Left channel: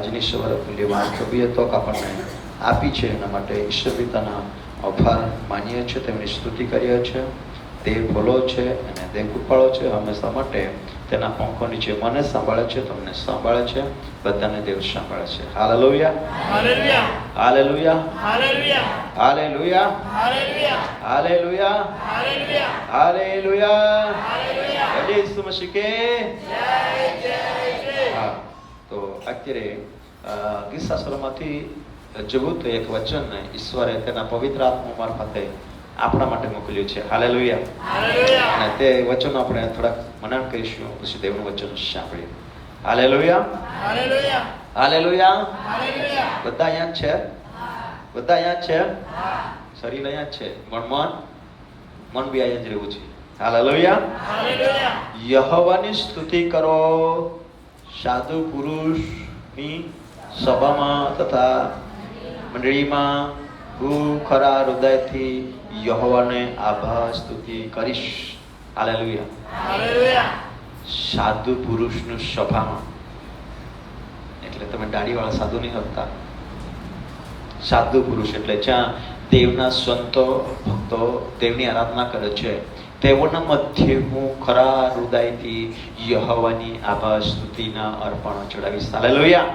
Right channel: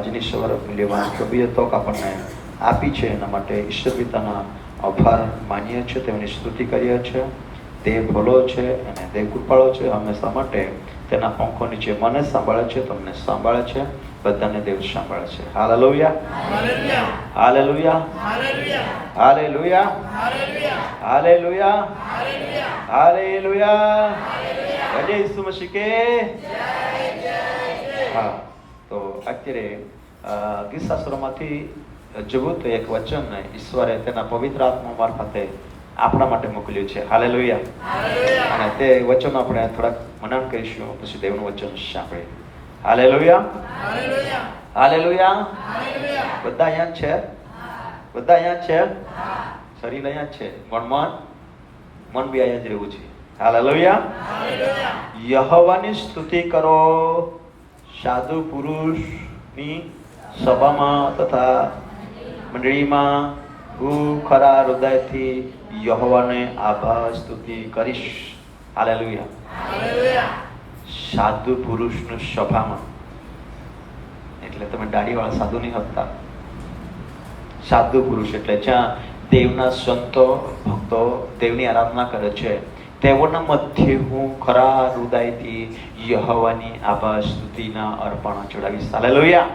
આજની સવારે લેવાની પ્રભુએ તક આપણને આપી છે. એના માટે ઈશ્વર પિતાના આભાર માનીએ છીએ, તેમની સ્તુતિ કરીએ છીએ. તે ભલો છે અને તે કૃપાળો છે, હંમેશા માટે તેના પંખો નીચે મને સાંભળે છે, તમને સાંભળે છે, બધાને દેવ સાંભળે છે. હાલેલુયા, hallelujah, hallelujah, hallelujah, hallelujah, hallelujah, જય ઈસુ મસીહ કે જય. હા, તો અત્યારે ગીતશાસ્ત્રમાંથી જોવું તો એક વચન ઈશ્વરે તેના પવિત્ર આત્મા મારફતે આપણા માટે મોકલ્યું છે. હાલેલુયા, હાલેલુયા. અને તે વચન આપણે થોડાક મનન કરીશું, પછી દેવનું વચન સાંભળીએ. Hallelujah, hallelujah, hallelujah, hallelujah. બધા અહીંયા છે? બધા અહીંયા છે? શરીર અહીંયા છે, મન બી અહીંયા જ રહેવું છે. હાલેલુયા, હાલેલુયા. યહોવાની સ્તુતિ કરો સાધુ પુરુષની સભામાં તથા મંડળીમાં. હું ખરા હૃદયથી યહોવાને આભાર સ્તુતિ કરીશ. Hallelujah, hallelujah. સાધુ પુરુષની સભામાં એટલે તમે દાઢીવાળા સાધુ નહીં હોતા. સાધુ પુરુષ એટલે જ્યાં દેવના સંતો ભક્તો દેવની આરાધના કરે છે, તેઓના મધ્ય હું ખરા હૃદયથી યહોવાની આભાર સ્તુતિના અર્પણ ચડાવીશ. હાલેલુયા,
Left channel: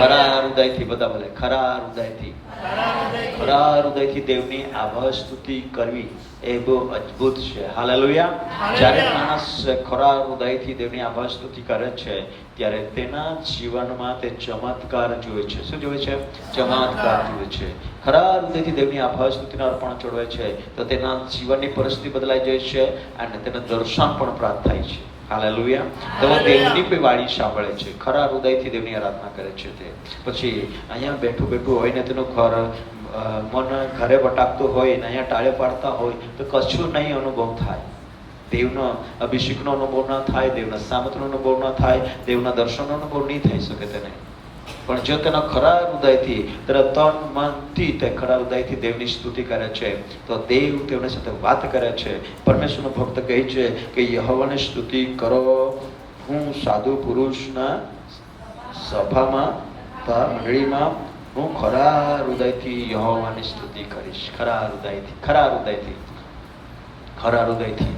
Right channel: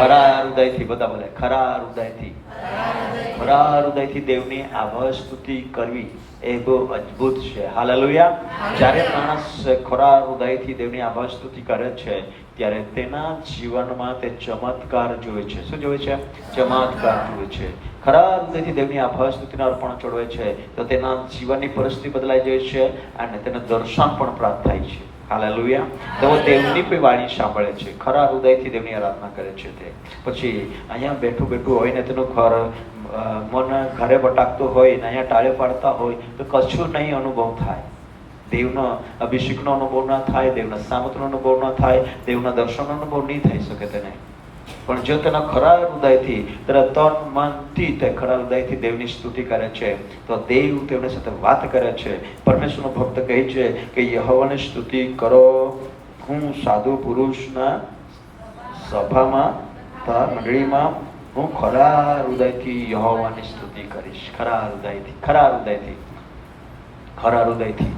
ખરા હૃદયથી. બધા બોલે ખરા હૃદયથી. ખરા હૃદયથી દેવની આભાર સ્તુતિ કરવી એ બહુ અદ્ભુત છે. હાલેલુયા. જ્યારે માણસ ખરા હૃદયથી દેવની આભાર સ્તુતિ કરે છે, ત્યારે તેના જીવનમાં તે ચમત્કાર જોવે છે. શું જોવે છે? ચમત્કાર જોવે છે. ખરા હૃદયથી દેવની આભાર સ્તુતિના અર્પણ ચડવે છે તો તેના જીવનની પરિસ્થિતિ બદલાઈ જાય છે અને તેને દર્શન પણ પ્રાપ્ત થાય છે. હાલેલુયા. તેઓ દેવની કોઈ વાણી સાંભળે છે, ખરા હૃદયથી દેવની આરાધના કરે છે. તે પછી અહીંયા બેઠું હોય ને તેનું ઘર મન ઘરે ભટકતું હોય ને અહીંયા ટાળે પાડતા હોય તો કશું નહીં અનુભવ થાય. દેવનો અભિષેકનો અનુભવ ના થાય, દેવના સામર્થ્યનો અનુભવ ના થાય, દેવના દર્શનનો અનુભવ નહીં થઈ શકે તેને. પણ જો તેના ખરા હૃદયથી, તેના તન મનથી તે ખરા હૃદયથી દેવની સ્તુતિ કરે છે તો દેવ તેની સાથે વાત કરે છે. પરમેશ્વરનો ભક્ત કહે છે કે યહોવાની સ્તુતિ કરો, હું સાધુ પુરુષના સભામાં તથા મંડળીમાં હું ખરા હૃદયથી યહોવાની સ્તુતિ કરીશ. ખરા હૃદયથી, ખરા હૃદયથી, ખરા હૃદયથી.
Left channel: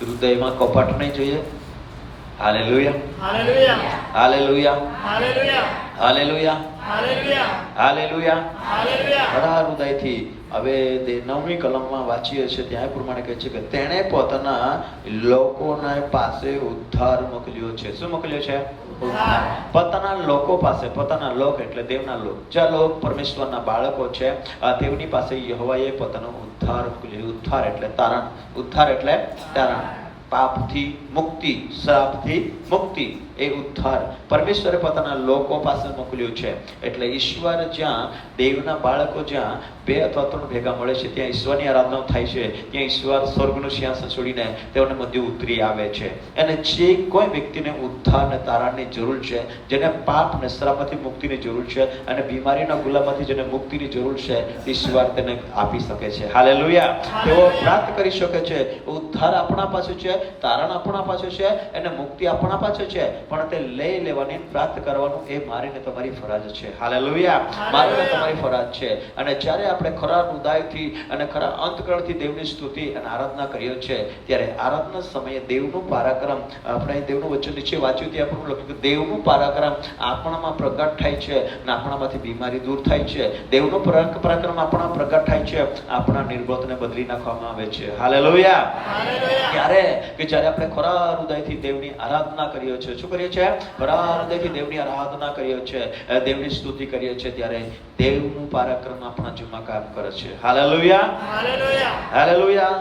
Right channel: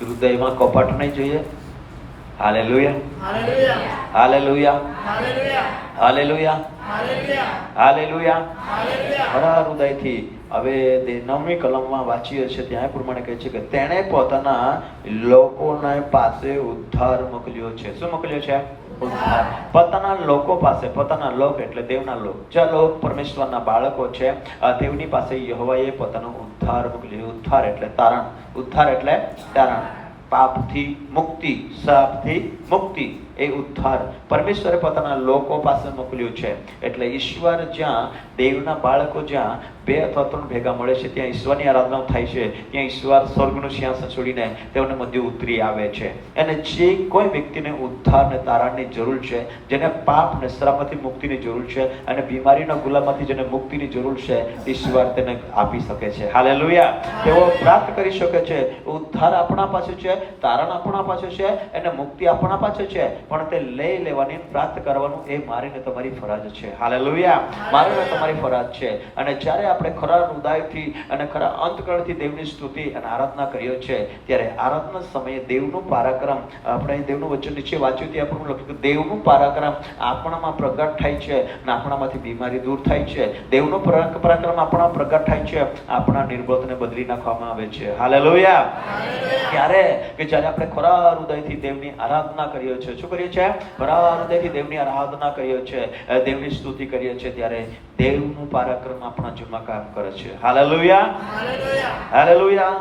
હૃદયમાં કપટ નહીં જોઈએ. Hallelujah, hallelujah, hallelujah, hallelujah, hallelujah, hallelujah, hallelujah. ખરા હૃદયથી. હવે 9મી કલમમાં વાંચીએ છીએ, ત્યાં પ્રમાણે કહે છે કે તેણે પોતાના લોકોને પાસે ઉદ્ધાર મોકલ્યો છે. શું મોકલ્યો છે? પોતાના લોકો પાસે. પોતાના લોક એટલે દેવના લોક. જે લોક પરમેશ્વરના બાળકો છે, દેવની પાસે યહોવાએ પોતાનો ઉદ્ધાર મોકલ્યો. ઉદ્ધાર એટલે તારણ. ઉદ્ધાર એટલે તારણ. પાપથી મુક્તિ, શ્રાપથી મુક્તિ, એ ઉદ્ધાર પરમેશ્વરે પોતાના લોકો પાસે મોકલ્યું છે. એટલે ઈશ્વર જ્યાં, દેવના બાળકો જ્યાં 2 અથવા 3 ભેગા મળે છે, ત્યાં ઈશ્વરની આરાધના થાય છે. ત્યાં ઈશ્વર સ્વર્ગનું સિંહાસન છોડીને તેઓને મધ્ય ઉતરી આવે છે. અને જે કોઈ વ્યક્તિને ઉદ્ધાર અને તારણની જરૂર છે, જેને પાપ અને શ્રાપથી મુક્તિની જરૂર છે અને બીમારીના ગુલામમાંથી જેને મુક્તિની જરૂર છે, ઈશ્વર તેને આપી શકે છે. હાલેલુયા. તેઓ પ્રાપ્ત કરી શકે છે. ઉદ્ધાર આપણા પાસે છે, તારણ આપણા પાસે છે અને મુક્તિ આપણા પાસે છે. પણ તે લઈ લેવાની, પ્રાપ્ત કરવાનું એ મારી ને તમારી ફરજ છે. હાલેલુયા. મારી ને તમારી ફરજ છે. અને જ્યારે આપણે ખરા હૃદયથી અને ખરા અંતકરણથી દેવની સ્તુતિ અને આરાધના કરીએ છીએ, ત્યારે આરાધના સમયે દેવનું પરાક્રમ, આપણે દેવનું વચન નીચે વાંચ્યું ત્યાં પણ લખ્યું કે દેવનું પરાક્રમ આપણામાં પ્રગટ થાય છે અને આપણામાંથી બીમારી દૂર થાય છે. દેવનું પરાક્રમ આપણા પ્રગટ થાય છે, આપણા નિર્બોધને બદલી નાખવામાં આવે છે. હાલેલુયા. ત્યારે કે જ્યારે આપણે ખરા હૃદયથી દેવની આરાધના કરીએ છીએ, શું કરીએ છીએ? ખરા હૃદયથી દેવની આરાધના કરીએ છીએ, દેવની સ્તુતિ કરીએ છીએ, ત્યારે દેવનું પરાક્રમ આપણા જીવનમાં કામ કરે છે. હાલેલુયા, હાલેલુયા, હાલેલુયા.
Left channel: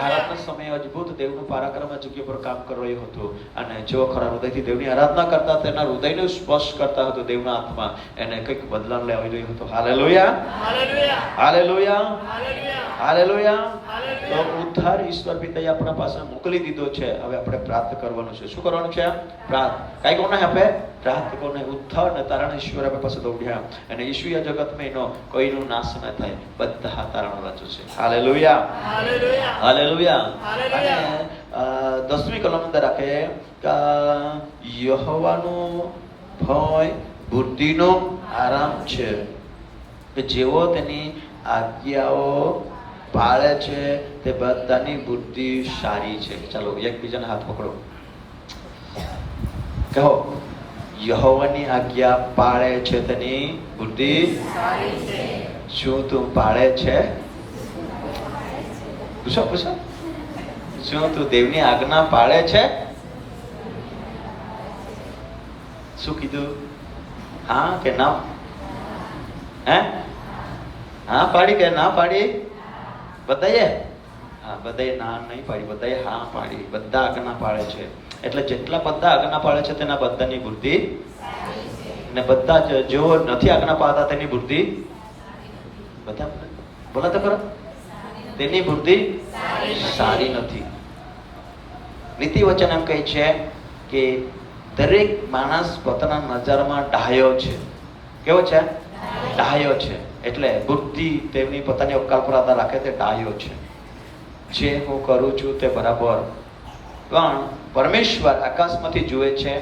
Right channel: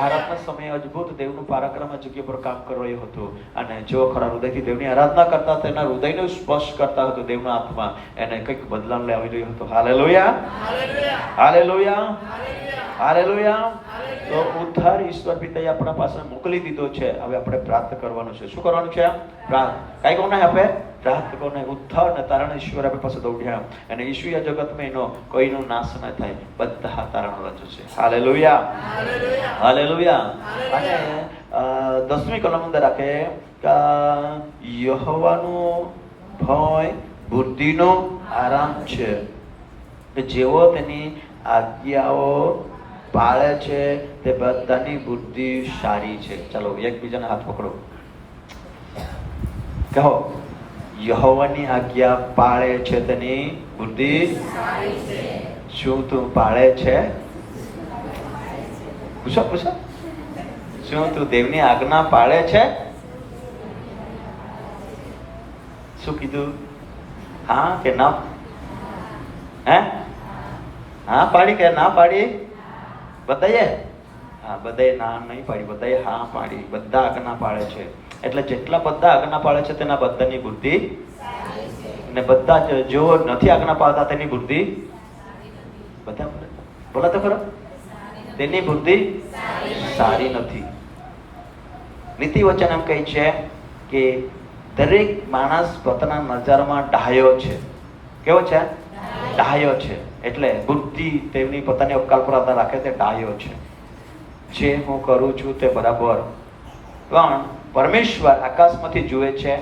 આરાધના સમયે અદ્ભુત દેવનું પરાક્રમ જગ્યા પર કામ કરી રહ્યું હતું. અને જો ખરા હૃદયથી દેવની આરાધના કરતા, તેના હૃદયનો સ્પર્શ કરતા હતો દેવના આત્મા, એને કંઈક બદલાવ લાવી રહ્યો હતો. હાલેલુયા, હાલેલુયા, હાલેલુયા, હાલેલુયા. તો ઉદ્ધાર ઈશ્વર પિતાએ આપણા પાસે મોકલી દીધો છે. હવે આપણે પ્રાપ્ત કરવાનું છે. શું કરવાનું છે? પ્રાપ્ત. કઈ કોને આપે? પ્રાપ્ત કોને? ઉદ્ધાર ને તારણ ઈશ્વર આપણી પાસે દોડ્યા. અને ઈશ્વરીય જગતમાં એનો કોઈનો નાશ ન થાય, બધા તારણ રાજુ છે. હાલેલુયા, હાલેલુયા, હાલેલુયા. 10મી કલમ અંદર આપે કે યહોવાનો ભય બુદ્ધિનો આરામ છે. જેવો તેની આજ્ઞાઓ પાળે છે તે બધાની બુદ્ધિ સારી છે. ચાલો એકબીજાને હાથ પકડો, કહો યહોવાની આજ્ઞા પાળે છે તેની બુદ્ધિ સારી છે. શું તું પાળે છે? પૂછો પૂછો, શું તું દેવની આજ્ઞા પાળે છે? શું કીધું? હા કે ના? હે? હા પાડી કે ના પાડી? બધાએ? હા બધાએ ના નહીં પાડી, બધાએ હા પાડી. બધા આજ્ઞા પાળે છે. એટલે જેટલા બધા આજ્ઞા પાળે છે તેના બધાની બુદ્ધિ ને બધા જો નથી આજ્ઞા પાળતા તેની બુદ્ધિ બધા બોલા તો ખરો, તેની બુદ્ધિ સારી નથી. નીતિ વચન એમ કહે છે કે દરેક માણસ પોતાના નજરમાં ડાહ્યો છે. કેવો છે? ડાહ્યો છે. એટલે બુદ્ધિ તેમની પોતાની અવકાશ પર આધાર રાખે તે ડાહ્યો છે. જે હું કરું છું તે બરાબર, પણ પરમેશ્વર આકાશમાંથી જુએ છે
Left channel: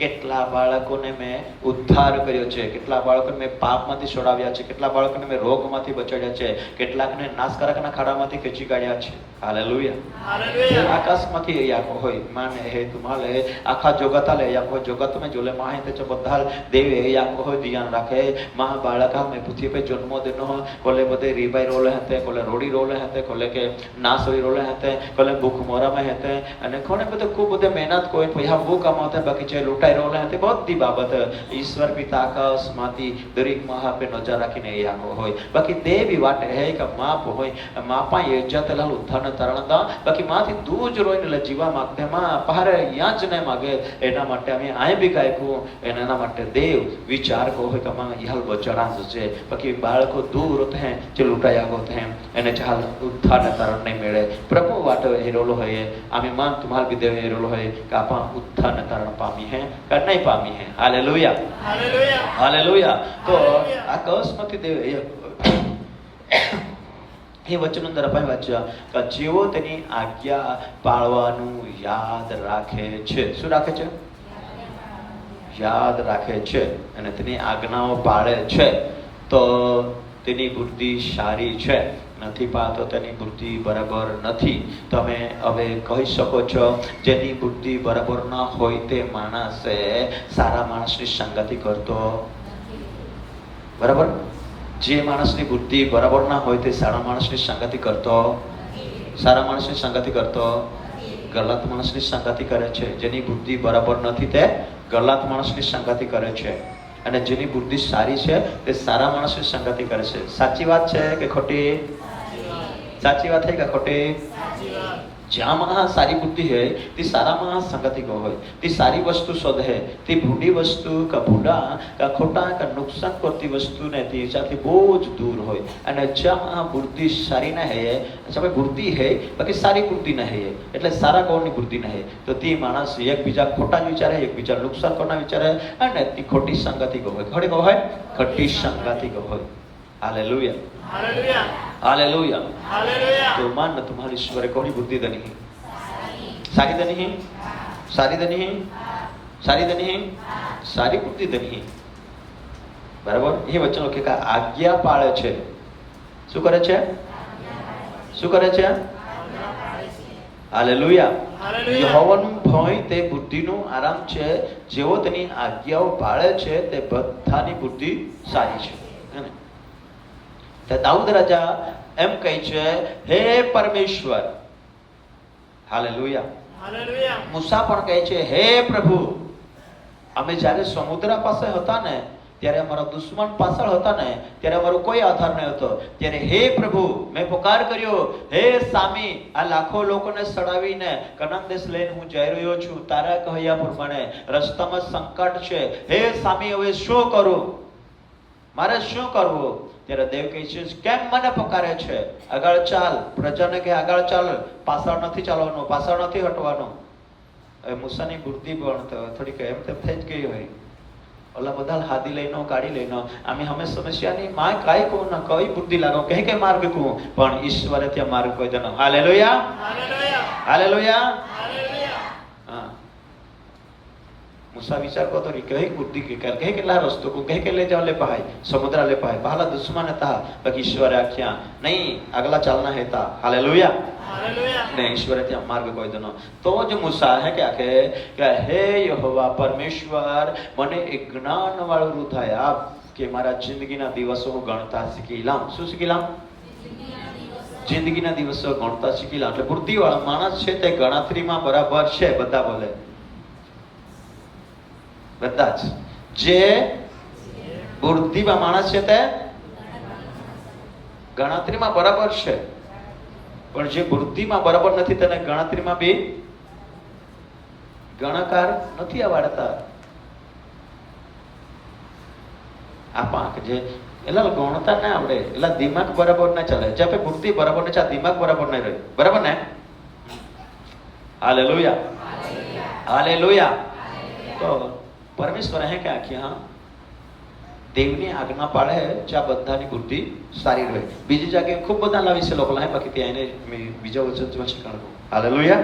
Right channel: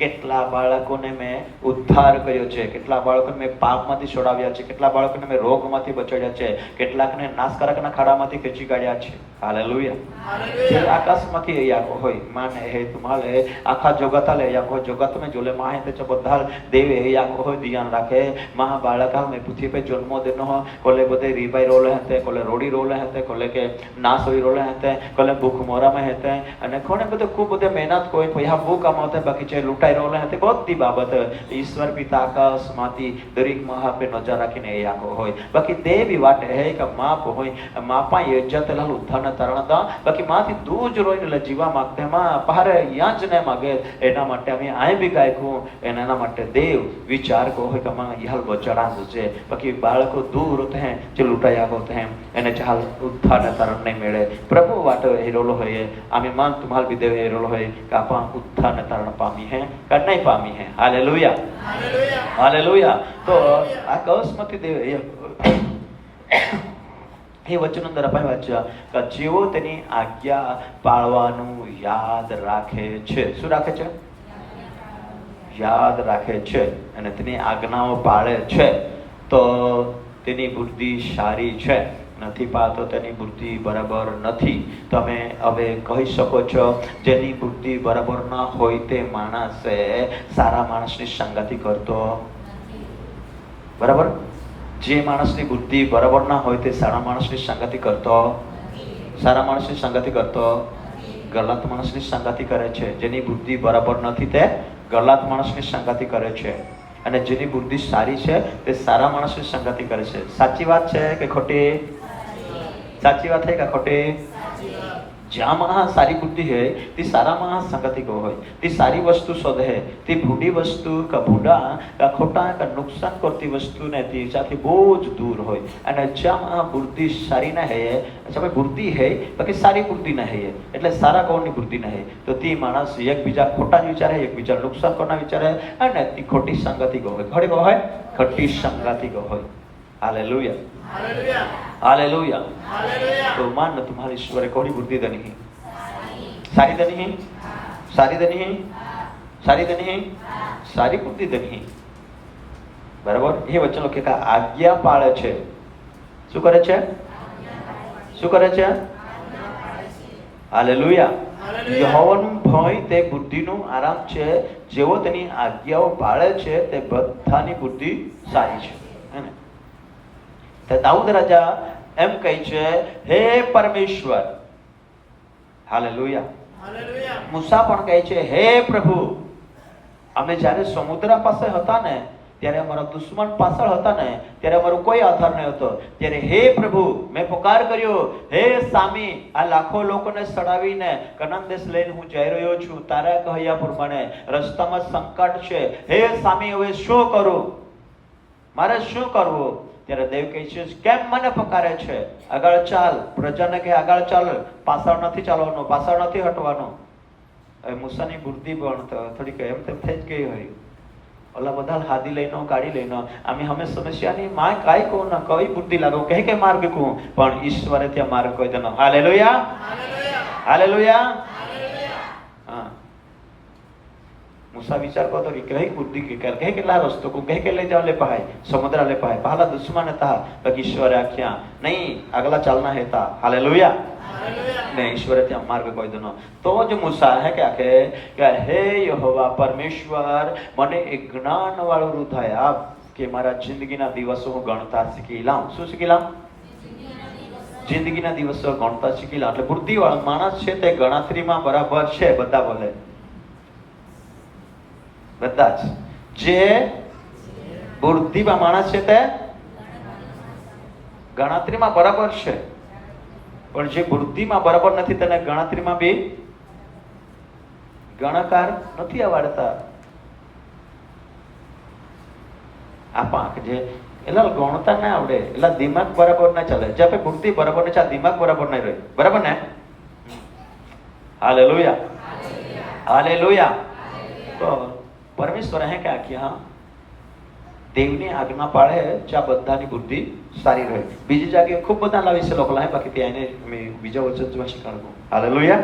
કેટલા બાળકોને મેં ઉદ્ધાર કર્યો છે, કેટલા બાળકોને મેં પાપમાંથી છોડાવ્યા છે, કેટલા બાળકોને મેં રોગમાંથી બચાવ્યા છે, કેટલાકને નાશકારકના ખાડામાંથી ખેંચી કાઢ્યા છે. હાલેલુયા. આકાશમાંથી અહીંયા હોય માને હે તુમાલે આખા જગત ले या जगत में जोले माँ है तो બધા દેવ અહીંયા કોઈ ધ્યાન રાખે માં બાળકા મેં પૃથ્વી पे જન્મ દેનો કોલે બધે રીબાઈ રોલે હતે, કોલે રોડી રોલે હતે, કોલે કે નાસોઈ રોલે હતે, કોલે ભૂખ મોરા में હતે અને કોને બધે ખૂબ બધે મહેનત કોઈ પૈસા બહુ કમાતે બાકી છે લૂંટાઈ રોલે હતે. બધી બાબત ઈશ્વર પિતા આકાશમાંથી દરેક મહા पे નજર રાખીને અહીંયા હોય. બાકી દેવી વાટે હે કે માપ હોય માપા ઇજ્જત લાલ ઉત્થાન તરણતા બાકી માંથી દૂર જ રોઈને જીવા માધ્યમાં પારે અહીંયા જ ને માગે. એના માટે અમે આય બી ગાયકો એના માટે દેવ વિચાર કહો કે માં યહ બચરાંસ છે બાકી બાળકો દૂર થે જે લૂંટાયા ગો થે એને ચાલ ઉત્થાન તરણ નહીં મળે. પ્રભુ વાટો હેરોલો હોય અમે માં તમાર બી દેવ હેરોલો હોય કે આપા ઉત્થાન તરણ પામી હે કે નહીં પામી હે. હાલેલુયા હાલેલુયા હાલેલુયા. તો આ કૌશમતી દેવ એ વચન અંદર આપણે વાંચ્યા કે જેવો તેની આજ્ઞા પાળવાનું યાદ રાખે છે. શું રાખે છે? યાદ રાખે છે અને તેની આજ્ઞાઓ પાળે છે તો તેની બુદ્ધિ સારી છે. નથી પાળતો તેની બુદ્ધિ બરાબર નથી. તમે હવે કહી શકો છો જેની બુદ્ધિ બરાબર ન હોય તે માણસે સારા માણસની સંગતિ કરતો બરાબર. જે માણસની બુદ્ધિ બરાબર ના હોય તે સારા માણસની સંગતિ કરતો, સારા માણસની સંગતિ કરતો ગલત માણસની સંગતિ કરે છે. જેની બુદ્ધિ બરાબર નથી તે ગલત માણસની સંગતિ કરે છે અને જેની બુદ્ધિ સારી છે તે સારા માણસની સંગતિ કરે છે. સાચી વાત છે કે ખોટી? સાચી વાત છે કે ખોટી? જ્યાં માણસ સારી બુદ્ધિ હોય તે સારા માણસ સંગતિ કો હોય, તે સારી વસ્તુ શોધે, તે ભૂડી વસ્તુ કે ભૂડા કે ખોટા કે નુકસાન કરતી વસ્તુને તેનાથી બહુ જ દૂર હોય. અને જ્યાં બુદ્ધિ સારી ના હે તમે બુદ્ધિ હે બાકી સારી બુદ્ધિ ના હે એટલે સારા કોની બુદ્ધિ ના હે તો તે માણસ એકબીજા ખોટા વિચારે, એકબીજા નુકસાન કરવાના વિચારે અને તે ખોટી સંગતિ કો હોય. ખોટી કો હોય ખોટી સંગતિ કો હોય. Hallelujah hallelujah hallelujah hallelujah. तो मान तुम्हारे ईश्वर को बुद्धि देनी है, सारी देनी है, सारी देनी है, सारी देनी है, सारी बुद्धि देनी है. बराबर. ये वचनो के आज्ञा पाळे છે. શું કરે છે? શું કરે છે? હાલેલુયા. યહોવાનો ભય તે બુદ્ધિનો આરામ છે. જેવો તેની આજ્ઞાઓ પાળે છે તે બધાની બુદ્ધિ સારી છે. દાઉદ રાજા એમ કહે છે હે પરમેશ્વર. Hallelujah hallelujah. મૂસા પણ કહે છે હે પ્રભુ. અમે જ્યારે સમુદ્ર પાસે હતા ને ત્યારે અમારા દુશ્મન પાછળ હતા ને ત્યારે અમારો કોઈ આધાર ન હતો. ત્યારે હે પ્રભુ મેં પુકાર કર્યો હે સ્વામી આ લાખો લોકોને સડાવીને કનાન દેશ લઈને હું જઈ રહ્યો છું. તારા કહ્યા પ્રમાણે રસ્તામાં સંકટ છે. હે સ્વામી હવે શું કરું? મારે શું કરવું? ત્યારે દેવ કહે છે કેમ મને પકારે છે? આગળ ચાલ. પ્રજાને કે આગળ ચાલ, પાછળ નથી ચાલવાનું, પાછળ નથી હટવાનું. હવે મૂસાની બુદ્ધિ પણ થોડીક એમ તેમ થઈ જ ગઈ હોય. ઓલા બધા હાદી લઈને ગાડી લઈને અમે સમસ્યાની માં કાઈ કહું ના કઈ બુદ્ધિ લાગો કે માર્ગ કહું પણ ઈશ્વરે ત્યાં માર્ગ કોઈ દેનો. હાલેલુયા હાલેલુયા હાલેલુયા હાલેલુયા. હા मूसा विचार करतो की कहीं बुद्धि के कहीं केला रस्तो को कहीं के ले जाओ ले पाए समुद्र ले पाए पहला दुश्मन था बाकी ईश्वर आख्या नहीं अगला चलना है था हालेलुया ने ईश्वर ते मार्ग कोई दनो तो जो मूसा है क्या कहे कि हे यहोवा परमेश्वर मने एक ज्ञान वाળું રૂ થાય આપ કે મારા જિંદગીના દિવસો હું ગણતા શીખી લાવ શું શીખી લાવ જિંદગીના દિવસો ગણતા શીખી લાવ એટલે બુદ્ધિવાળો માણસ છે તે ગણતરીમાં બરાબર છે બધા બોલે બધા જ જે બુદ્ધિમાં માણસ છે તે ગણતરીમાં બરાબર છે પણ જે બુદ્ધિમાં બરાબર નથી તેને ગણતરીમાં બી ગણકાર નથી આવડતા આપા જે એલા ગણતા ના આવડે એલા દિમાગ બરાબર ના ચાલે જે આપે બુદ્ધિ બરાબર ને ચાલે દિમાગ બરાબર ન રહે બરાબર ને હાલેલુયા હાલેલુયા તો પરમેશ્વર હે કે આખી હા દેવની આજ્ઞા પાળે જ્યાં બધાની બુદ્ધિ સારી રહે બીજી જગ્યાએ ખૂબ બધા લાવી છે લોકો લાય બાકી ત્યાં એને બીજા વચન જોવા છે હાલેલુયા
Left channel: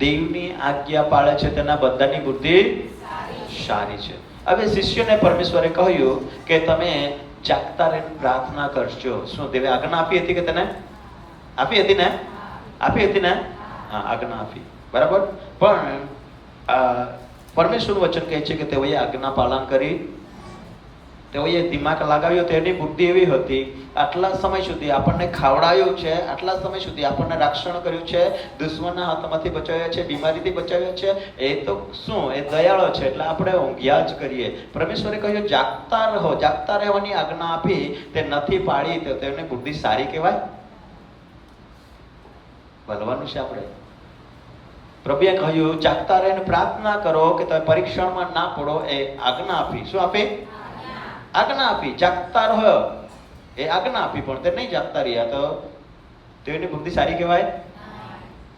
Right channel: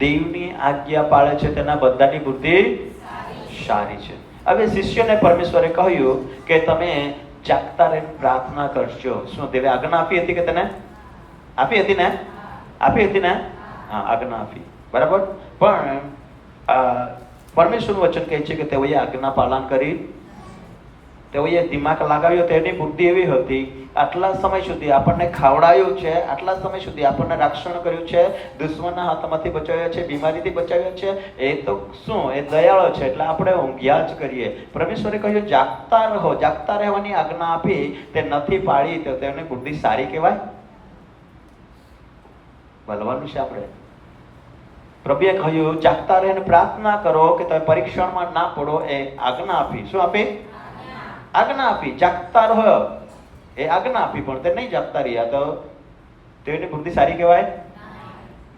દેવની આજ્ઞા પાળે છે તેના બધાની બુદ્ધિ સારી છે હવે શિષ્યને પરમેશ્વરે કહ્યું કે તમે જાગતા રહીને પ્રાર્થના કરજો શું દેવે આજ્ઞા આપી હતી કે તને આપી હતી ને હા આજ્ઞા આપી બરાબર પણ પરમેશ્વરનું વચન કહે છે કે તેઓએ આજ્ઞા પાલન કરી તેઓએ દિમાગ લગાવ્યો તેની બુદ્ધિ એવી હતી આટલા સમય સુધી આપણને ખાવડાયું છે આટલા સમય સુધી આપણને રક્ષણ કર્યું છે દુશ્મનના હાથમાંથી બચાવ્યા છે બીમારીથી બચાવ્યા છે એ તો શું એ દયાળો છે એટલે આપણે ઊંઘ્યા જ કરીએ પરમેશ્વરે કહ્યું જાગતા રહેવાની આજ્ઞા આપી તે નથી પાળી તો તેની બુદ્ધિ સારી કહેવાય બોલવાનું છે આપણે પ્રભુએ કહ્યું જાગતા રહીને પ્રાર્થના કરો કે તમે પરીક્ષણમાં ના પડો એ આજ્ઞા આપી શું આપી આજ્ઞા આપી જાગતા રહો એ આજ્ઞા આપી પણ તે નહીં જાગતા રહ્યા તો તેની બુદ્ધિ સારી કહેવાય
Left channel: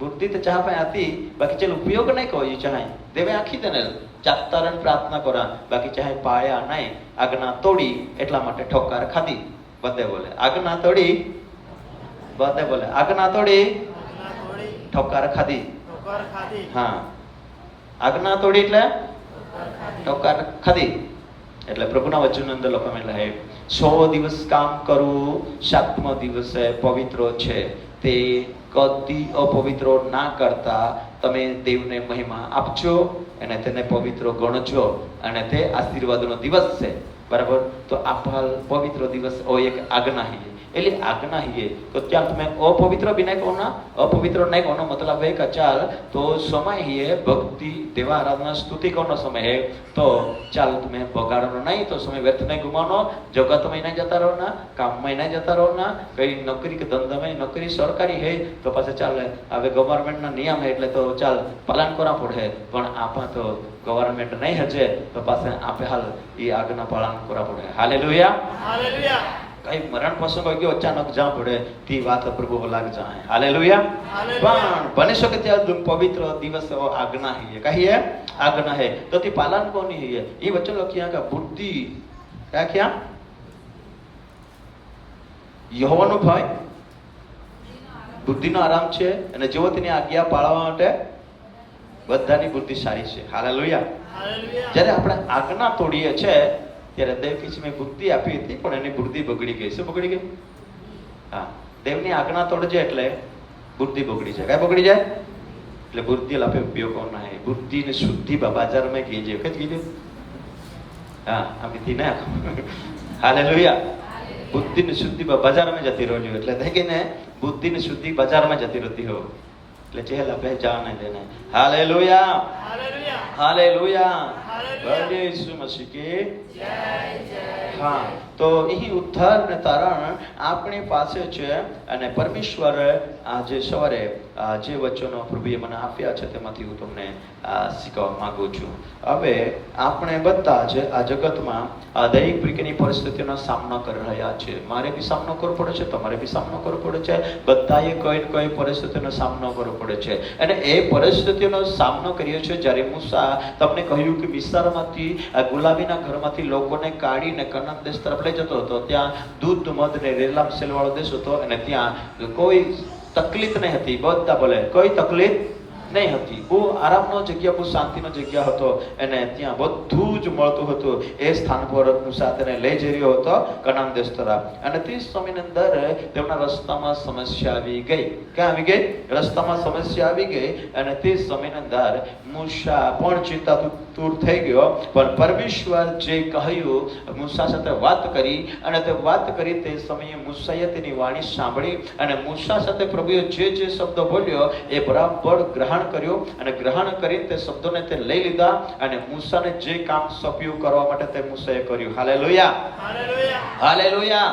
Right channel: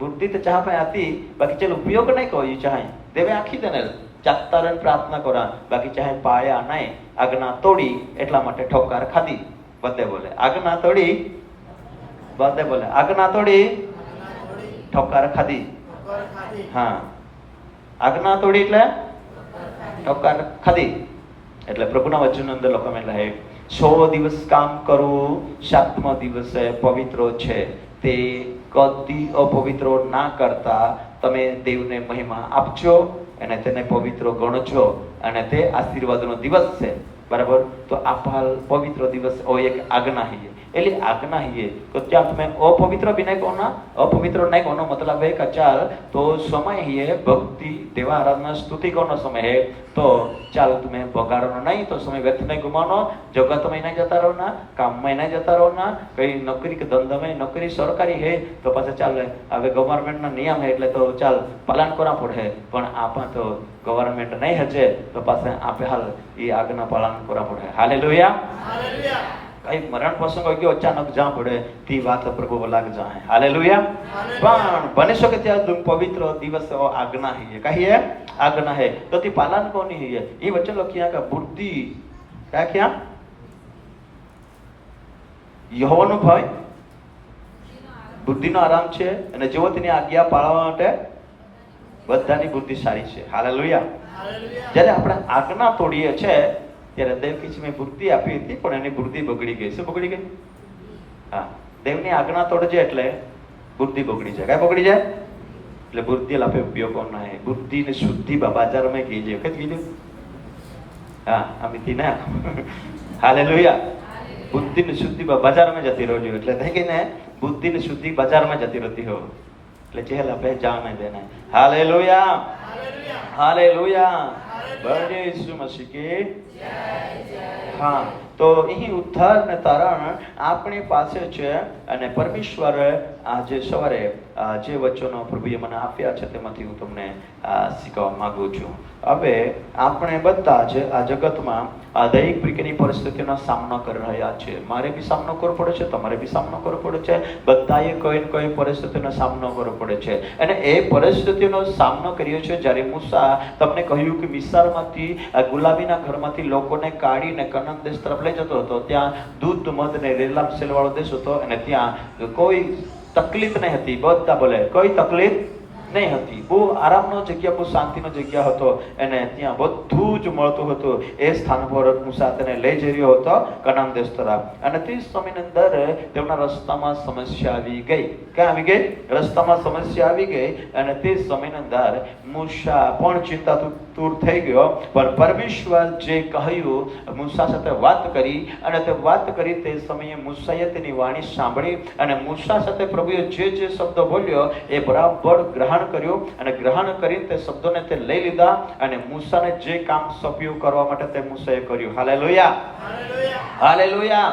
બુદ્ધિ તો ચાહ ભાઈ આતી બાકી ચલ ઉપયોગ નહીં કહ્યું ચાહે દેવે આખી દેને જાગતા રહીને પ્રાર્થના કરા બાકી ચાહે પાયા નહીં આજ્ઞા તોડી એટલા માટે ઠોકાર ખાધી બધે બોલે આજ્ઞા તોડી બધે બોલે આજ્ઞા તોડી ઠોકાર ખાધી હા આજ્ઞા તોડી એટલે ઠોકાર ખાધી એટલે પ્રભુના વચન અંદર લખવામાં એટલે 100 દિવસ કામ કરવું 7મો દિવસે પવિત્ર છે તે કદી અપવિત્ર ના કરતા તમે દેવને મહિમા આપજો અને તેને પવિત્ર ગણજો અને તે આશીર્વાદનો દિવસ છે બરાબર તો આ પવિત્ર દિવસ ઓ એક આજ્ઞા है એટલે આજ્ઞા है तो क्या तुम्हें अपवित्र भी नहीं होना अपवित्र नहीं होना मतलब है कि चाल तो समय है भक्ति देवा आराधना स्तुति करना समय है तो चाल तुम्हें बगाड़ना नहीं तो समय व्यर्थ नहीं घुमानो जगत में नहीं जाता रहना काम में नहीं जाता रहना कहीं नौकरी के धंधा में नौकरी सरकारी है तो पास चाल હવે ગવર્નમેન્ટ ના નિયમ है એટલે તો ચાલ પાલન કરવા પડે પણ આપા તો ગવર્નમેન્ટ નહીં હજે તો પાસે આપે હાલ એ આજ્ઞા પાલન કરવા પડે હાલેલુયા હાલેલુયા કઈ મરણ પ્રસંગ ગયો અચાનક જા પડે તી વાત પ્રભુ લાગ જાય હાલેલુયા પણ બની શકે ત્યાં પવિત્ર દિવસ આજ્ઞા है કહીએ આજ્ઞા है તો તી પાલન કોની है એ વચન લખ્યા કે બુદ્ધિ क्या क्या યહોવાનો ભય બુદ્ધિનો આરામ છે અને જેવો તેની આજ્ઞા પાળવા માટે બધાની બુદ્ધિ સારી છે હાલેલુયા જ્યારે આપણે આજ્ઞા તોડીએ છે ત્યારે દેવ કિસ મેં બુદ્ધિ આપી હતી પણ એની બુદ્ધિ બગડી ગઈ શું બગડી ગઈ હા દેવની આજ્ઞા તોડજે એટલે બુદ્ધિ બગડી જાય કઈ બગડી જાય એટલે બુદ્ધિ લાપે ઉપયોગ ના હે બુદ્ધિની શુદ્ધિ બજાર में कीजिए વખત કીધું હા આપી થી ના હાલેલુયા બુદ્ધિની શુદ્ધિ બજારમાં જતી રહેલી એટલે થાય કે ને બુદ્ધિની શુદ્ધિ બજારમાં જતી રહેતી હોય એટલે ચહેલ આપે જાને દેને હાલેલુયા હાલેલુયા હાલેલુયા જય ઈસુ મસીહ की जय हाँ तो यही उद्धार ने तारण आपणी पासे छे અને પરમેશ્વર આજે સવારે જે વચનો પ્રભુએ મને આપ્યા છે તેમાંથી હું તમને શીખવા માંગુ છું હવે આપણે બધા જ આ જગતમાં દૈનિક પ્રકારની પરિસ્થિતિનો સામનો કરી રહ્યા છે મારે બી સામનો કરવો પડે છે તમારે બી સામનો કરવો પડે છે બધાએ કોઈ ને કોઈ પરિસ્થિતિનો સામનો કરવો પડે છે અને એ પરિસ્થિતિનો સામનો કર્યો છે જ્યારે મૂસા તમને કહ્યું કે મિસ્રમાંથી ગુલાબીના ઘરમાંથી લોકોને કાઢીને કનાન દેશ તરફ લઈ જતો હતો ત્યાં દૂધ મધ ને રેલામ સેલવાળો દેશ હતો અને ત્યાં કોઈ તકલીફ નહીં હતી બધા બોલે કોઈ તકલીફ નહીં હતી. બહુ આરામનો જગ્યા, બહુ શાંતિનો જગ્યા હતો. એને ત્યાં બધું જ મળતું હતું. એ સ્થાન પર મૂસા તેને લઈ જઈ રહ્યો હતો કનાન દેશ તરફ. અને તે સમયની અંદર તેમના રસ્તામાં સમસ્યા આવી ગઈ. ક્યાં આવી ગઈ? રસ્તામાં સમસ્યા આવી ગઈ. અને તે સમયની અંદર મૂસા પણ ચિંતાતુર થઈ ગયો. પણ પરમેશ્વર જે કહ્યું, મૂસા સાથે વાત કરી. અને તે વાત કરી તે સમયે મૂસાએ તેની વાણી સાંભળી. અને મૂસા સાથે પ્રભુએ જે શબ્દો બોલ્યો એ બરાબર ગ્રહણ કર્યું. અને ગ્રહણ કરી તે શબ્દોને તે લઈ લીધા. અને મૂસાને જે કામ સોંપ્યું કરવા માટે તે મૂસાએ કર્યું. Hallelujah, hallelujah,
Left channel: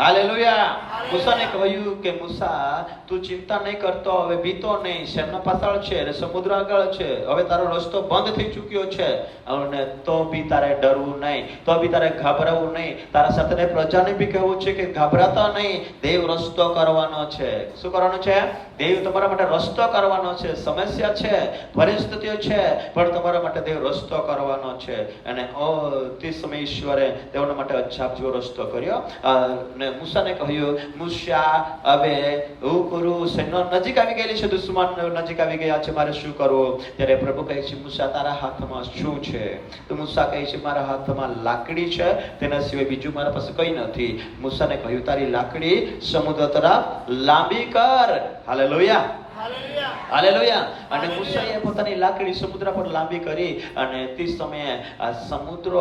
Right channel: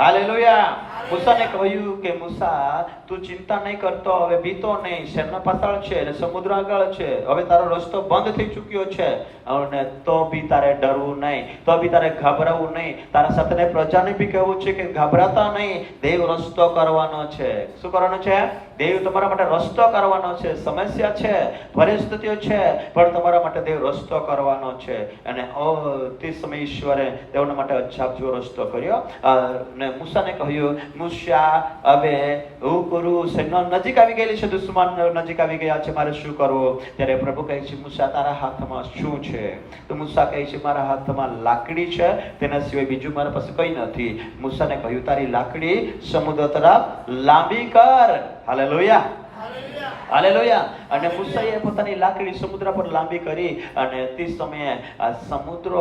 hallelujah. મૂસાને કહ્યું કે મૂસા, તું ચિંતા નહીં કરતો, હવે બીતો નહીં. શેરના પાછળ છે અને સમુદ્ર આગળ છે. હવે તારો રસ્તો બંધ થઈ ચૂક્યો છે. અને તો બી તારે ડરવું નહીં, તો બી તારે ગભરાવું નહીં. તારા સાથે પ્રજાને બી કહેવું છે કે ગભરાતા નહીં. દેવ રસ્તો કરવાનો છે. શું કરવાનો છે? દેવ તમારા માટે રસ્તો કરવાનો છે. સમસ્યા છે, પરિસ્થિતિઓ છે, પણ તમારા માટે દેવ રસ્તો કરવાનો છે. અને તે સમયે ઈશ્વરે તેઓના માટે અજાબ જેવો રસ્તો કર્યો. અને મૂસાને કહ્યું, મૂસા, હવે હું કરું, સેના નજીક આવી ગયેલી છે, દુશ્મન નજીક આવી ગયા છે, મારે શું કરવું? ત્યારે પ્રભુ કહે છે, મૂસા, તારા હાથમાં શું છે? તો મૂસા કહે છે, મારા હાથમાં લાકડી છે, તેના સિવાય બીજું મારા પાસે કંઈ નથી. મૂસાને કહ્યું, તારી લાકડી સમુદ્ર તરફ લાંબી કર. Hallelujah, hallelujah. અને મૂસાએ પોતાની લાકડી સમુદ્ર પર લાંબી કરી. અને તે સમયે આ સમુદ્ર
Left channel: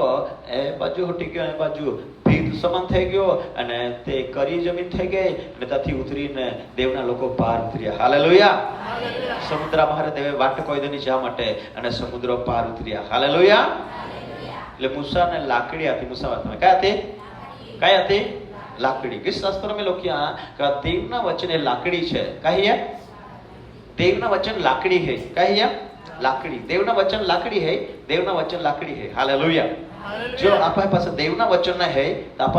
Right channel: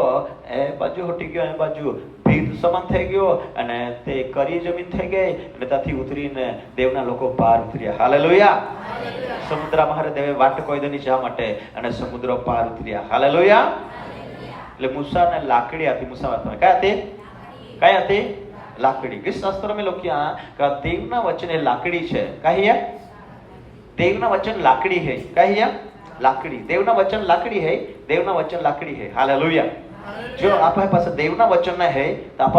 એ બાજુ હટી ગયો, એ બાજુ ભીત સમાન થઈ ગયો. અને તે કરી જમીન થઈ ગઈ. અને ત્યાંથી ઉતરીને દેવના લોકો પાર ઉતર્યા. હાલેલુયા. સમુદ્ર મારે દેવે વાટ કોઈ દેની જવા માટે. અને સમુદ્ર પાર ઉતર્યા. હાલેલુયા. એટલે મૂસાને લાકડી આપી. મૂસા વાતમાં કઈ હતી? કઈ હતી? લાકડી. શાસ્ત્રમાં લખ્યા કે દેવના વચન એ લાકડી છે. કહીએ દેવના વચન લાકડી है. कहिए लाकड़ी. देवना वचन लाकड़ी है. देवना वचन लाकड़ी है. हालेलुया. जो आपके पास देवना वचन है तो आप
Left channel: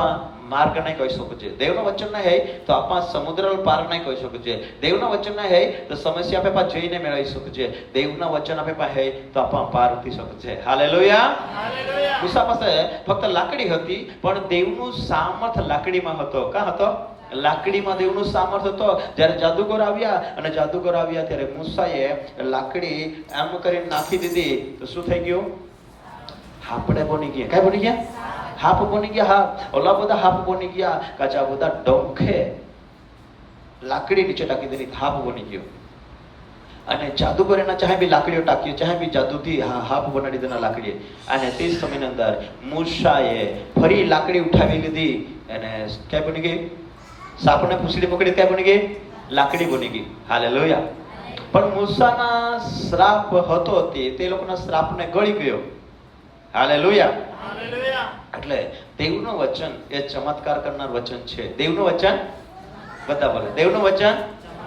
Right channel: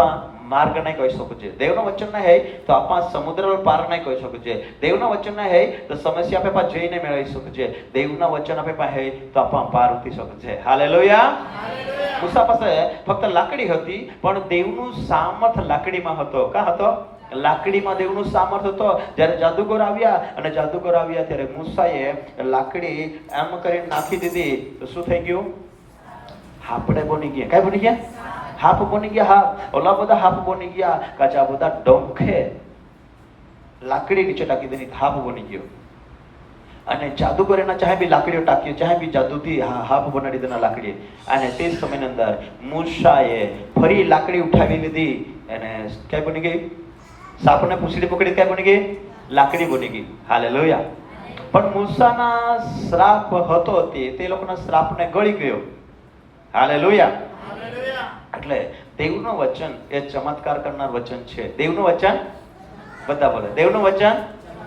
मार्ग नहीं કહી શકો છે. દેવના વચન નહીં હે તો આપા સમુદ્ર પાર નહીં કહી શકો છે. દેવના વચન નહીં હે તો સમસ્યા આપે પાસે જઈને મેળવી શકો છે. દેવના વચન આપે પાસે હે તો આપા પાર ઉતરી શકો છે. હાલેલુયા, હાલેલુયા. મૂસા પાસે ફક્ત લાકડી હતી, પણ દેવનું સામર્થ લાકડીમાં હતો. કા હતો? લાકડીમાં દેવનું સામર્થ હતો. જ્યારે જાદુગર આવ્યા અને જાદુગર આવ્યા ત્યારે મૂસાએ લાકડી એમ કરીને નાખી દીધી તો શું થઈ ગયું? હાપડે બની ગયા. કઈ બની ગયા? હાપ બની ગયા. હાપ ઓલા બધા હાપ બની ગયા. કાચા બધા ડોંખે લાકડી નીચે ટાકી દીધી, હાપ બની ગયો. અને જાદુગરના ચાહે બી લાકડીઓ ટાંકી, ચાહે બી જાદુથી હાપ બનાવી દીધા લાકડી. અને તે સમયની અંદર મૂસાએ ફરી લાકડી ઉઠાવી લીધી. અને ક્યાં બની ગઈ? સાપને પૂછડી પકડી ત્યાં બની ગઈ લાકડી બની ગઈ. હાલેલુયા. પણ મૂસાના શ્રાપ હતો તે લોકોના શ્રાપને ગળી ગયો. Hallelujah, hallelujah. એટલે દેવનું વચન એ ચમત્કાર કરનાર વચન છે. દેવનું વચન બધા બોલે. દેવનું વચન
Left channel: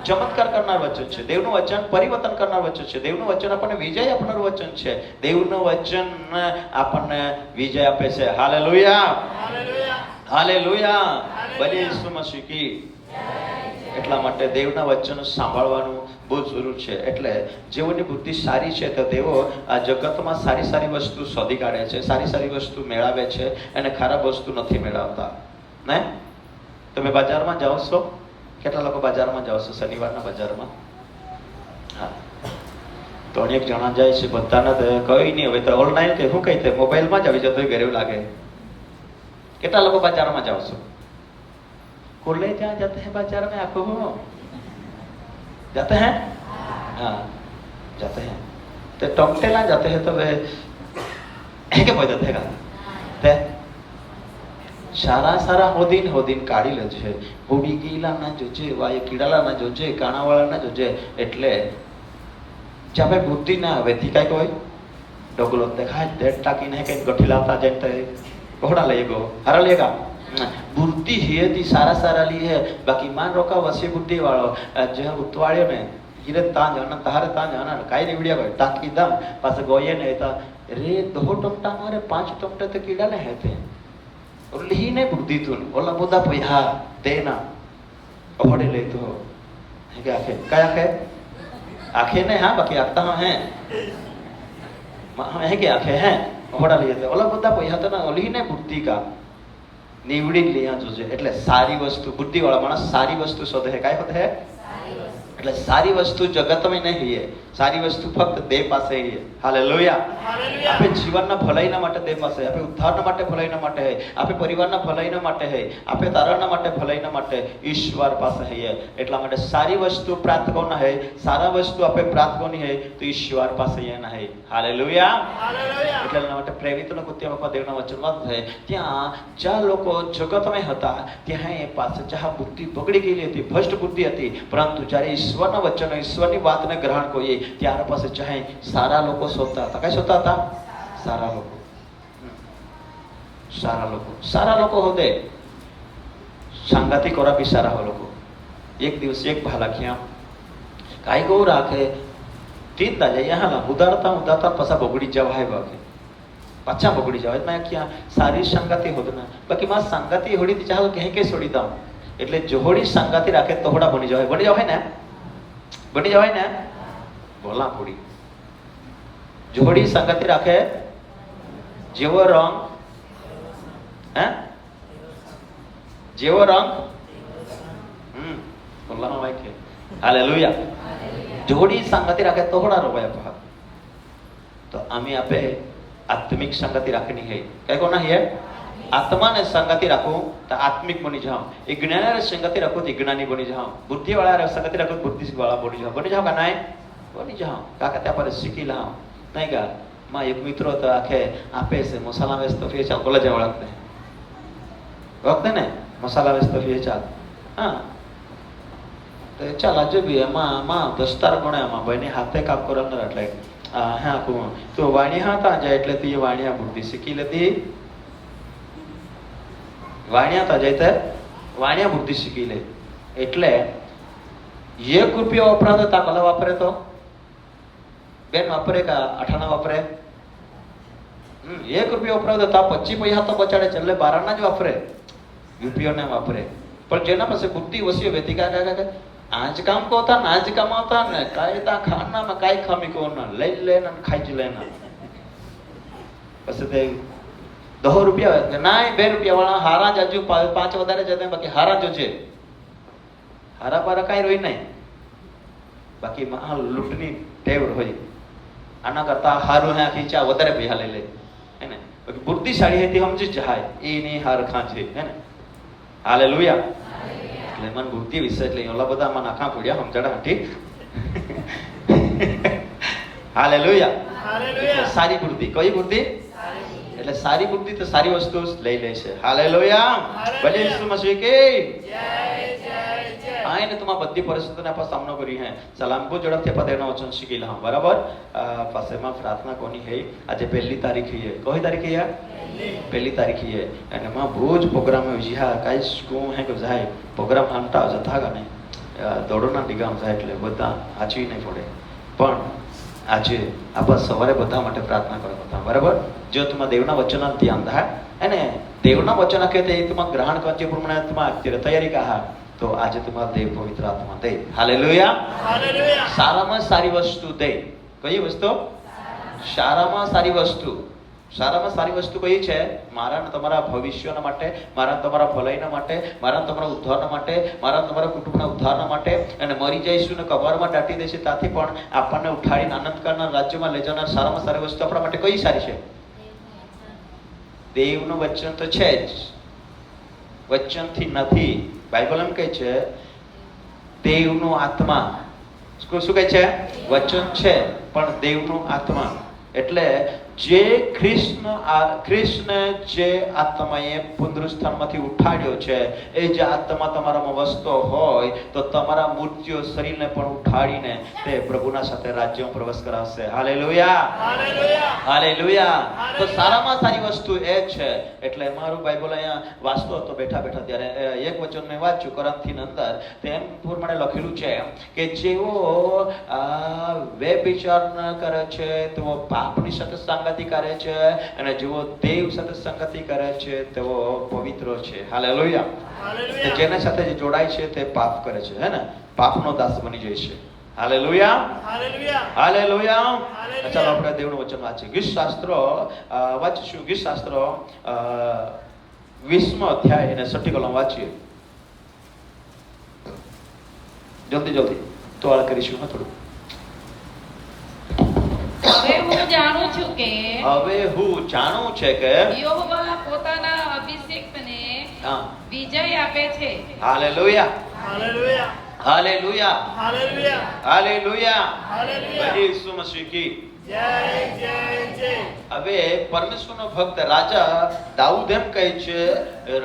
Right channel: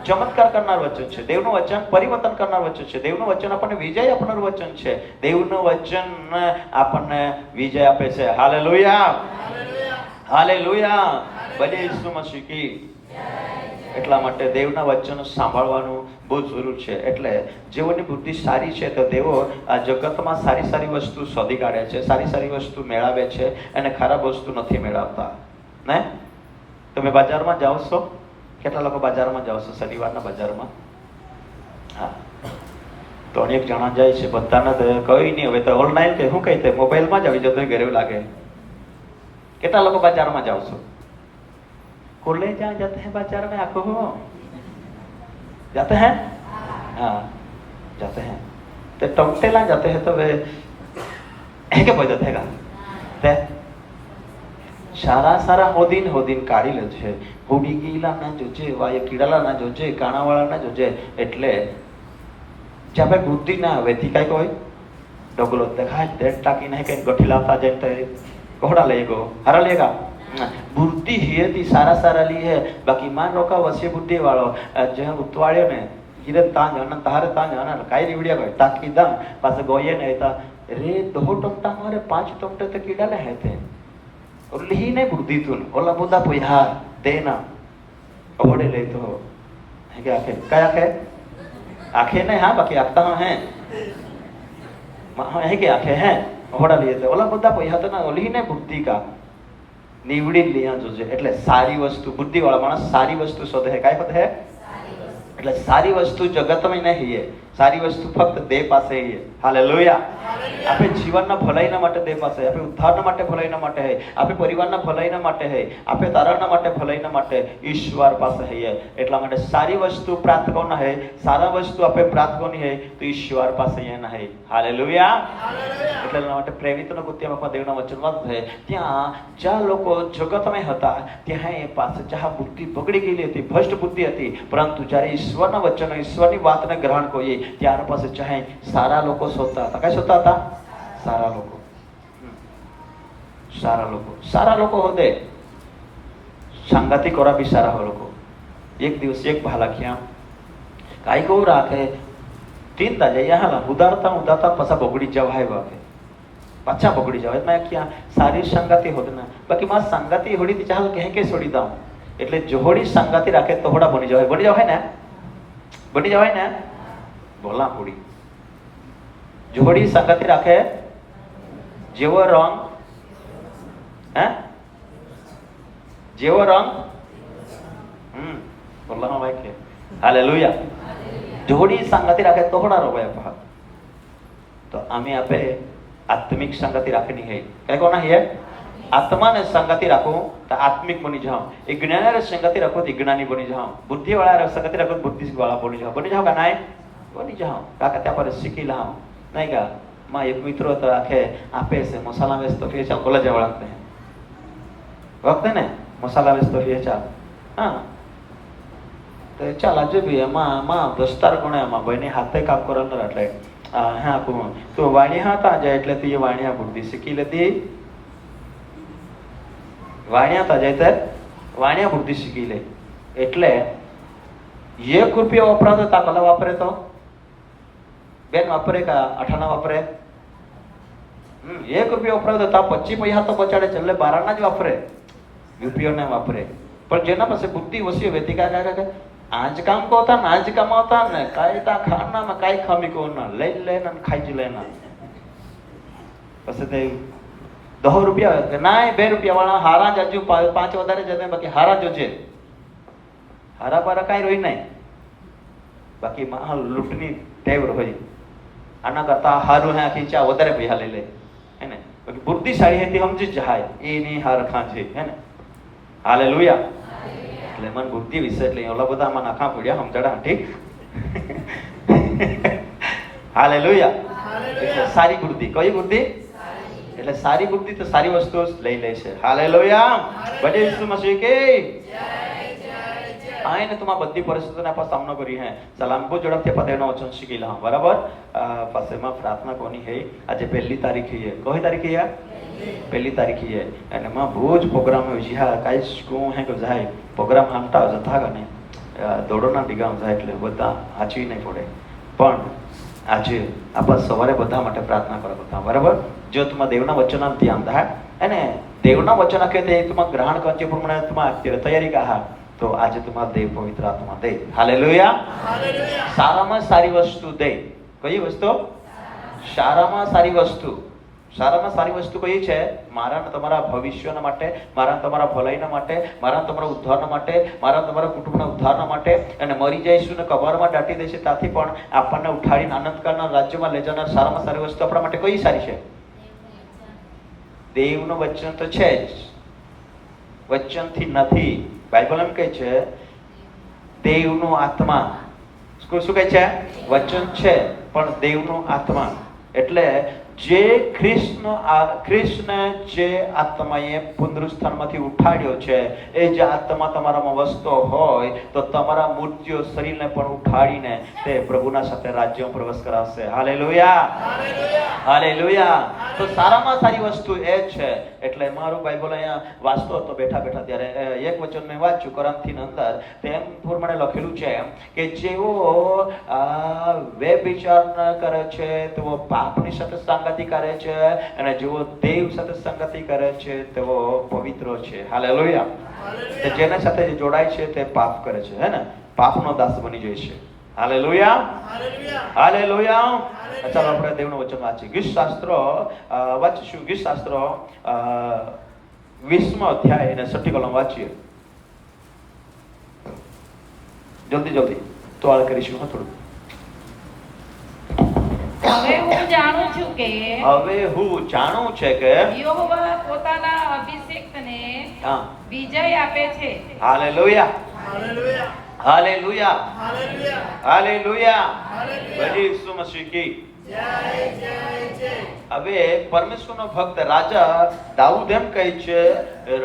ચમત્કાર કરનાર વચન છે. દેવનું વચન પરિવર્તન કરનાર વચન છે. દેવનું વચન આપણને વિજય આપનાર વચન છે. દેવનું વચન આપણને વિજય આપે છે. હાલેલુયા, હાલેલુયા, હાલેલુયા. ભલે ઈસુ મસીહ કી. એટલા માટે દેવના વચન સાંભળવાનું બહુ જરૂર છે. એટલે જેઓની બુદ્ધિ સારી છે તો તેઓ આ જગતમાં સારી સારી વસ્તુ શોધી કાઢે છે, સારી સારી વસ્તુ મેળવે છે અને ખરાબ વસ્તુ નથી મેળવતા. ને તમે બજારમાં જાઓ છો? કેટલા લોકો બજારમાં જાઓ છો? શનિવારના બજારમાં? હા, તો અનેક જણા જાય છે. બધાને કઈ નહીં. હવે તો ઓનલાઈન કે શું કહી તે મોબાઈલમાં જ આવી જતો ઘરે લાગે. કેટલા લોકો બજારમાં જાઓ છો? खुले जहाँ जाते हैं बाजार में, आपको हो जाते हैं? हाँ, जाते हैं. तो टोंगटेला जाते हैं तो वे क्या बजट है ते सारा होदीन काढ़ी ले છે. બુડી ગીલા ના જોજે, વાય કીડાલા ના જોજે, કાણાવાળા ના જોજે. એટલે જ્યારે બુદ્ધિ ના આવે થી કઈ કોઈ ડગલો દેખાય દેટ ટાકી નહીં કઈ ગઠીલાતા જેતે ઘોડા લઈ ગયો હારા લેગા. બુદ્ધિ હેતી સારા લીએ. બાકી માન રોકા વસે બુદ્ધિ વાળો જે ઉતવાળ્યો ને કિરણ તાંજ અને તારે તાંજ અને કાઈ રીવડિયા ગયો ટાકી દમ પાસે ગોયે ને હતા રે દો ટમટા મારે 5 ટમટા તો કીડા ને હેતે લીને બુદ્ધિ તું ઓલા બોદા પૈહા દેના ઓડે લે તો હે કે આખે કયા કે આખે ને હા બાકી આપતા હે હે કે આખે હે ઓડા લે તે ઓલા બોદા પૈહા તો ના લીને બુદ્ધિ કા નીવડી લિયા જોજે. એટલે સારી વસ્તુ બુદ્ધિ વાળા માણસ સારી વસ્તુ શોધે. હે કાઈ શોધે? એટલે સારી વસ્તુ જગતમાં નહીં है, સારી વસ્તુ ફક્ત દેહ પાસે है। હાલેલુયા। આપણે જીવનના ભલાઈના માટે દેહ પાસે, આપણે ઉદ્ધારના માટે ભલાઈના માટે है, આપણે પરિવારના ભલાઈના માટે है, આપણે તારાના માટે ભલાઈના માટે ઈશ્વર પાસે है। એટલા માટે સારી વસ્તુ પ્રાપ્ત કરना है, સારા વસ્તુ આપણે પ્રાપ્ત કરनी है તો ઈશ્વર પાસે એના है। હાલેલુયા। એટલા માટે પ્રેરિત લોકો ત્યાં દેવના વચન વાંચે, ત્યાં જ્યાં લોકો જગતમાં હતા ત્યાં એ પાસે જ્યાં બુદ્ધિ બગડી ગયેલી હતી, ભ્રષ્ટ બુદ્ધિ હતી, પરંતુ જ્યારે ઈશ્વરના વચન, ઈશ્વરની વાતને ગ્રહણ કરીએ ત્યાર પાસે ચાહે સારા લોકો શોધતા હતા। કઈ શોધતા હતા? સારા લોકો। સારા લોકો હોતે સંગતિ કરા બી સારા લોકો। એક દિવસ એક ભાલાખિયા કાઈ ગો રાખે તીનતા જાય यहाँ उदारता पसा बगड़ी जावा है बाके अच्छा बगड़ी जावे। मैं क्या सारी संगति होती ना, बाकी मां संगति होड़ी थी चाल कहीं के छोड़ी दाम, એટલે જોડી સંગતિ રાખે તો હોડા બની જાવે ને, બોલા પૂડી। જોડી સંગતિ રાખે જેવો રંગ, હે જેવો રંગ, બોલા ના ભાઈ કે હાલેલુયા। જોડી संगति રાખે તો હોડા રોવાય। तो आम्ही आपे आत्मिक संगति रखनी है। क्या करना है? आत्मा ने संगति रखो तो आत्मिक बनी जाओ, ज्ञान ने संगति रखो तो ज्ञानी बनी जाओ, बुद्धि वाला संगति रखो बुद्धि वाला बनी जाओ का नहीं बनी जाओ। का कहते पर सीखी लाओ नहीं का। मां एक मित्र तो आखे आपे से मसाला व्यस्त तो फिर चल कॉलेज वक्त ने मसाला व्यस्त तो फिर चल हां तो चल आज भी मां दस्तार कोणे मां बने हाथे काम करन એટલે હા તો વાણિયા હતા જાય એટલે તે વાણિયા બુદ્ધિ શીખી લેતી। વાણિયા હતા જાય તે વાણિયા બુદ્ધિ શીખી લે। એટલે ₹1 વપરાતો તા કલા વાપરે તો બેન વાપરે કા 18 વાપરે। ₹1 વપરાતો તા 25 પૈસા તો બચાડે એટલે 12 ના જ વાપરે, રૂપિયો ને વાપરે। પણ જેના પાસે બુદ્ધિ ઓછી વેતી કા आज काम को होता ना, आज काम होता ना, कायदा खाना में काय खामी को ना ले लेना खाई लेना। बस ते ₹10 ना ₹2 वाला हारा जाजू 5 વધારે જતે બાકી હારા જોજે, હારા પર કાઈ રોઈ નહીં, બાકી મહા લૂંટની ટેવ હોય। આના કરતા હારું હે ખીચા વધારે પૈસા લઈ લે હે ને, બુદ્ધિશાળી હે તે સમજી જાય એ ની હાર ખાંચે હે ને। હાલેલુયા। એટલે મન બુદ્ધિ વિશે એટલે ઓલા બધા માં નાખા પડ્યા સમજડા ઠીક। હાલેલુયા। સારી બુદ્ધિ, કઈ બુદ્ધિ? એટલે સારી બુદ્ધિ તો સારી વસ્તુ લઈ લે છે। હાલેલુયા। ભલે ઈસુ મસીહ કે આને તમારા બધી પરિસ્થિતિનો આપણે સામનો કરી હે। સલામ બહુ ઝડપથી પદેનો વચન શીખી લા બરાબર। પાસેમાં પ્રાર્થના કોની હે? આજે 1 તારીખ હે। કઈ તારીખ હે? 1 તારીખ હે। અને માં રોજ પ્રોગ્રામ હોય છે। હા કાઈ શું હે તો જાય પ્રોગ્રામ આંટા જતા ગને દોડોના ડીગામ જાય એટલે બધા આચી નહીં પડે। પણ આજે આપણે સવારે બધા માટે પ્રાર્થના કરો બધા બરાબર। જો તમારા દેવના વચનના ધ્યાન થાય અને દેવના વચન કે તે તમારા ગ્રહણ કરજે પ્રમાણે તમારા અત્યારે તૈયારી કા तो आज तुम्हारा देव पवित्र आत्मा दे। हालेलुया। साराમાં સારી વસ્તુ દે। કઈ વસ્તુ? સારામાં સારી વસ્તુ। સારામાં સારી વસ્તુ કઈ છે? મારા તમારા ભવિષ્યના માટે, મારા તમારા ભલાઈના માટે, મારા તમારા ઉદ્ધારના માટે, મારા તમારા કુટુંબના ઉદ્ધારના માટે અને મરી જઈશું ને કબરમાં દાટી દેશે ત્યાંથી પણ આપણને ઉઠાડીને આનંદ કરનાર રાજ્યમાં લઈ જનાર સારામાં સારી વસ્તુ આપણા માટે કઈ સારી છે? દેવનું વચન તો છે જ, વચનથી નથી। બાઇબલ એમ કહે છે દેવનો આત્મા, શું કહે છે? વચન છે પણ દેવનો આત્મા। એટલે જે ખ્રિસ્તને જે આત્માએ પુનરુત્થાનમાંથી ઉઠાડ્યો છે એ જે આત્મા તમારામાં વસતો હોય તો તમારા મૃત્યુ શરીરને પણ ઉઠાડીને તે પ્રભુના સાથે રાજ્યમાં પ્રવેશ કરાવશે। હાલેલુયા। હાલેલુયા। તો સારામાં સારી વસ્તુ એ છે। એટલે મારું બાઇબલ અહીંયા વાંચતો હતો બેઠા બેઠા ત્યારે એક વચન મેં વાંચ્યું કોરિન્થીની અંદર, તેમ પ્રમાણે લખેલું છે કે જેઓ વ્યભિચાર ન કરે છે તેઓ પાપની સાથે સંગતિ કરે છે અને જેઓ દેવ સાથે સંગતિ કરે છે તેઓ પવિત્ર છે। હાલેલુયા। જેના સાથે જોડાય છે તે પાપ કરે છે હે ને, પાપનો દાસ બની જાય છે। હાલેલુયા। હાલેલુયા। ચાલો આપણે દેવનું વચન વાંચીએ। ગીત શાસ્ત્ર વાંચીશું। ગીત શાસ્ત્ર 20મો અધ્યાય અને 6ઠી કલમ વાંચીએ જલ્દી જલ્દી। તો આ કરીશું થોડું. હવે હું જાણું છું કે યહોવા પોતાના અભિષિક્તને હા, વિજય આપે છે. હાલેલુયા, હાલેલુયા, હાલેલુયા, હાલેલુયા, હાલેલુયા. હાલેલુયા. ઈસુ મસીહ કી જય જય જય. હવે પરમેશ્વરનો ભક્ત રાજા દાઉદ એમ કહે છે,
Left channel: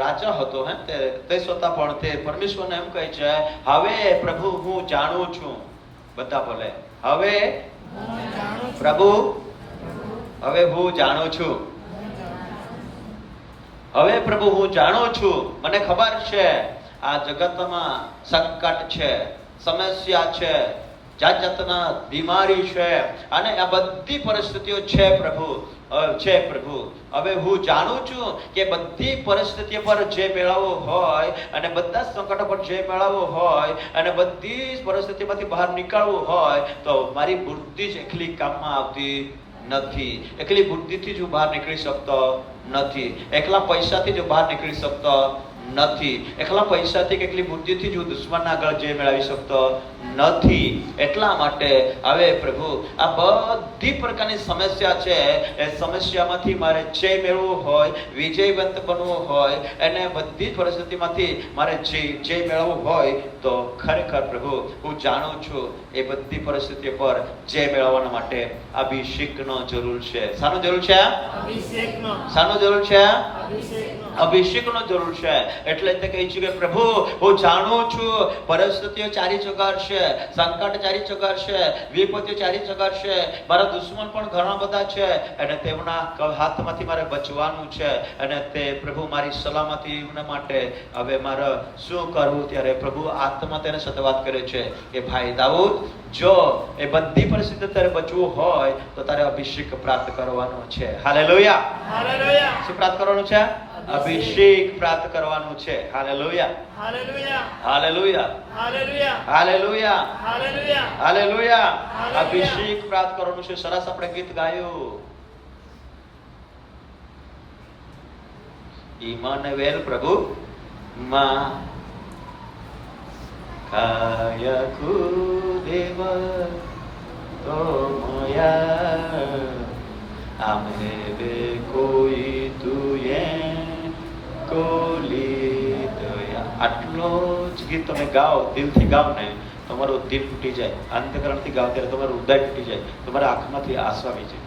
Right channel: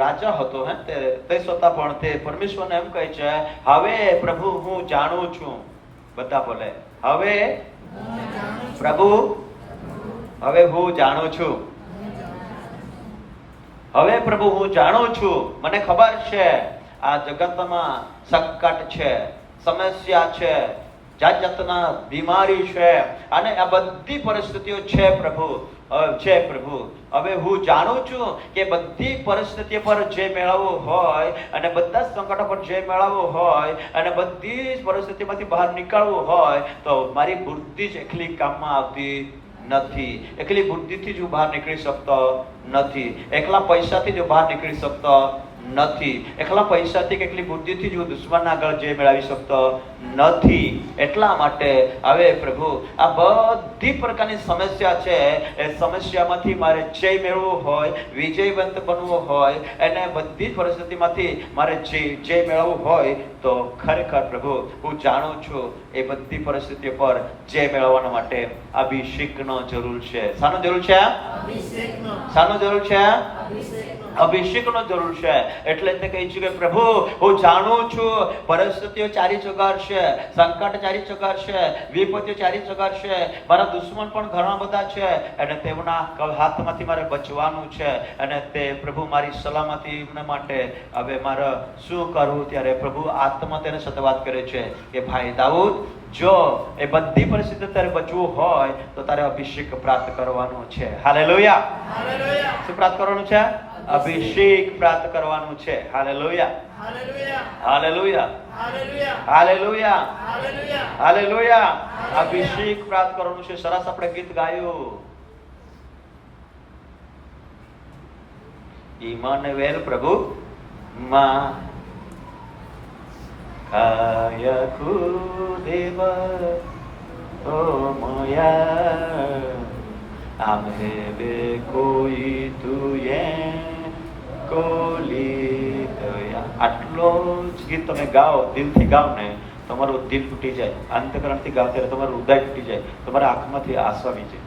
રાજા હતો હે તે છતાં પણ તે પરમેશ્વરને એમ કહે છે, હવે પ્રભુ હું જાણું છું. બધા બોલે હવે પ્રભુ, હવે હું જાણું છું. હવે પ્રભુ હું જાણું છું. મને ખબર છે આ જગતમાં સંકટ છે, સમસ્યા છે, જાત જાતના બીમારી છે અને આ બધી પરિસ્થિતિઓ છે પ્રભુ, છે પ્રભુ. હવે હું જાણું છું કે બધી પરિસ્થિતિઓ પર જે મેળવવું હોય અને બધા સંકટો પર જે મેળવવું હોય અને બધી જ પરિસ્થિતિમાંથી બહાર નીકળવું હોય તો મારી બુદ્ધિ જ એકલી કામમાં આવતી નથી. એકલી બુદ્ધિથી જ હું બહાર નીકળી શકતો નથી. એકલા પૈસાથી જ હું બહાર નીકળી શકતો નથી. એકલા પૈસાથી કે એકલી બુદ્ધિથી જ હું દુશ્મન આગળ જે મેળવી શકતો નથી. એટલા માટે હવે પ્રભુ આ બધી પ્રકારની સમસ્યા છે, એ સમસ્યામાંથી મારે જય મેળવવું હોય, વિજયવંત બનવું હોય અને બધી જ પરિસ્થિતિમાંથી મારે જય મેળવવું હોય તો ખરેખર પ્રભુ હું જાણું છું એ બધી પરિસ્થિતિઓ પર જય મેળવવા માટે અભિષેકનો જરૂર છે. શાનો જરૂર છે? અભિષેકનો. શાનો જરૂર છે? અભિષેકનો. અભિષેકનો જરૂર છે. એટલે તે કહે છે કે પ્રભુ હું જાણું છું પરિસ્થિતિઓ ચારી ચગાડશે, સંકટ ચારી ચગાડશે, વિપત્તિ ચારી ચગાડશે, મારા દુશ્મન પણ ઘણા બધા છે અને તેમના હાથમાંથી મારે બચવાનું છે અને તે પ્રભુ મારી સલામતી માટે હવે મારે શું કરવું? ત્યારે પ્રભુ આત્મા તેને સતવાત કરે છે કે ભાઈ દાઉદ, જો એ બધી પરિસ્થિતિ તારે બચવું હોય તો તારે અભિષેક પ્રાપ્ત કરવાનું છે. હાલેલુયા, હાલેલુયા. શું પ્રાપ્ત કરવાનું છે? અભિષેક પ્રાપ્ત કરવાનું છે. હાલેલુયા, hallelujah, hallelujah, hallelujah, hallelujah, hallelujah, hallelujah. હાલેલુયા. અભિષેક પ્રાપ્ત કરવાનું છે. સરસ આપણે ગીત ગાયું, ઇમાનુએલ પ્રભુ માં કાયકુ દેવ ઓ મોયા આમને બે કોઈ તુએ કોલી દયા. આટલો જ ગીત તમે ગાઓ, દિલથી ગાઓ ને, તમારું દિલ તૂટી જાય. અંતકરણથી ગાઓ ત્યારે તમારું હૃદય તૂટી જાય, તમારા આંખમાંથી આંસુ આવી જાય,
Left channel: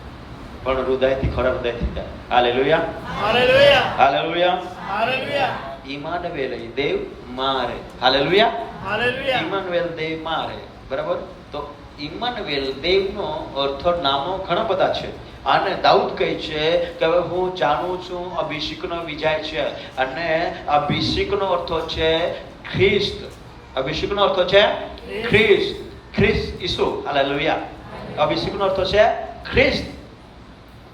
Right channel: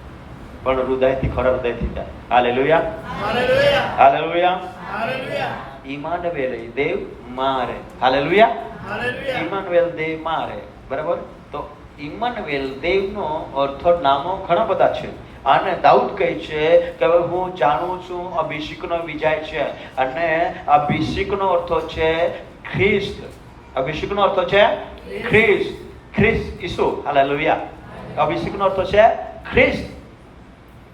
પણ હૃદયથી ખરા હૃદયથી ગાય. હાલેલુયા, હાલેલુયા, હાલેલુયા. હાલેલુયા, ઇમાનુએલ દેવ મારે. હાલેલુયા, હાલેલુયા. ઇમાનુએલ દેવ મારે. બરાબર. તો ઇમાનુએલ દેવનો અર્થ નામો ઘણા બધા છે અને દાઉદ કહે છે કે હવે હું જાણું છું અભિષેકનો વિજય છે અને અભિષેકનો અર્થ છે ખ્રિસ્ત. અભિષેકનો અર્થ છે ખ્રિસ્ત, ખ્રિસ્ત ઈસુ. હાલેલુયા. અભિષેકનો અર્થ છે ખ્રિસ્ત.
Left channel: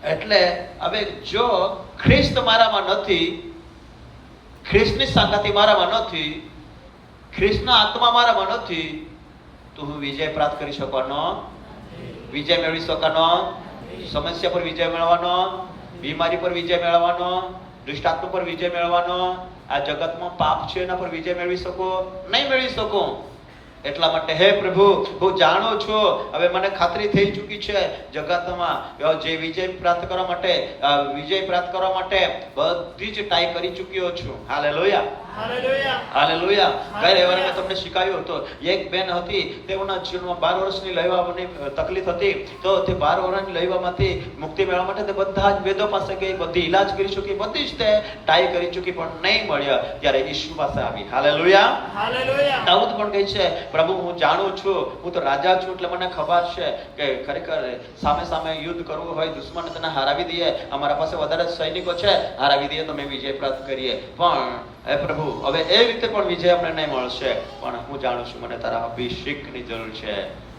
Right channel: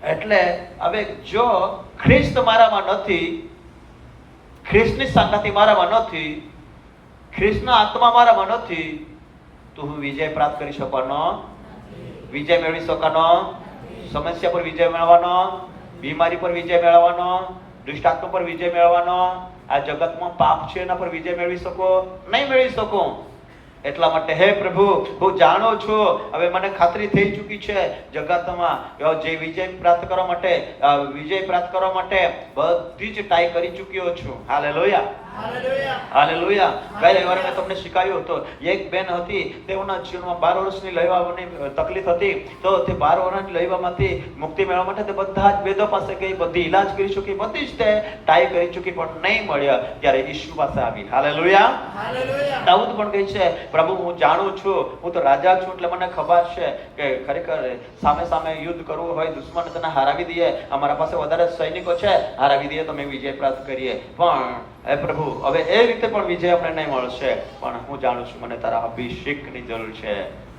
એટલે હવે જો ખ્રિસ્ત મારામાં નથી, ખ્રિસ્તની શાખાથી મારામાં નથી, ખ્રિસ્તનો આત્મા મારામાં નથી તો હું વિજય પ્રાપ્ત કરી શકવાનો, વિજય મેળવી શકવાનો, સમસ્યા પર વિજય મેળવવાનો, બીમારી પર વિજય મેળવવાનો, દુષ્ટાત્મા પર વિજય મેળવવાનો, આ જગતમાં પાપ છે એના પર વિજય મેળવી શકો નહીં મેળવી શકો. એટલા માટે હે પ્રભુ હું જાણું છું, હવે મને ખાતરી થઈ ચૂકી છે જગતમાં જે વિજય પ્રાપ્ત કરવા માટે બધી જ ટ્રાય કરી ચૂક્યો છું. Hallelujah, hallelujah, hallelujah. ગયે વાર મેં તમને શીખવ્યું હતું, એક બેન હતી, તેઓના જીવનમાં 12 વર્ષની લઈવાની તકલીફ હતી, તો તે 12 વર્ષની લઈવામાંથી મુક્તિ મેળવવા માટે તે બધા જ વેદો પાસે ગઈ, બધી ઈલાજ કરી ચૂકી, બધી જ તે ટ્રાય કરી ચૂકી પણ નહીં મળ્યા. ત્યારે ઈસુ પાસે આવી. Hallelujah, hallelujah. દાઉદ પણ કહે છે પ્રભુ હું જાણું છું, હું તો રાજા છું એટલે મને ખબર છે કે ખરેખર સામે સામે યુદ્ધ કરવું હોય, દુશ્મનને તેને હરાવી દઈએ, અમારા પાસે વધારે સૈનિકો છે, હરાવી દઈએ તો અમે વિજય પ્રાપ્ત કરીએ. પણ હે પ્રભુ હવે એ રીતે પણ વિજય અમને નહીં મળશે, પણ હું જાણું છું મને તારા અભિષેકની જરૂર છે.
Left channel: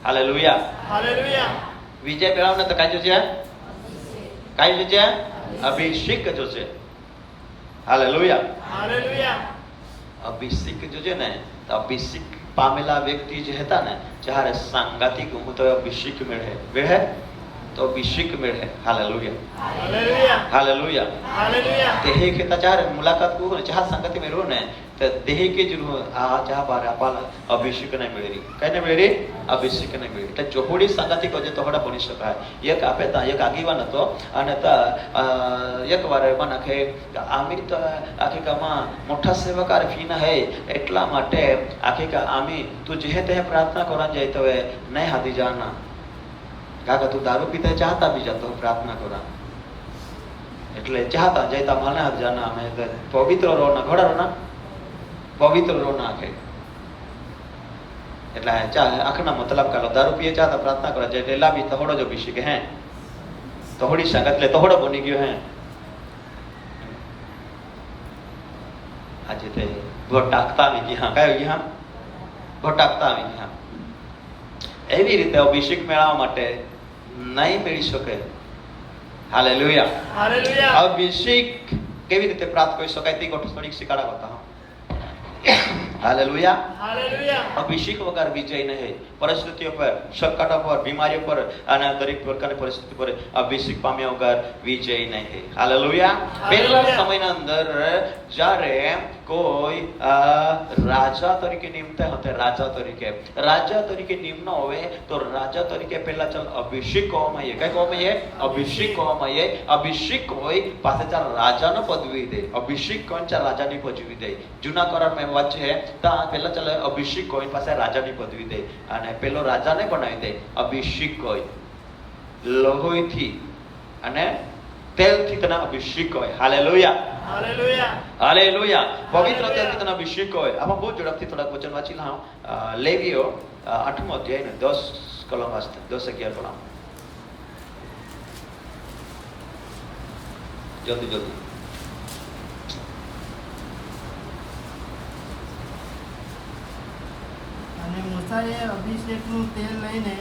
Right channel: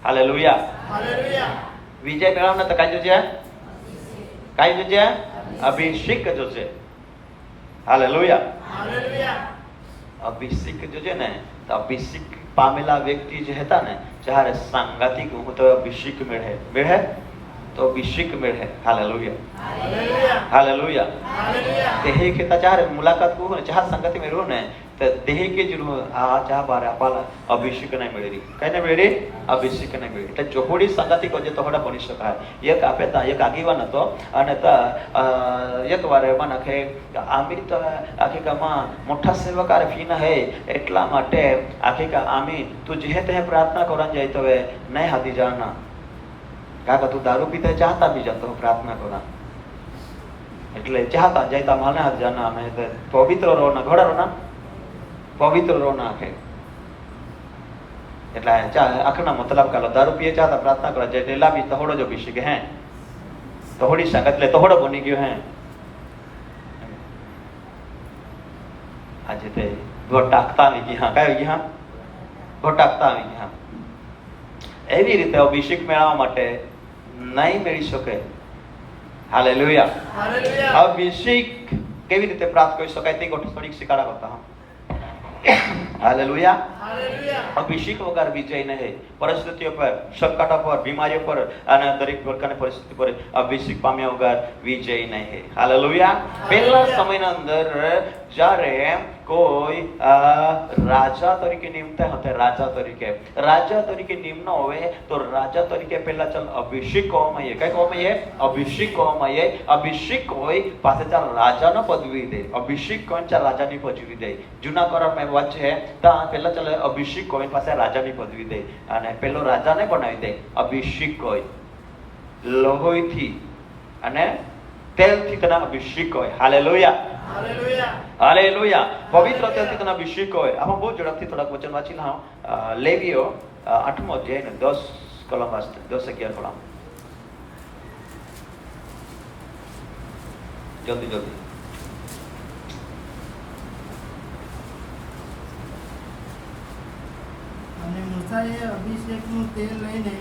હાલેલુયા, હાલેલુયા. વિજય મેળવવાનો તો કાંઈ જોજે, કાંઈ જોજે, અભિષેક જોજે. હાલેલુયા, હાલેલુયા. અભિષેક જોજે ને, તો અભિષેક પામેલા વ્યક્તિ જે હતા ને, જ્યારે સાંગાતિક હું તો અભિષેક મેળે तो अभिषेक मिले। Hallelujah hallelujah hallelujah. हालेलुया देह के चार मुलाकात को जहाँ संगति में रहो ने तो देह के जरूर जहाँ बार आप अभिषेक नहीं मिलेगी कहने मिले अभिषेक नहीं मिले तो जोड़ी संगति को जो थोड़ा बनी शका एक आपे ता एक आगे बना तो अने ता एक बार मन के आमी तो आखिर का माँ मोटा सेवकार फीना है एटला माटे आखिर का आमी तू जिहे ते प्रार्थना करन जाए तो नहीं हाथी जाना काका तू दारू पीते चाहता भी जातो प्रार्थना करा એટલે ચાહતા જઈતા મને હાથ જાના અમે પવિત્ર રોના ઘોડા રોના પવિત્ર રોના આખે એટલે ચાલ આખના મતલબ કાલો દારૂ પીએ ચાહતા પ્રાર્થના કરે એટલે લાવી તહોડો જ અભિષેક હે તહોડી શાક એટલે તહોડો બની ગયો હે આજે તે ભટાકતા આવી ગયા કયો ગયા ભટાકતા આવી ગયા એવી રીતે અભિષેક મેળવવા માટે નહીં મેળવી શકે। हालेलुया हालेलुया अभिषेक केवी रीते प्राप्त કરી શકાય તે ગોઠ થોડીક શીખાડા બતાવો। हालेलुया हालेलुया अभिषेक वगैरह विजय नहीं परिस्थितियों पर संकटों पर बीमारियों पर અને દરેક પ્રકારની પરિસ્થિતિ પર અભિષેક પામ્યા વગર વિજય નહીં। हालेलुया પહેલો સમયના અંદર જ્યારે કોઈ રાજા તરીકે નિમતા હતા રાજા તરીકે નિમન હોય તો રાજા તરીકે પહેલા ચાલ અભિષેક હોવામાં આવે કઈ હોવામાં આવે અભિષેક હોય પાસે ચાલ રાજાનો પદવી દે અભિષેક કોણ ચાલ રાજાની પદવી દે જૂના કરારમાં વાત છે તા પહેલા ચાલ અભિષેક હોય પાસે રાજાની પદવી દે અને પહેલો રાજાને બનાવી દે અભિષેક હોય લોહીથી અને તેલથી તેના અભિષેક હોય। हालेलुया हालेलुया हालेलुया पवित्र तेलથી તેના અભિષેક હોય। આપણે બહુ ઝડપથી થોડા વચન વાંચી લઉં લેવીઓ 8મો અધ્યાય 10 કલમ વાંચતા 10-11 પડા જલ્દી અને મૂસાએ અભિષેકનું તેલ લઈને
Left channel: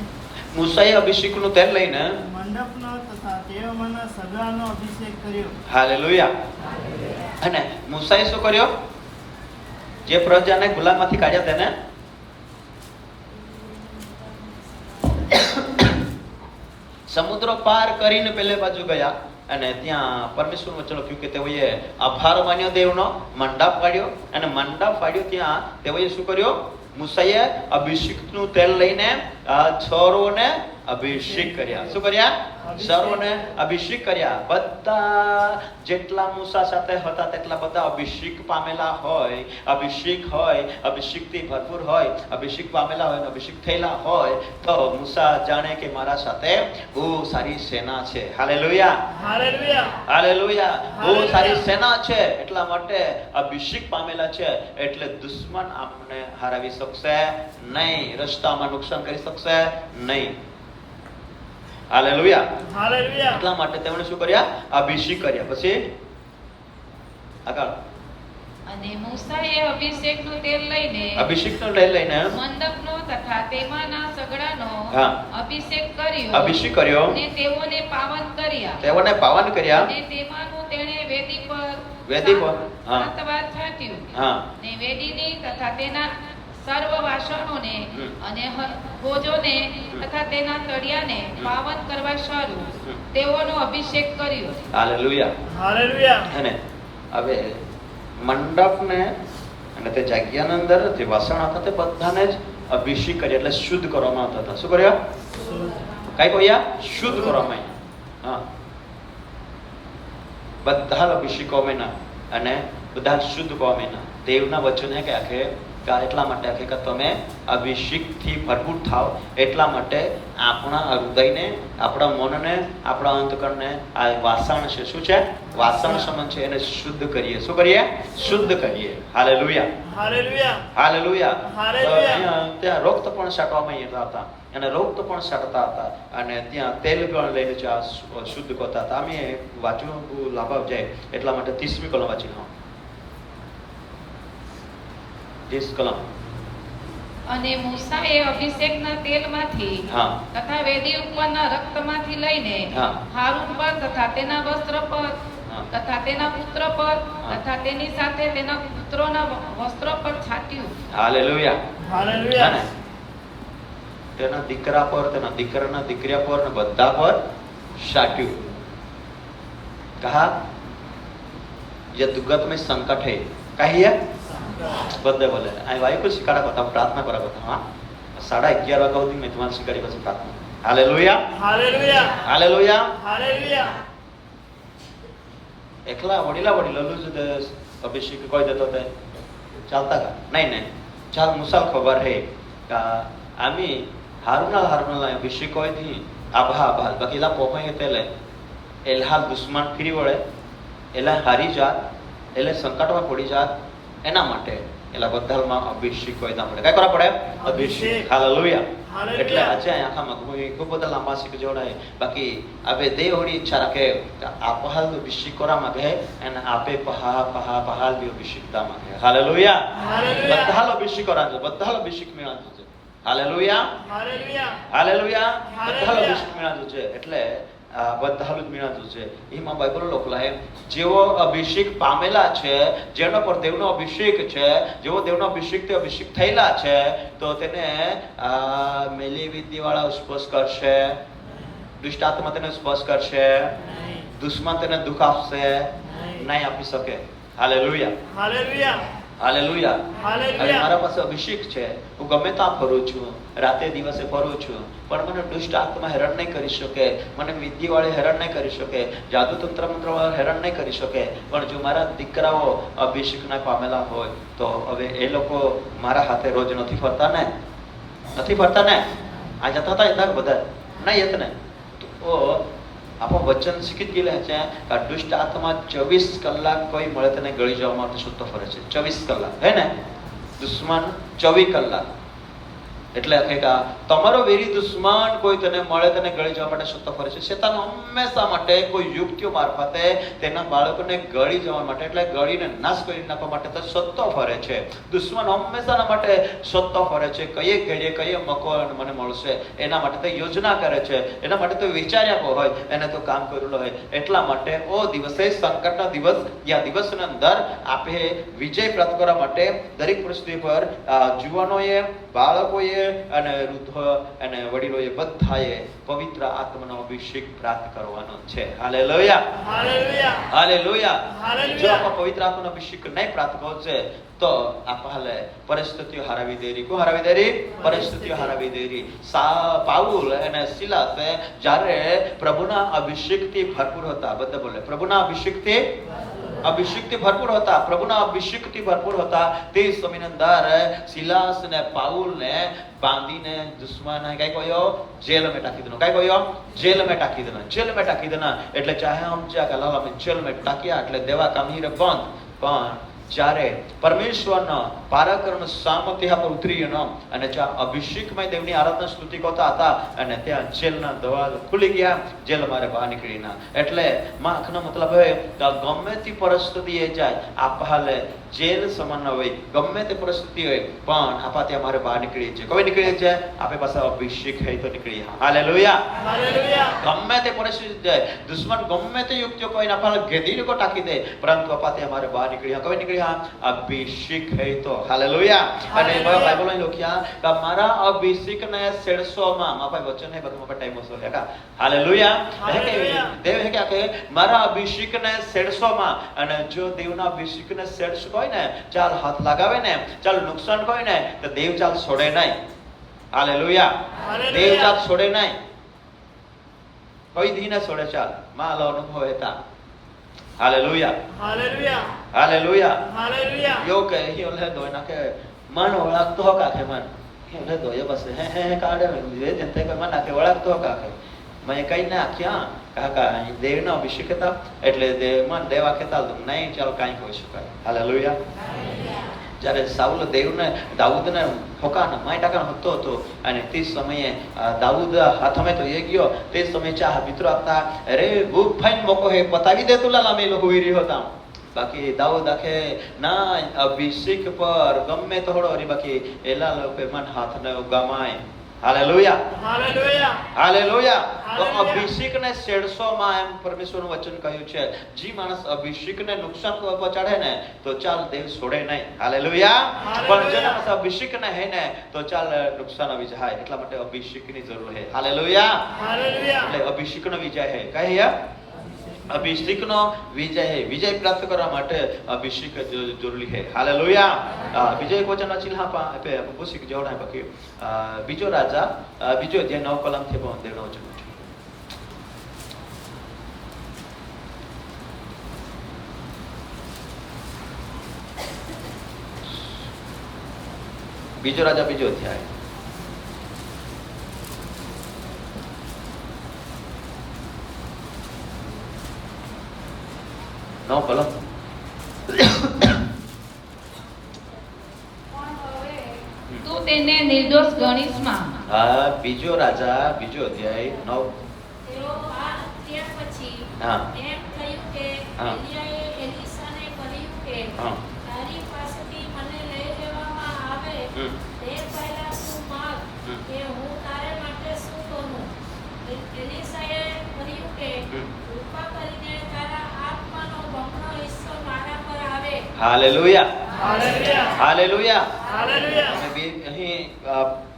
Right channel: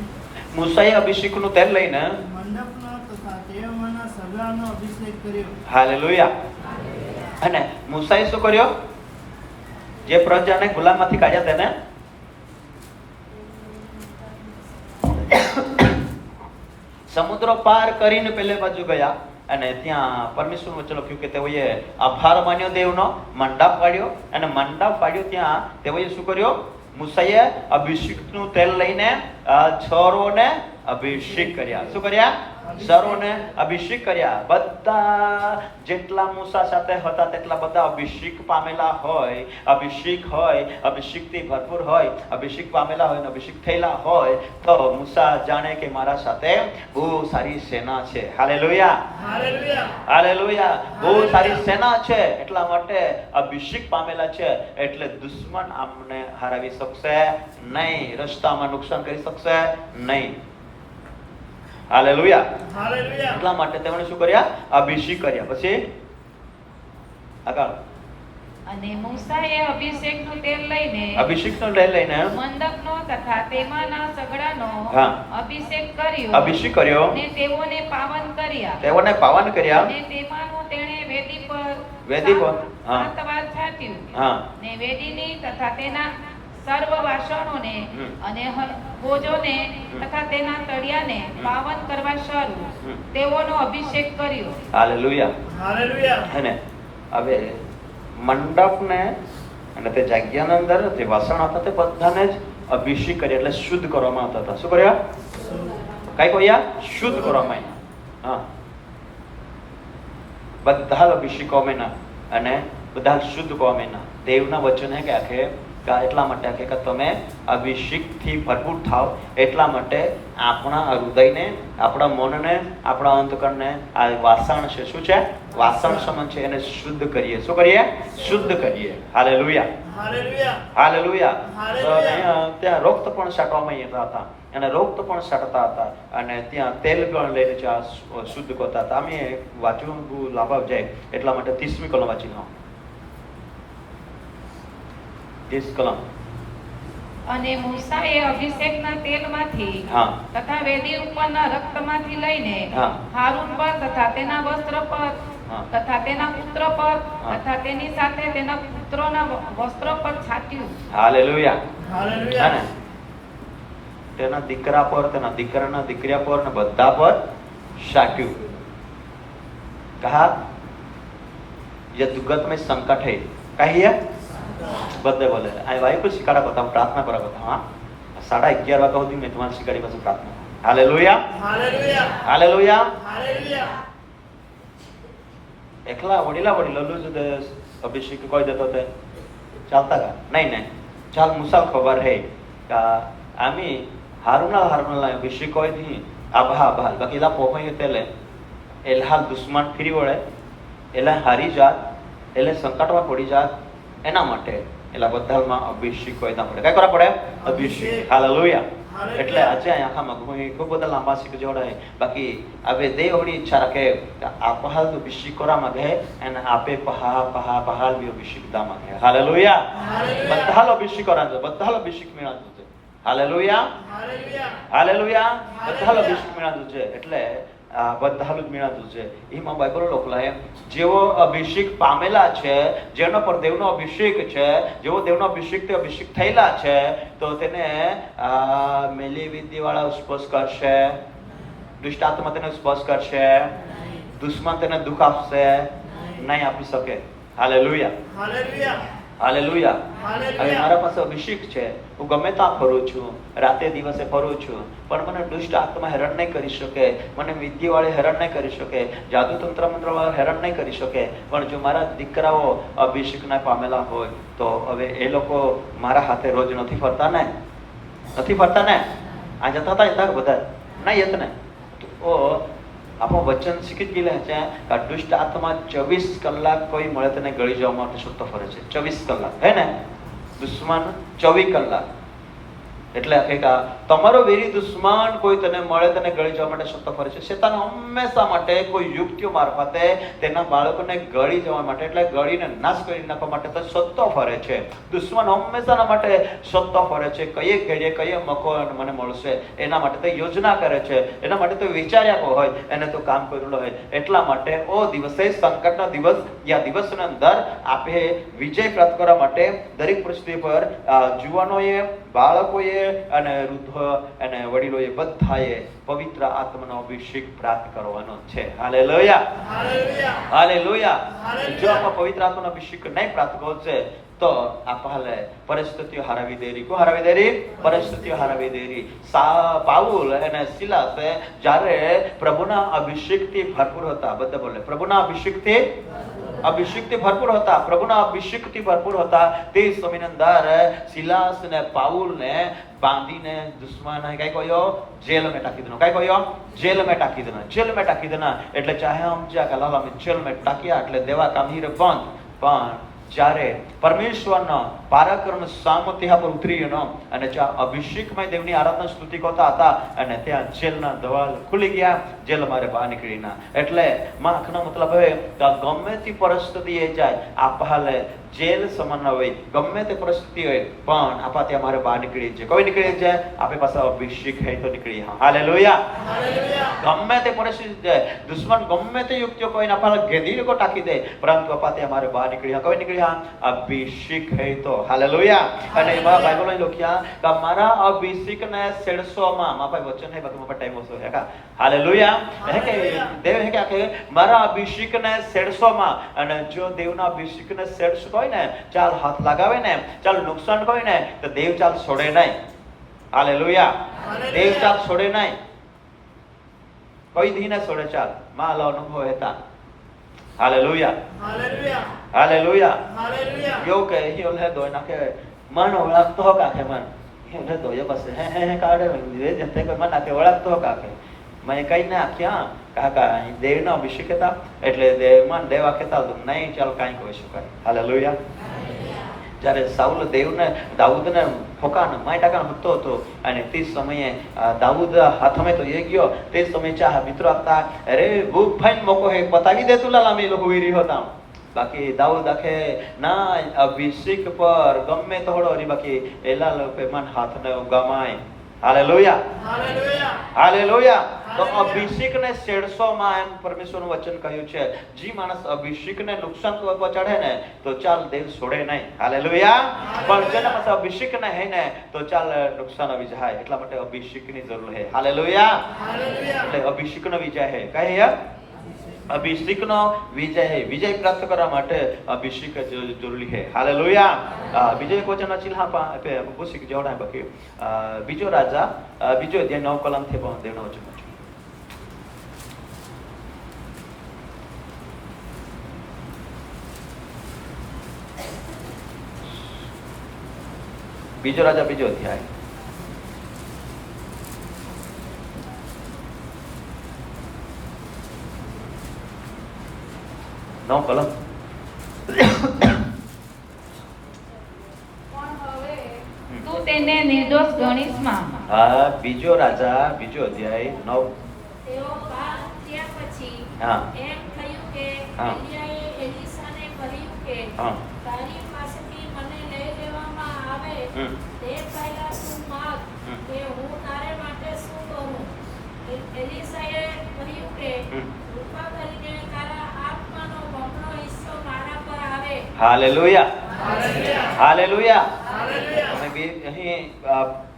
મૂસાએ અભિષેકનું તેલ લઈને મંડપનો તથા તેઓમાંના સગાનો અભિષેક કર્યો। હાલેલુયા અને મૂસાએ શું કર્યો જે પ્રજાને ગુલામમાંથી કાઢ્યા તેને સમુદ્ર પાર કરીને પેલે બાજુ ગયા અને ત્યાં પરમેશ્વર વચન લખ્યું કે તેઓએ આભાર માન્યો દેવનો મંડપ વાળ્યો અને મંડપ વાળ્યો ત્યાં તેઓએ શું કર્યો મૂસાએ અભિષેકનું તેલ લઈને છોરોને અભિષેક કર્યા। શું કર્યા છોરોને અભિષેક કર્યા। બધા જેટલા મૂસા સાથે હતા તેટલા બધા અભિષેક પામેલા હોય અભિષેકથી ભરપૂર હોય અભિષેક પામેલા હોય અભિષેક થયેલા હોય તો મૂસા જાણે કે મારા સાથે બહુ સારી સેના છે। હાલેલુયા हालेलुया હાલેલુયા બહુ સારી સેના છે એટલા માટે અભિષેક પામેલા છે એટલે દુશ્મન આપણે હરાવી શકશે નહીં રસ્તામાં નુકસાન કરી શકશે નહીં। હાલેલુયા हालेलुया એટલા માટે તેમણે શું કર્યા અભિષેક કર્યા। પછી આગળ અને મૂસાએ અભિષેકનું તેલ લઈને અભિષેકનું તેલ લઈને મંડપનો તથા તેમાંના સગડાનો હા અભિષેક કર્યો અભિષેક કર્યો અને તેઓને પાવન કર્યા તેઓને પાવન કર્યા અને તેમાંનું તેણે વેદી પર હા 7 વાર છાંટ્યું હા ને વેદીની તથા તેના સર્વ વાસણોને અને ભોજોને તથા તેના તળિયાને પાવન કરવા શરૂ તેઓનો અભિષેક કર્યો। હાલેલુયા हालेलुया અને હવે મંડપને અને તે જગ્યાના અંદર જે વાસણ હતા તે બધાને જ અભિષેક કર્યા એટલે શુદ્ધ કરવામાં આવતા હતા। શું કર્યા કઈ કર્યા શુદ્ધ કરવામાં આવ્યા। હા બધા અભિષેકો મેના અને બધા શુદ્ધ કોમેના દેવના વચન હે કે આખે એટલા માટે આખે કે તમે અભિષેકથી ભરપૂર થાવ એટલા માટે આપણા હૃદયને આપણા મનને આપણા અંતકરણને આ વાસણ છે શું છે વાસણ સમાન છે એને શુદ્ધ કરીએ। શું કરીએ શુદ્ધ કરીએ। હાલેલુયા हालेलुया હાલેલુયા હાલેલુયા ત્યાં રક્ત પણ છાંટવામાં આવતા હતા અને રક્ત પણ છાંટતા હતા અને ત્યાં તેલ પણ લઈને શુદ્ધ કરતા હતા। અમે વાંચવું લાભ જાય એટલા માટે 30મી કલમ વાંચી લો 30 કલમ અને મૂસાએ અભિષેકના તેલમાંથી હા તથા વેદી ઉપરના રક્તમાંથી લઈને હા હારૂન પર તથા તેના વસ્ત્ર પર હા તથા તેના પુત્ર પર તથા તેની સાથે તેના પુત્રોના વસ્ત્રો પર છાટ્યું। હાલેલુયા हालेलुया તેના દીકરા પર તેના દીકરાના દીકરા પર ને બધા પર शाटू। कहा यदुगत में संकट है, कहिए बदले बोले आई वाई को सिखाड़ा बताओ, प्रार्थना करा बताओ। हाँ 11:30 वागा होती मैं तुम्हारी सिखाड़ी बस प्रार्थना। Hallelujah hallelujah hallelujah hallelujah. एकला वडीला लल्लू जो अभिषेक कोई देतो ते चालता का? नाही चाल मुसाल खबर है का आम्ही हारुला अभिषेक कोई थी आभा बाकीला पोपय तेले एलहा दुश्मन ફરી વળે એટલે હારી જાત એટલે સંકટમાં પડી જાત એના માટે એટલે બધામાં અભિષેક હોય ના માટે કઈ કરવા પડે? અભિષેક। હાલેલુયા। એટલે આજે આખામાં ખૂબ બધા લાંબા શીખ જોડાય બાકી હવે દેવની ઈચ્છા રાખે આપહાલ અભિષેક કરવા માંગે અને આપે પહાલ બી અભિષેક દા માંગે। હાલેલુયા બધા અભિષેક કરા બધા અભિષેક મેળવજો છે। હાલેલુયા હાલેલુયા બધા અભિષેક મેળવજો છે। એટલે બધા મેળાતું છે એમાં બાઇબલ લખેલા છે જેવો અભિષેક પામેલા છે જેના પર દેવનો અભિષેક છે જેવો દેવનો અભિષેક તે અભિષેક થયેલા છે તો તેને મેલી વિદ્યાવાળા સ્પર્શ કરશે, દુષ્ટ આત્મા તેને સ્પર્શ કરશે, દુશ્મન તેને દુઃખ આપશે નહીં આપી શકે। Hallelujah hallelujah hallelujah hallelujah. મારા પાસે અભિષેક છે, હું ગમે ત્યાં ફરું છું, રાતે દિવસે ફરું છું, પણ મને દુષ્ટ આત્મા હેરાન નહીં કરી શકે, મને વિદ્યાવાળે હેરાન નહીં કરી શકે, જાદુ તંત્ર મંત્રવાળા હેરાન નહીં કરી શકે। પણ જો મારા દીકરાઓ અભિષેકના પામેલા હોય તો હવે એ લોકો મારા હાથે રોજ નથી ફરતા ને? આ જતા હતા એટલા બધા ના યત ને તો આપણું વચન શીખી જ ગયેલા છે કે દુષ્ટ આત્મા 24 કલાક કોઈ મળે તેને ગળી જવા માટે સૂતો ફરે છે। 24 કલાક હે ને? દુશ્મન 24 કલાક એટલે કે તમારો વેરી દુશ્મન કોઈ તને મળે તને ગળી જવા માટે સૂતો ફરે છે। શેતાન હંમેશા માટે કોઈ યુક્તિઓ મારફતે તેના બાળકોને ગળી જવા માટે એટલે ગળીને નાશ કરી નાખવા માટે તો સત્તો ફરે છે। દુશ્મન હંમેશાના માટે સત્તો ફરે છે, કઈએ ઘરે કઈએ મકો મને મળશે એના માટે તો યોજના કરે છે, એના માટે તો વિચાર્યા હોય એને તો કામ કરેલું હોય। એટલા માટે ઓ દિવસે સંકટના દિવસ યા દિવસના અંદર આપે વિજય પ્રાપ્ત કરવા માટે દરેક પરિસ્થિતિ પર જુવાનોએ બાળકોએ અને વૃદ્ધ અને વડીલોએ બધાએ પવિત્ર આત્માનો અભિષેક પ્રાપ્ત કરવાનો છે। હાલેલુયા હાલેલુયા હાલેલુયા। હાલેલુયા। જો આપણે પવિત્ર આત્માનો અભિષેક નહીં પ્રાપ્ત કરશે તો આપણે પરિસ્થિતિઓ હરાવી દેરી। કો હરાવી દેરી? પરિસ્થિતિઓ હરાવી દેરી। પાઉલ અને સિલાસે જ્યારે પ્રભુના અભિષેકથી ભરપૂર હતા, બધા બોલે પ્રભુના અભિષેકથી ભરપૂર હતા, પ્રભુના અભિષેકથી ભરપૂર હતા તે સમયની અંદર સિલાસ ને પાઉલને બાંધીને દુશ્મન કઈ કહ્યો? જેલ में टाकी देना। કઈ કહ્યો? જેલ में टाकी देना। એટલે ચાહે આમ જ્યાં કલાલા में जेल में टाकिયા એટલે દેવા કામ હીરે બંધ। પણ જ્યારે પરમેશ્વરનો પરાક્રમ સામર્થ્ય પર ઉતરીનો અને જ્યાં અભિષેકમય દેવની આરાધના સ્તુતિ કરતા હતા અને ત્યાં જેલના દરવાજા ખુલી ગયા, જેલ મારે બહાર નીકળીના। એટલે માખનો મતલબ હે કે ગમે તે પરિસ્થિતિ એ જાય આપહાલે જેલ સમાન હોય, ગમે તે પરિસ્થિતિ હોય પણ આપા ત્યાં મારે બહાર નીકળી છે। કોઈ નીકળી છે? આપે પાસે અભિષેક હે તો નીકળી। Hallelujah hallelujah. ગમે તે પરિસ્થિતિ જાય, દુશ્મન ગમે તે યુક્તિઓ કોઈને આપા ગેદીને કો ટાકી દે પરંતુ આપા ત્યાં મારે બહાર નીકળી। કોઈ નીકળી? અભિષેક હે તો। હાલેલુયા। અને બાઇબલમાં લખ્યા કે મારા અભિષેકને 600 માં માપે વચન હે બધું પર ટાઈમ ઓછો હે કા। હાલેલુયા। દેવ હે કે મારા અભિષેકને 600 માં અને જો દેવના અભિષેકને 600 હોય ને ચાલ હાથ લગાવે ને ચાલ નુકસાન હોય ને તો દેવ ચાલ છોડે નહીં। હાલેલુયા। દેવ ચાલ છોડે નહીં, કોઈ દી ના છોડે। ચાલ માલો અનુભવ હતા। Hallelujah hallelujah hallelujah hallelujah. યો કે યો લે દો ના કે મન ઓળખતો હો કાકે મન યો લે દો એ બસ હે કાઢે એ જતે કે મન આકે ઓળખતો હો કાકે મેં કઈ ના ક્યાં કાકા દેવનો અભિષેક હતા એટલે દેવમાં દેવા કહેતા નહીં ચાલ કાંઈ કહી શકાય। હાલેલુયા જ્યારે સાઉલ દેવને દાઉદને હોકાનો માટાકાનો હતો હતો અને તે સમયે દાઉદ હાથમાં તો એ ગયો તે સમયે ચાહ મિત્રો હતા અરે બહુ ફાઇન મોકો હે બતાવી દે તુલા લામે લોકો હોઈ રહ્યો હતા। બાકી દાઉદ આખે ના અભિષેક પર ગમે થોડો રે બાકી એલા લોકો મન હાથને ગમાય। હાલેલુયા, હાલેલુયા, હાલેલુયા. તો હાલેલુયા. અભિષેકને 150 માં એમ પરમેશ્વરનું વચન કહ્યું છે, જે માણસ અભિષેકને નુકસાન પહોંચાડે ને તો ચાલ દેવ છોડે નહીં. હાલેલુયા. પણ જેના પાસે અભિષેક ન હે ને તો ચાલ નુકસાન આવી જાય. એટલા માટે અભિષેકની જરૂર છે. હાલેલુયા. હાલેલુયા. એટલે અભિષેકનો વિજય છે. કહે અભિષેકનો વિજય છે. વિજય પ્રાપ્ત કરવા માટે અભિષેક જરૂરી છે. હાલેલુયા. વિજય વચન ચિલ્હા પે અભિષેક જોડાય બકે બીજો રાજા બીજો અધ્યાય 9 કલમ થી 12 નો વચન છે. બીજો રાજા બીજો અધ્યાય નો કલમ. પણ હવે તું તેને નિર્દોષ ગણીશમાં. બીજો રાજા બીજો અધ્યાય 9. તેઓ બહાર થયા પછી હા. એમ થયું કે હા. એલિયાએ એલીસાને કહ્યું કે હા. તારી પાસેથી મને લઈ લેવામાં આવે હમ. તે પહેલા તું માગ હમ. કે હું તારે માટે શું કરું. એલીસાએ કહ્યું કે હમ. કૃપા કરીને તારા આત્માનો બમણો હિસ્સો મારા પર આવે. Hallelujah, hallelujah. હાલેલુયા. હાલેલુયા. અમે બે અહીં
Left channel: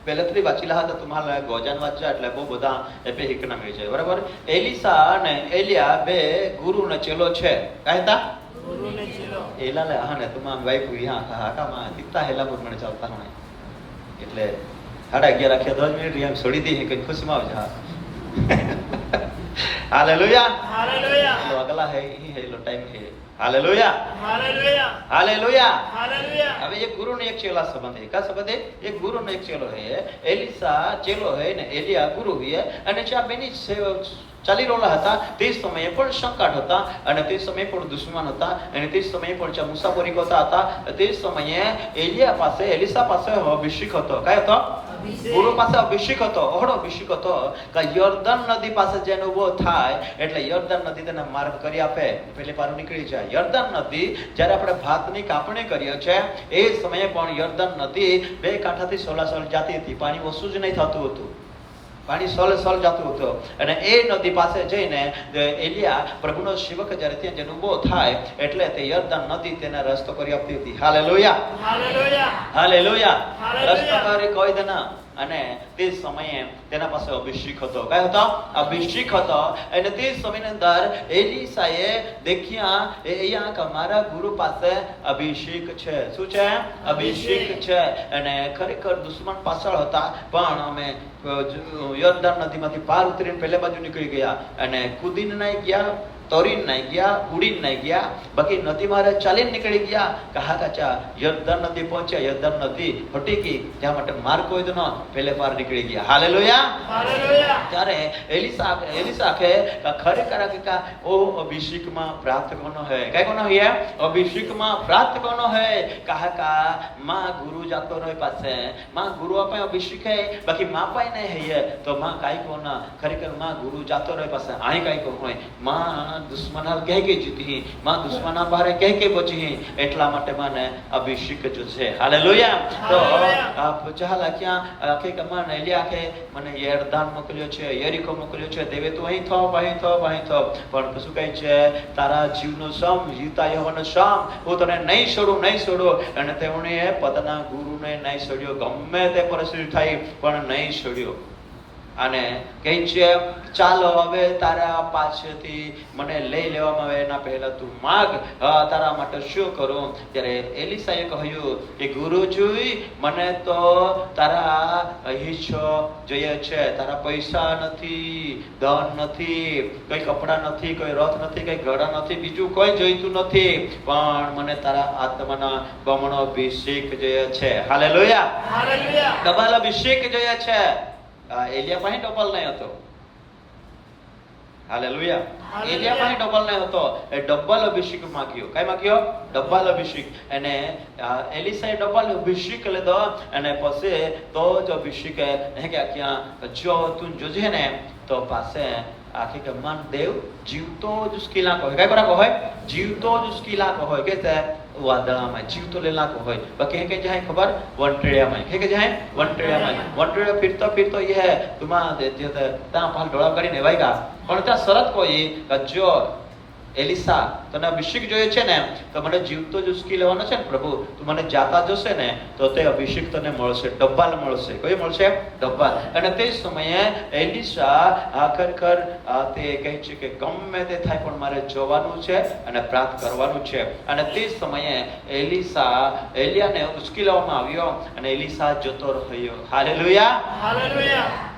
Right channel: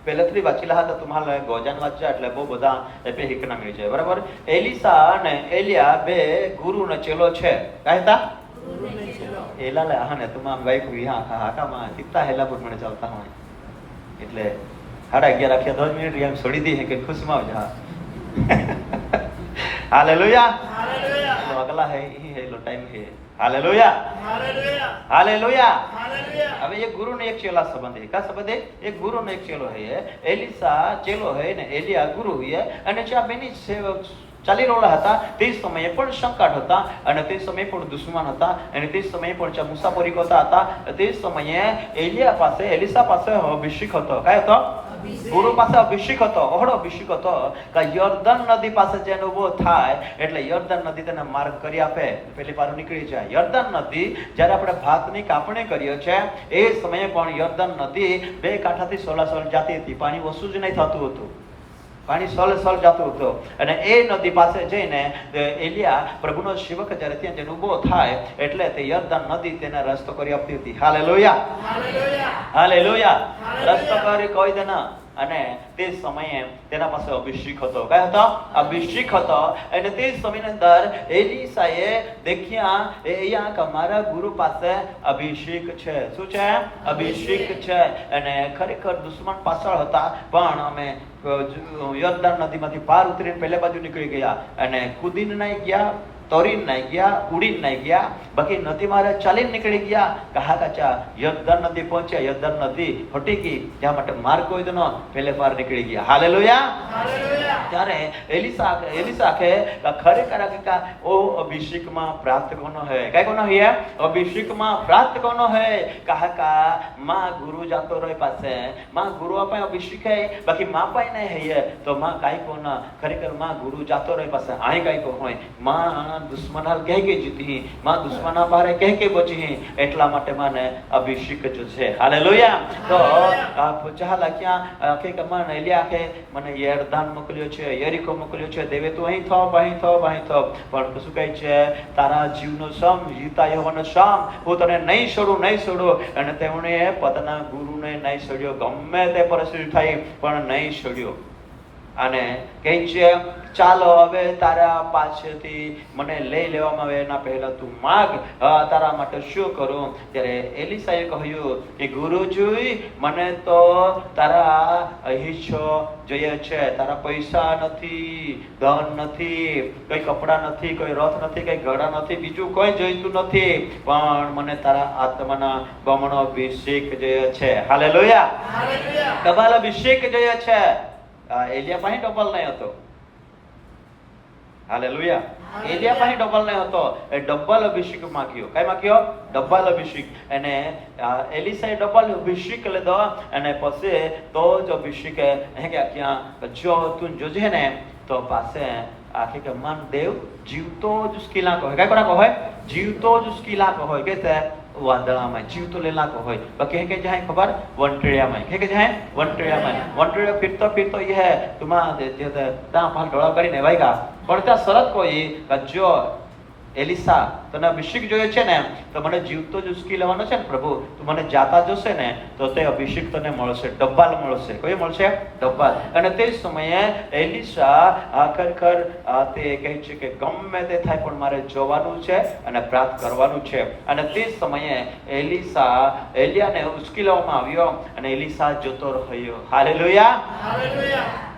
પહેલેથી વાંચેલા હતા. તમારે ગોજાન વાંચ્યા એટલે બહુ બધા એપે હિકના મેં છે. બરાબર. એલીસા અને એલિયા બે ગુરુ ને ચેલો છે. કહેતા ગુરુને ચેલો. એલા લે હા ને તમામ વાઈફ હા હાકામાં દીકતા હેલા પર મને ચાલતા હોય એટલે 11:30 10 મિનિટ એમ છોડી દી કે ખુશમાં હા. હાલેલુયા. હાલેલુયા. અગલા હે ही है लो टाइम है. Hallelujah, hallelujah. हालेलुया. હાલેલુયા. હવે એક ગુરુ ને એક ચેલા સંબંધ है. क्या संबंध है? एक गुरु ने एक चेलो है. एलिसा चेलो है ने एलिया गुरु है. અને જ્યાં બેની ચાલી રહેલા હતા તે સમયે પણ સંકટ હતા અને તે સમયે પણ દુશ્મન હતા અને તે સમયે પણ જ્યાં મુસાફરી કરતા હતા તે સમયે એલિયા પાસે એલિસા પાસે અભિષેક હતો. કયો હતો? ગુરુ પાસે અભિષેક હતો. ઓહળો અભિષેક હતો. તો યર્દન નદી પાસે જેનો ઉભો થાય એટલે યર્દન નદી તેને માર્ગ કરી આપે. પેલી પાર નીકળી જાય. યર્દન નદી જ્યારે આપણે ભાતની કાપણી કરીએ છે એ સમયે પણ યર્દન નદી બે કાંઠાથી સોલાસોલ જાતી હતી. પાણી ઓછું જ નહીં થતું હતું. પાણી સોલ જતું હતું અને એ નદી પાસે જઈને એલિયા પ્રભુનો સેવક જ્યારે ત્યાં જઈને ઊભો થાય એટલે તે યર્દન નદી તેને રસ્તો કરી આપતી હતી. Hallelujah, hallelujah. હાલેલુયા. હાલેલુયા. રસ્તો કરી કોઈ દે ના. અને તે સમયે તેના પાસે અભિષેક હતો. કયો હતો? અભિષેક હતો. અને તે સમયની અંદર એલીસાએ દેખ્યા અહીંયા કે મારા ગુરુ પાસે અભિષેક છે. શું છે? અભિષેક છે. અને ખરેખર દુશ્મન પાછળ હતા પણ અમે યર્દન નદીમાંથી પાર ઉતરીને પહેલે બાજુ નીકળી ગયા અને કૂદીને નહીં ગયા, તોરીને નહીં ગયા, ઉડીને નહીં ગયા, બાકી નદી મારે ચાલીને નીકળી ગયા. કહા કાચા યર્દન નદી પહોંચ્યા. યર્દન નદી ફટી ગઈ જ્યાં માટે માર્ગ કોઈ ન પહેલે પાર નીકળી ગયા. હાલેલુયા. હાલેલુયા. ત્યારે એલિસા કે ખરેખર કે ઓ અભિષેકમાં પ્રાપ્ત કોનો હે? કઈ કોનો હે? અભિષેકમાં પ્રાપ્ત કોનો હે? કહા કા માં ગુરુ જાતો રહે પાસે માં ગુરુ આપે અભિષેક હે બાકી માં પાઈ નહીં હે તો માં કાઈ કોના ખરેખર માં ગુરુ જાતો રહે પાસે આય કાઈ કોનો હોય માં દુશ્મના કહે કે જીતી માં દુશ્મના પારે કહે કે બચી એટલા માટે મને અભિષેક જો છે. હાલેલુયા. તો આ ચાલા ક્યાં કે કમાન એલિયા કે મને યર્દન મોકલ્યો છે, યરીકો મોકલ્યો છે. દેવે તો અહીં થો અહીં થો અહીં થો પણ શું કહે છે? તારા જીવનો સમ જીવતા યહોવાનો સમ હું તને નહીં છોડું અને તેમણે પોતાના ગુરુને નહીં છોડ્યો. ગમે તે પરિસ્થિતિ થઈ પણ નહીં છોડ્યો. અને કહે છે ચાલો હવે તારા પાસેથી મને લઈ લેવામાં આવે એના પહેલા તું માગ તારા માટે શું કરું. ત્યારે એલિસાએ કહ્યું કે ગુરુજી મને તો તારા હિસ્સો જોઈએ છે. તારા પૈસા નથી, ધન નથી, કોઈ કપડા નથી, કોઈ રથ નથી, કોઈ ઘોડા નથી, બીજું કોઈ જોઈતું નથી પણ મને તારા આત્માના બમણો અભિષેક જોઈએ છે. હાલેલુયા. હાલેલુયા. ડબલ અભિષેક જોઈએ છે. એલિયા પાસે ડબલ નહીં હતો. હાલેલુયા. એલિયા પાસે ડબલ નહીં હતો. એ ડબલ અભિષેક માંગ્યો. કઈ માંગ્યો? ડબલ અભિષેક. અને એલિસાએ ડબલ અભિષેક લીધો અને પછી તો જ અભિષેક હે કે ક્યાં જો તું જોજે ને તો પાસે આખી કે મન દેવ જીવતો જ उसकी लाख હોય. કઈ કોના હોય? જીવતો જ उसकी लाख હોય. કે વાદળામાં જીવતો લેલાકો હોય તો કે જાય ખબર વંટળિયામાં કે જાય વંટળિયામાં વંટળિયો ફિરતો ફિરતો એ હે તુમા જે તા પાન ઢોળા કરીને વાગ્યા પણ ત્યાં શરત કોઈ જો એલિસા તને અભિષેક જોઈએ છે ને તો મને જીવતો જ ઉસકી લેવાનો છે ને પ્રભુ તું મને જાતા જોશે ને તો તે અભિષેક તને મળશે ડબ્બાલ મળશે કોઈ મળશે ડબ્બાલ અને તે સમયે એલિસા આખર તે કહે છે કે ગમે તે થાય પણ મારે જવાનું છે અને પ્રાર્થ કરવાનું છે અને તે સમયે એલિયાને ઉસકી લેવામાં આવ્યો અને એલિસા જતો રહ્યો હાલેલુયા હાલેલુયા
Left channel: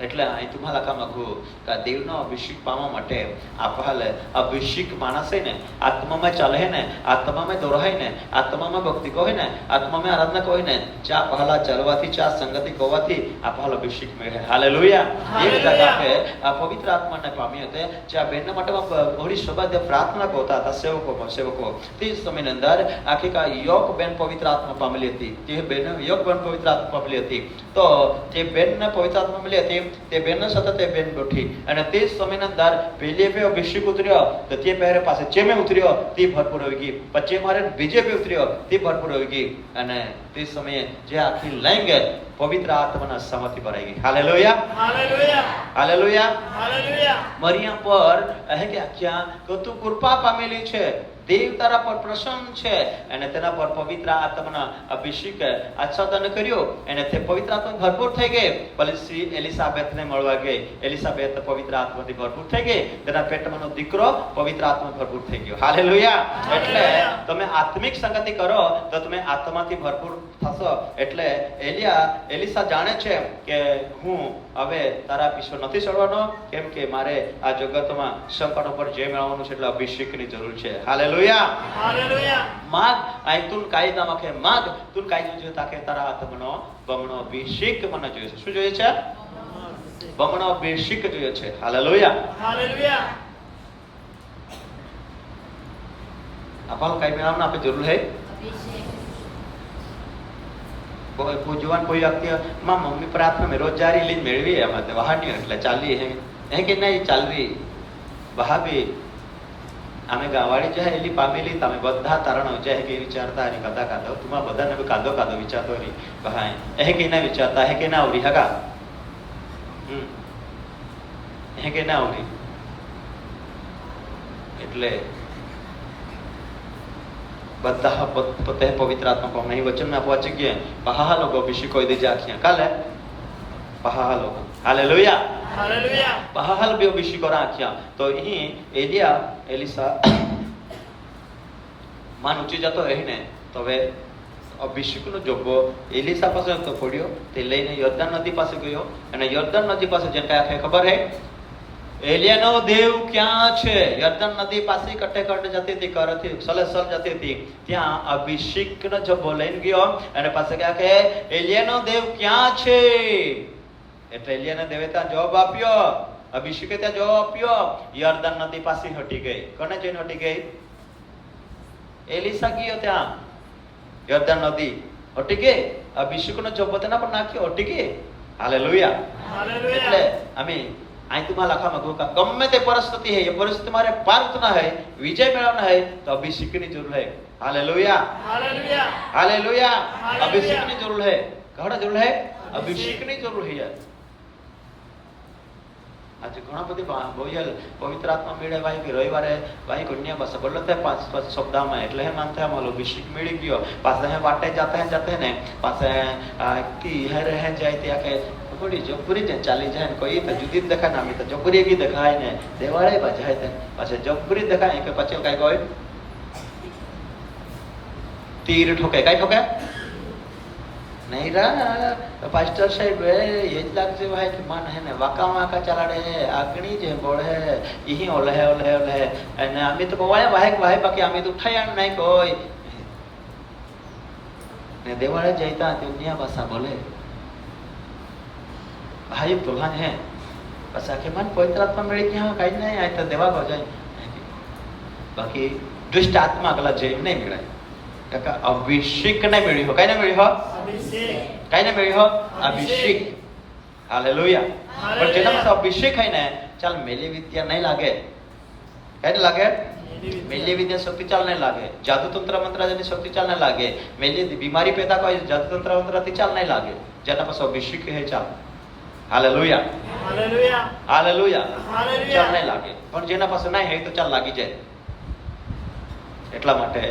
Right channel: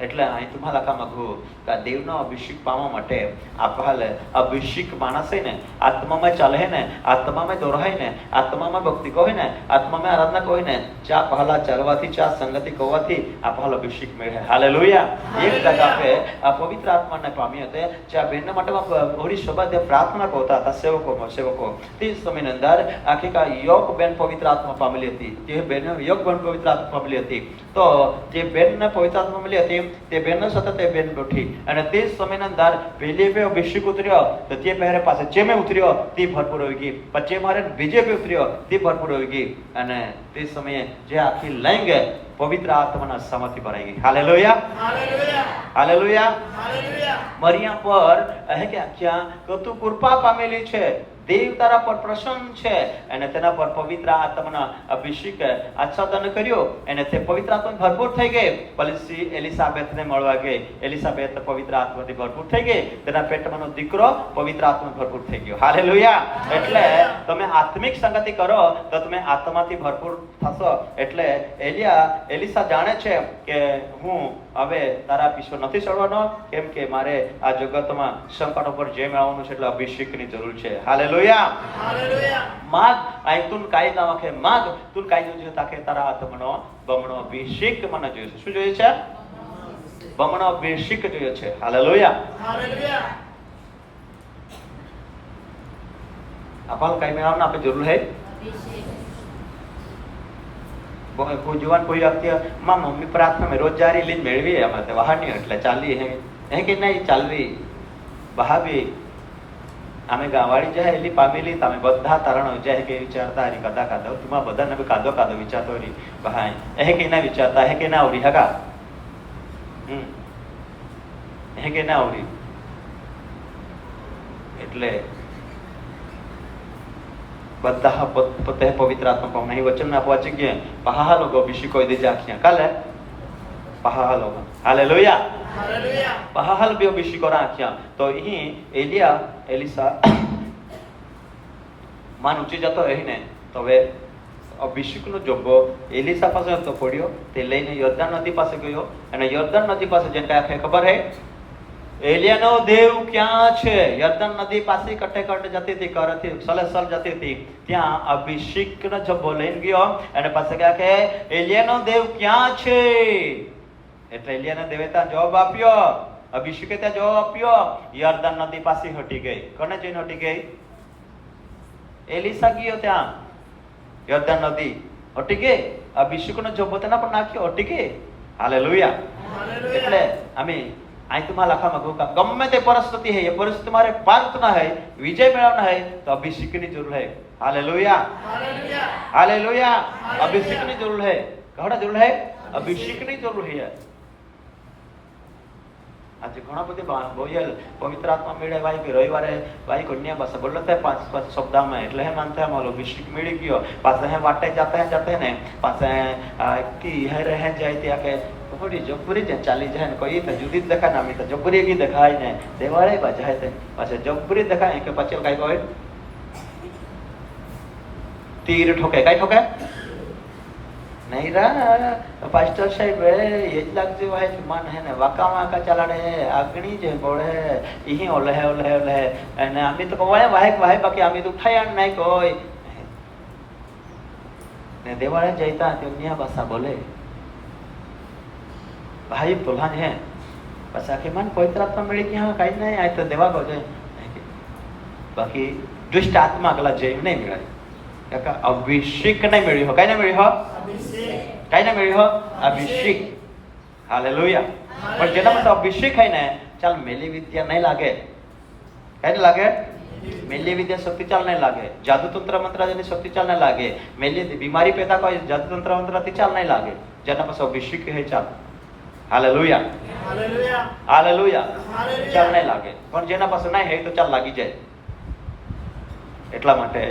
એટલે અહીં तुम्हाला का मागू का देवનો અભિષેક પામવા માટે આપવાલે અભિષેક માણસ હે ને આત્મામાં ચાલે હે ને આત્મામાં દોરાય ને આત્મામાં ભક્તિ કહે ને આત્મામાં આરાધના કહે ને ચા પહેલા ચાલવાથી ચા સંગતિ કહવાથી આપવાલ અભિષેક મળે હાલેલુયા એક જગા पे પવિત્ર આત્માને પામી હતી જે બેન માટે થોડી શબ્દ પ્રાર્થના કરતા હતા સેવકો તે સમયની અંદર આખી કા યોગ બેન પવિત્ર આત્મા પામેલી હતી તે બેન યોગ બેન પવિત્ર આત્મા પામેલી હતી તો તે બેનને પવિત્ર આત્મા મળી હતી તે બેન સાથે તે બેન ઉઠી અને તે સમયની અંદર પહેલે બે અભિષેક ઉતર્યો તો તે પહેરે પાસે ચેમે ઉતર્યો તે ભરપૂર હોઈ ગઈ પછી મારે બીજે બે ઉતર્યો તે ભરપૂર હોઈ ગઈ અને તે સમયે જે આખી લંગ પવિત્ર આત્માના સમાથી ભરાઈ ગઈ હાલેલુયા હાલેલુયા હાલેલુયા હાલેલુયા મરિયમ પર કહે કે આખ્યા તો તું કૃપા પામેલી છે દેવ તારા પર પ્રસન્ન છે અને તેના પર પવિત્ર આત્માના અભિષેક આચ્છાદન કર્યો અને તે પવિત્ર આત્મા ભરપૂર થઈ ગઈ પછી એલિસાબેથને મળવા ગઈ એલિસાબેથ પવિત્ર આત્માથી ભરપૂર થઈ ગઈ તેના પેટમાંનો દીકરો પવિત્ર આત્મા ભરપૂર થઈ ગયો હાલેલુયા એટલે તમે આત્મિક સંગતિ કરો તો તમે આત્માથી ભરપૂર થશો એટલે એલિસા જાણે છે કે હું હવે તારા પીછો નથી ચડવાનો કેમ કે મારે આ જગતમાં સંકટ ઉપર જય મેળવવાનું છે એટલે અભિષેકની જરૂર છે હાલેલુયા હાલેલુયા માગ આયતુન કાયદામાં કે માગ તું કાયદો જો તાકે તારા આત્માનો બમણો અભિષેક મને જોઈએ છે શું જોઈએ છે બમણો અભિષેક જોઈએ છે હાલેલુયા હાલેલુયા આપણ કાઈ મેળવવાનું આપણે જરૂર છે કોઈ જવાન કોઈ વ્યક્તિ માં મમ્મી પ્રાર્થના में रोजगारी ली મેળવી અમે તો બહારની એટલે ચાલી હે કે નહીં ચાલવી બહાવી અમે ગાવાડી જાય એલી પામેલી તમે બધા તારણ જાય કે વિચારતા હરી કદા કાદો તુમા બધાને કાદો કાદો વિચારતો હરી બહાય કે ના વિચારતા હે કે ના આવડી હકા કે ના આવડી એટલે બધા પોતે પવિત્ર આત્મા પામે વચન ના પહોંચી ગયા પહાલો અભિષેક કોઈ દે જાખ્યા કાલે પહાલો હાલેલુયા હાલેલુયા પહાલ બે અભિષેક રાખ્યા તો અહીં એલિસા માન ઊંચી જતો રહીને તો હવે અભિષેકનો જોગો એલિસા પાસે તો પડ્યો તે લઈને યોર્દાન નદી પાસે ગયો અને યોર્દાન નદી પાસે જઈને આખે ખબર હે એલિયાનો દેવ ક્યાં છે યોર્દાન નદી પાસે કટે જતી હતી કરથી સલસલ જતી હતી ત્યાં અભિષેકનો જબો લઈને ગયો અને પાસે કહે કે એલિયાનો દેવ ક્યાં છે એટલે એલિયાના દેવે ત્યાં જવાબ આપ્યો અભિષેકે ત્યાં જવાબ આપ્યો યોર્દાન નદી પાસે હટી ગઈ કોને જઈને હટી ગઈ એલિસા ગયો ત્યાં યોર્દાન નદી હટી ગઈ અભિષેકનો જબો તેના પર નાખ્યો હટી ગઈ હાલેલુયા હાલેલુયા એટલે અમે आई तुम्हाला लखा मगो का गम्मे ते परिस्थिति है ये परिस्थिति तुम्हारे पार उतना है विजय मिलाना है तो अभिषेक की जरूरत है हालेलुया हालेलुया हालेलुया हालेलुया। अभिषेक की जरूरत है घड़ा जरूरत है अभिषेक की जरूरत है आज घणा बધી બોયલ પવિત્ર આત્મા મેળે ભાઈ કે રવિવારે ભાઈ કન્યા પાસે બોલતો है पांच शब्दाમાં એટલે હે માનતા है મારો અભિષેક મેળી ગયો પાછા હે વાટે જાતે ને પાછા की है रह जाए ત્યાં કે बड़ी जोपुरी जे चाली जाए कोई तो जुदी देखा ना तो जोपुरी की दिखाए ने देवाळे बजाए थे पाछे जोपुरी दिखाए के पाछे काय कोई तीर ठोके काय ठोके नहीं रा पास्टर साहब ये तक से वाय मन है ने वाका माका चलाडे आगणी जे बोळे इही ओले અને અમે તો બોળે વાહે બાકી અમે તો ઉઠાયા નહીં કોઈ ને દેવાળે જઈતા તે દુનિયા ભાષા બોલે भाई प्रधान है बस आके मन पवित्र आत्मा मिले कि हाँ कहीं नहीं आए तो देवा हो जाए बाकी दुष्ट आत्मा कला जय नहीं मिले क्या अभिषेक नहीं मिली हो कहीं नहीं मिली हो अभिषेक कहीं नहीं मिली हो अभिषेक हालेलुया पर जेना तो अभिषेक है ना चल मेली विद्या नहीं लागे कहीं लागे मेली विद्या शक्तिचाल नहीं लागे, जादू तंत्र मंत्र जनी शक्तिचाल नहीं लागे, मेली बीमारी पैदा कोई जादू तंत्र मंत्र थी चाल नहीं लागे, जना पास अभिषेक है चाल। हालेलुया હાલેલુયા हालेलुया હાલેલુયા ચાલ નહીં લાગે, પણ જેના પાસે નહીં હોય તો ચાલ લાગી જાય। એટલા માટે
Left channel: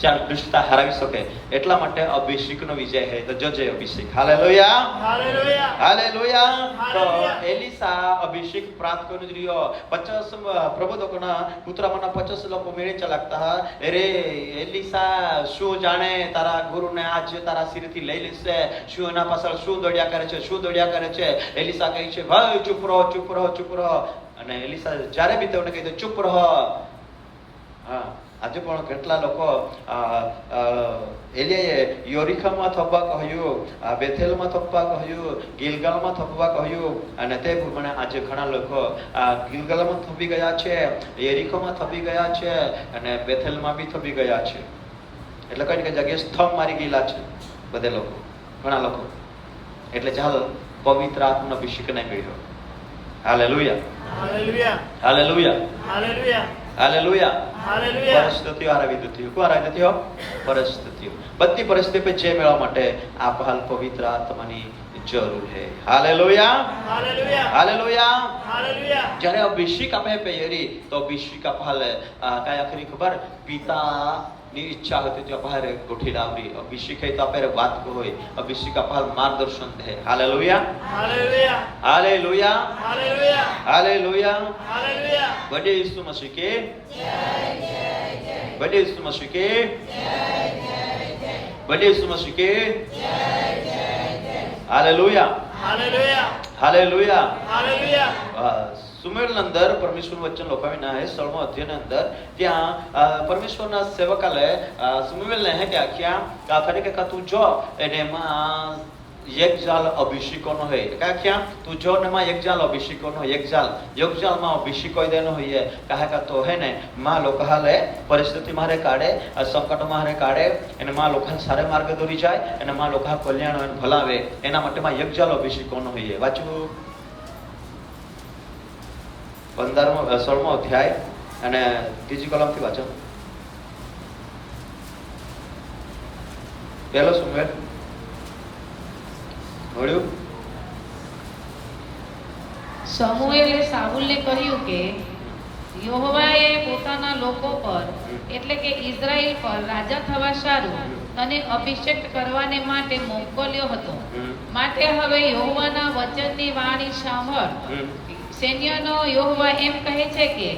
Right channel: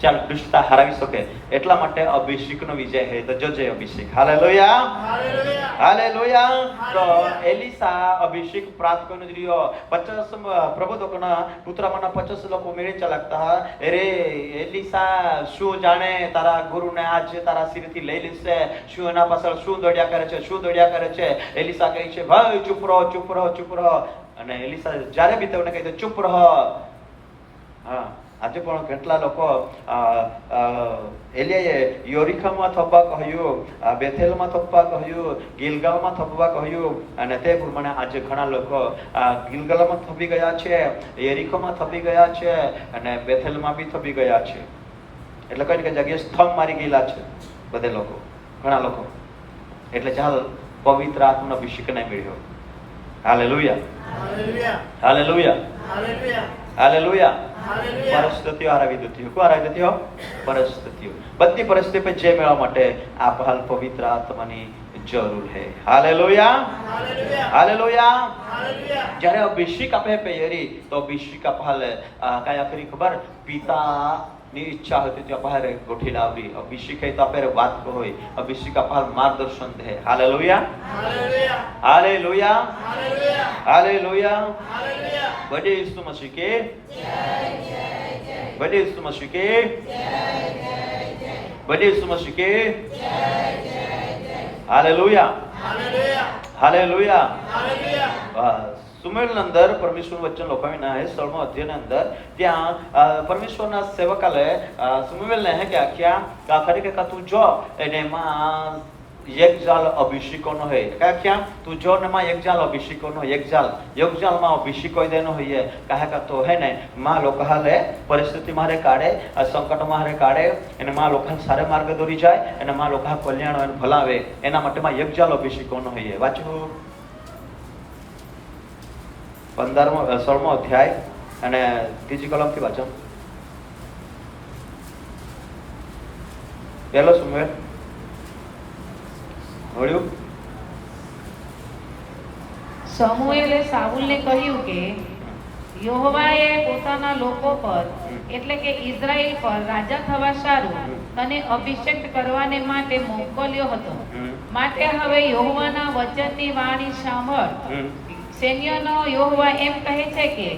ચાલ દુષ્ટતા હરાવી શકે, એટલા માટે અભિષેકનો વિજય છે તો જોજે અભિષેક। હાલેલુયા હાલેલુયા હાલેલુયા। તો હાલેલુયા। એલિસા અભિષેક પ્રાપ્ત કરનો રહ્યો 50 પ્રભુ તોના પુત્રમાંના 50 લોકો મેળે ચલાકતા અરે એલિસા શું જાણે તારા ગુરુને આજ તારા સિરથી લઈ લેશે, શું એના પાછળ શું દોડ્યા કરે છે, શું દોડ્યા કરે છે। એલિસા કહે છે ભાઈ ચૂપ રહો ચૂપ રહો ચૂપ રહો, અને એલિસા જ્યારે બી તેઓને કહે છે ચૂપ રહો। હા, આજે પણ કેટલા લોકો એલિયાએ યોરીખામાં થપ્પા કહ્યું, બેથેલમાં થપ્પા કહ્યું, ગિલગાલમાં થપ્પા કહ્યું, અને તે પ્રમાણે આજે ઘણા લોકો ગિલગાલમાં થપી ગયા છે, યરીખોમાં થપી ગયા છે, અને બેથેલમાં બી થપી ગયા છે। એટલે કઈ કે જગ્યાએ સ્તંભ મારી ગયેલા છે બધે લોકો, ઘણા લોકો। એટલે ચાલ પવિત્ર આત્માનો અભિષેક નહીં મળ્યો। Hallelujah hallelujah hallelujah hallelujah hallelujah. Hallelujah પરિસ્થિતિઓ હરાવી દીધી, કોણ હરાવી દીધી? પરિસ્થિતિઓ, બધી પરિસ્થિતિ પર જય મેળવવા માટે આ હાલ પવિત્ર આત્માની જરૂર છે। હાલેલુયા હાલેલુયા હાલેલુયા। હાલેલુયા જ્યારે અભિષેક આપે પહેરી તો અભિષેક આપે કયા ખરી ખબર? પિતાની ઈચ્છા હતી ત્યાં બહાર ગોઠી લાવવી। અભિષેક તો આપણે વાત હોય, અભિષેક આપે માર્ગદર્શન દે। હાલેલુયા હાલેલુયા હાલેલુયા હાલેલુયા હાલેલુયા। હાલેલુયા बड़े यीशु मसीह के बड़े यीशु मसीह के बड़े यीशु मसीह के हालेलुया હાલેલુયા हालेलुया। હાલેલુયા સુમેલ અંદર પરમેશ્વર વચન લોકાવીના હે 16મો અધ્યાયના અંદર ત્યાં પરમેશ્વરના સેવકાલે સુમેલને હે કે આખ્યા કાખરે કે તું જો એમાં એક જાલ અભિષેકોનો હે કે આખ્યા તું જો ને માં એક જાલ અભિષેકોનો એક જાલ માં અભિષેક કોઈ દેનો હોય કાહે કા તો હે ને માં લોકાલે પરિસ્થિતિ મારે કાઢે, સંકટ મારે કાઢે, એને માં લોકાને સારે માર્ગ દોરી જાય, અને માં લોકા કલ્યાણ અને ભલાવે, એના માટે માં એક જાલ અભિષેકોનો હોય। વાંચવું 15મો 16મો અધ્યાય અને ત્રીજી કલમથી વાંચો। પહેલો સુમેલ મળ્યું। સમુએલે સાઉલને કહ્યું કે યહોવાએ પોતાના લોકો પર એટલે કે ઇઝરાયલ પર રાજા થવા સારું તને અભિષેક કરવાને માટે મોકલ્યો હતો, માટે હવે યહોવાના વચનની વાણી સાંભળ। સૈન્યનો યહોવા એમ કહે છે કે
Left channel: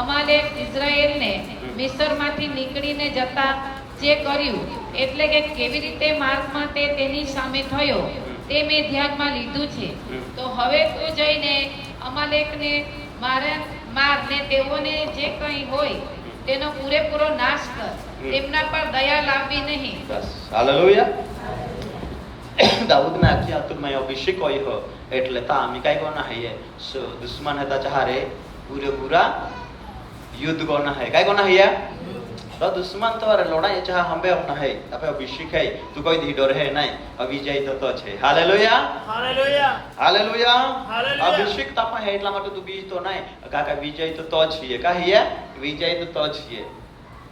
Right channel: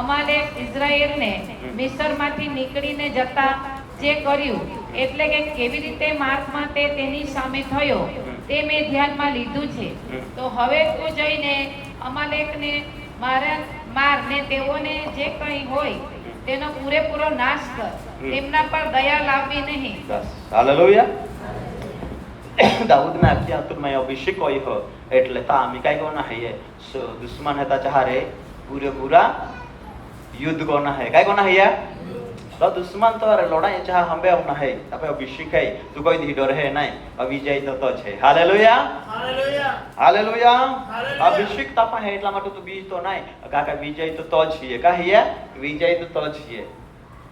અમાલેક ઇઝરાયેલને મિસ્રમાંથી નીકળીને જતા જે કર્યું, એટલે કે કેવી રીતે માર્ગમાં તે તેની સામે થયો તે મેં ધ્યાનમાં લીધું છે। તો હવે તું જઈને અમાલેકને મારને તેઓને જે કંઈ હોય તેનો પૂરેપૂરો નાશ કર, તેમના પર દયા લાવવી નહીં। બસ હાલેલુયા। દાऊद ने आख्या तुम्हें अभिषेक हो એટલે તા અમે કઈ કોના હૈયે દુશ્મન હતા ચારે પૂરેપૂરા યુદ્ધ કોના હૈ કઈ કોના હૈયે તો દુશ્મન તો લડાઈ ચાહ હંબે ના હૈ આપે અભિષેક હૈ તું કોઈ દી ડર હૈ નહીં અવિજય તો છે। હાલેલુયા હાલેલુયા હાલેલુયા। હાલેલુયા। અભિષેક તાપા હૈ એટલા માટે તું બીજ તો નહીં કાકા વિજય તો છીએ કહીએ વિજય તો છીએ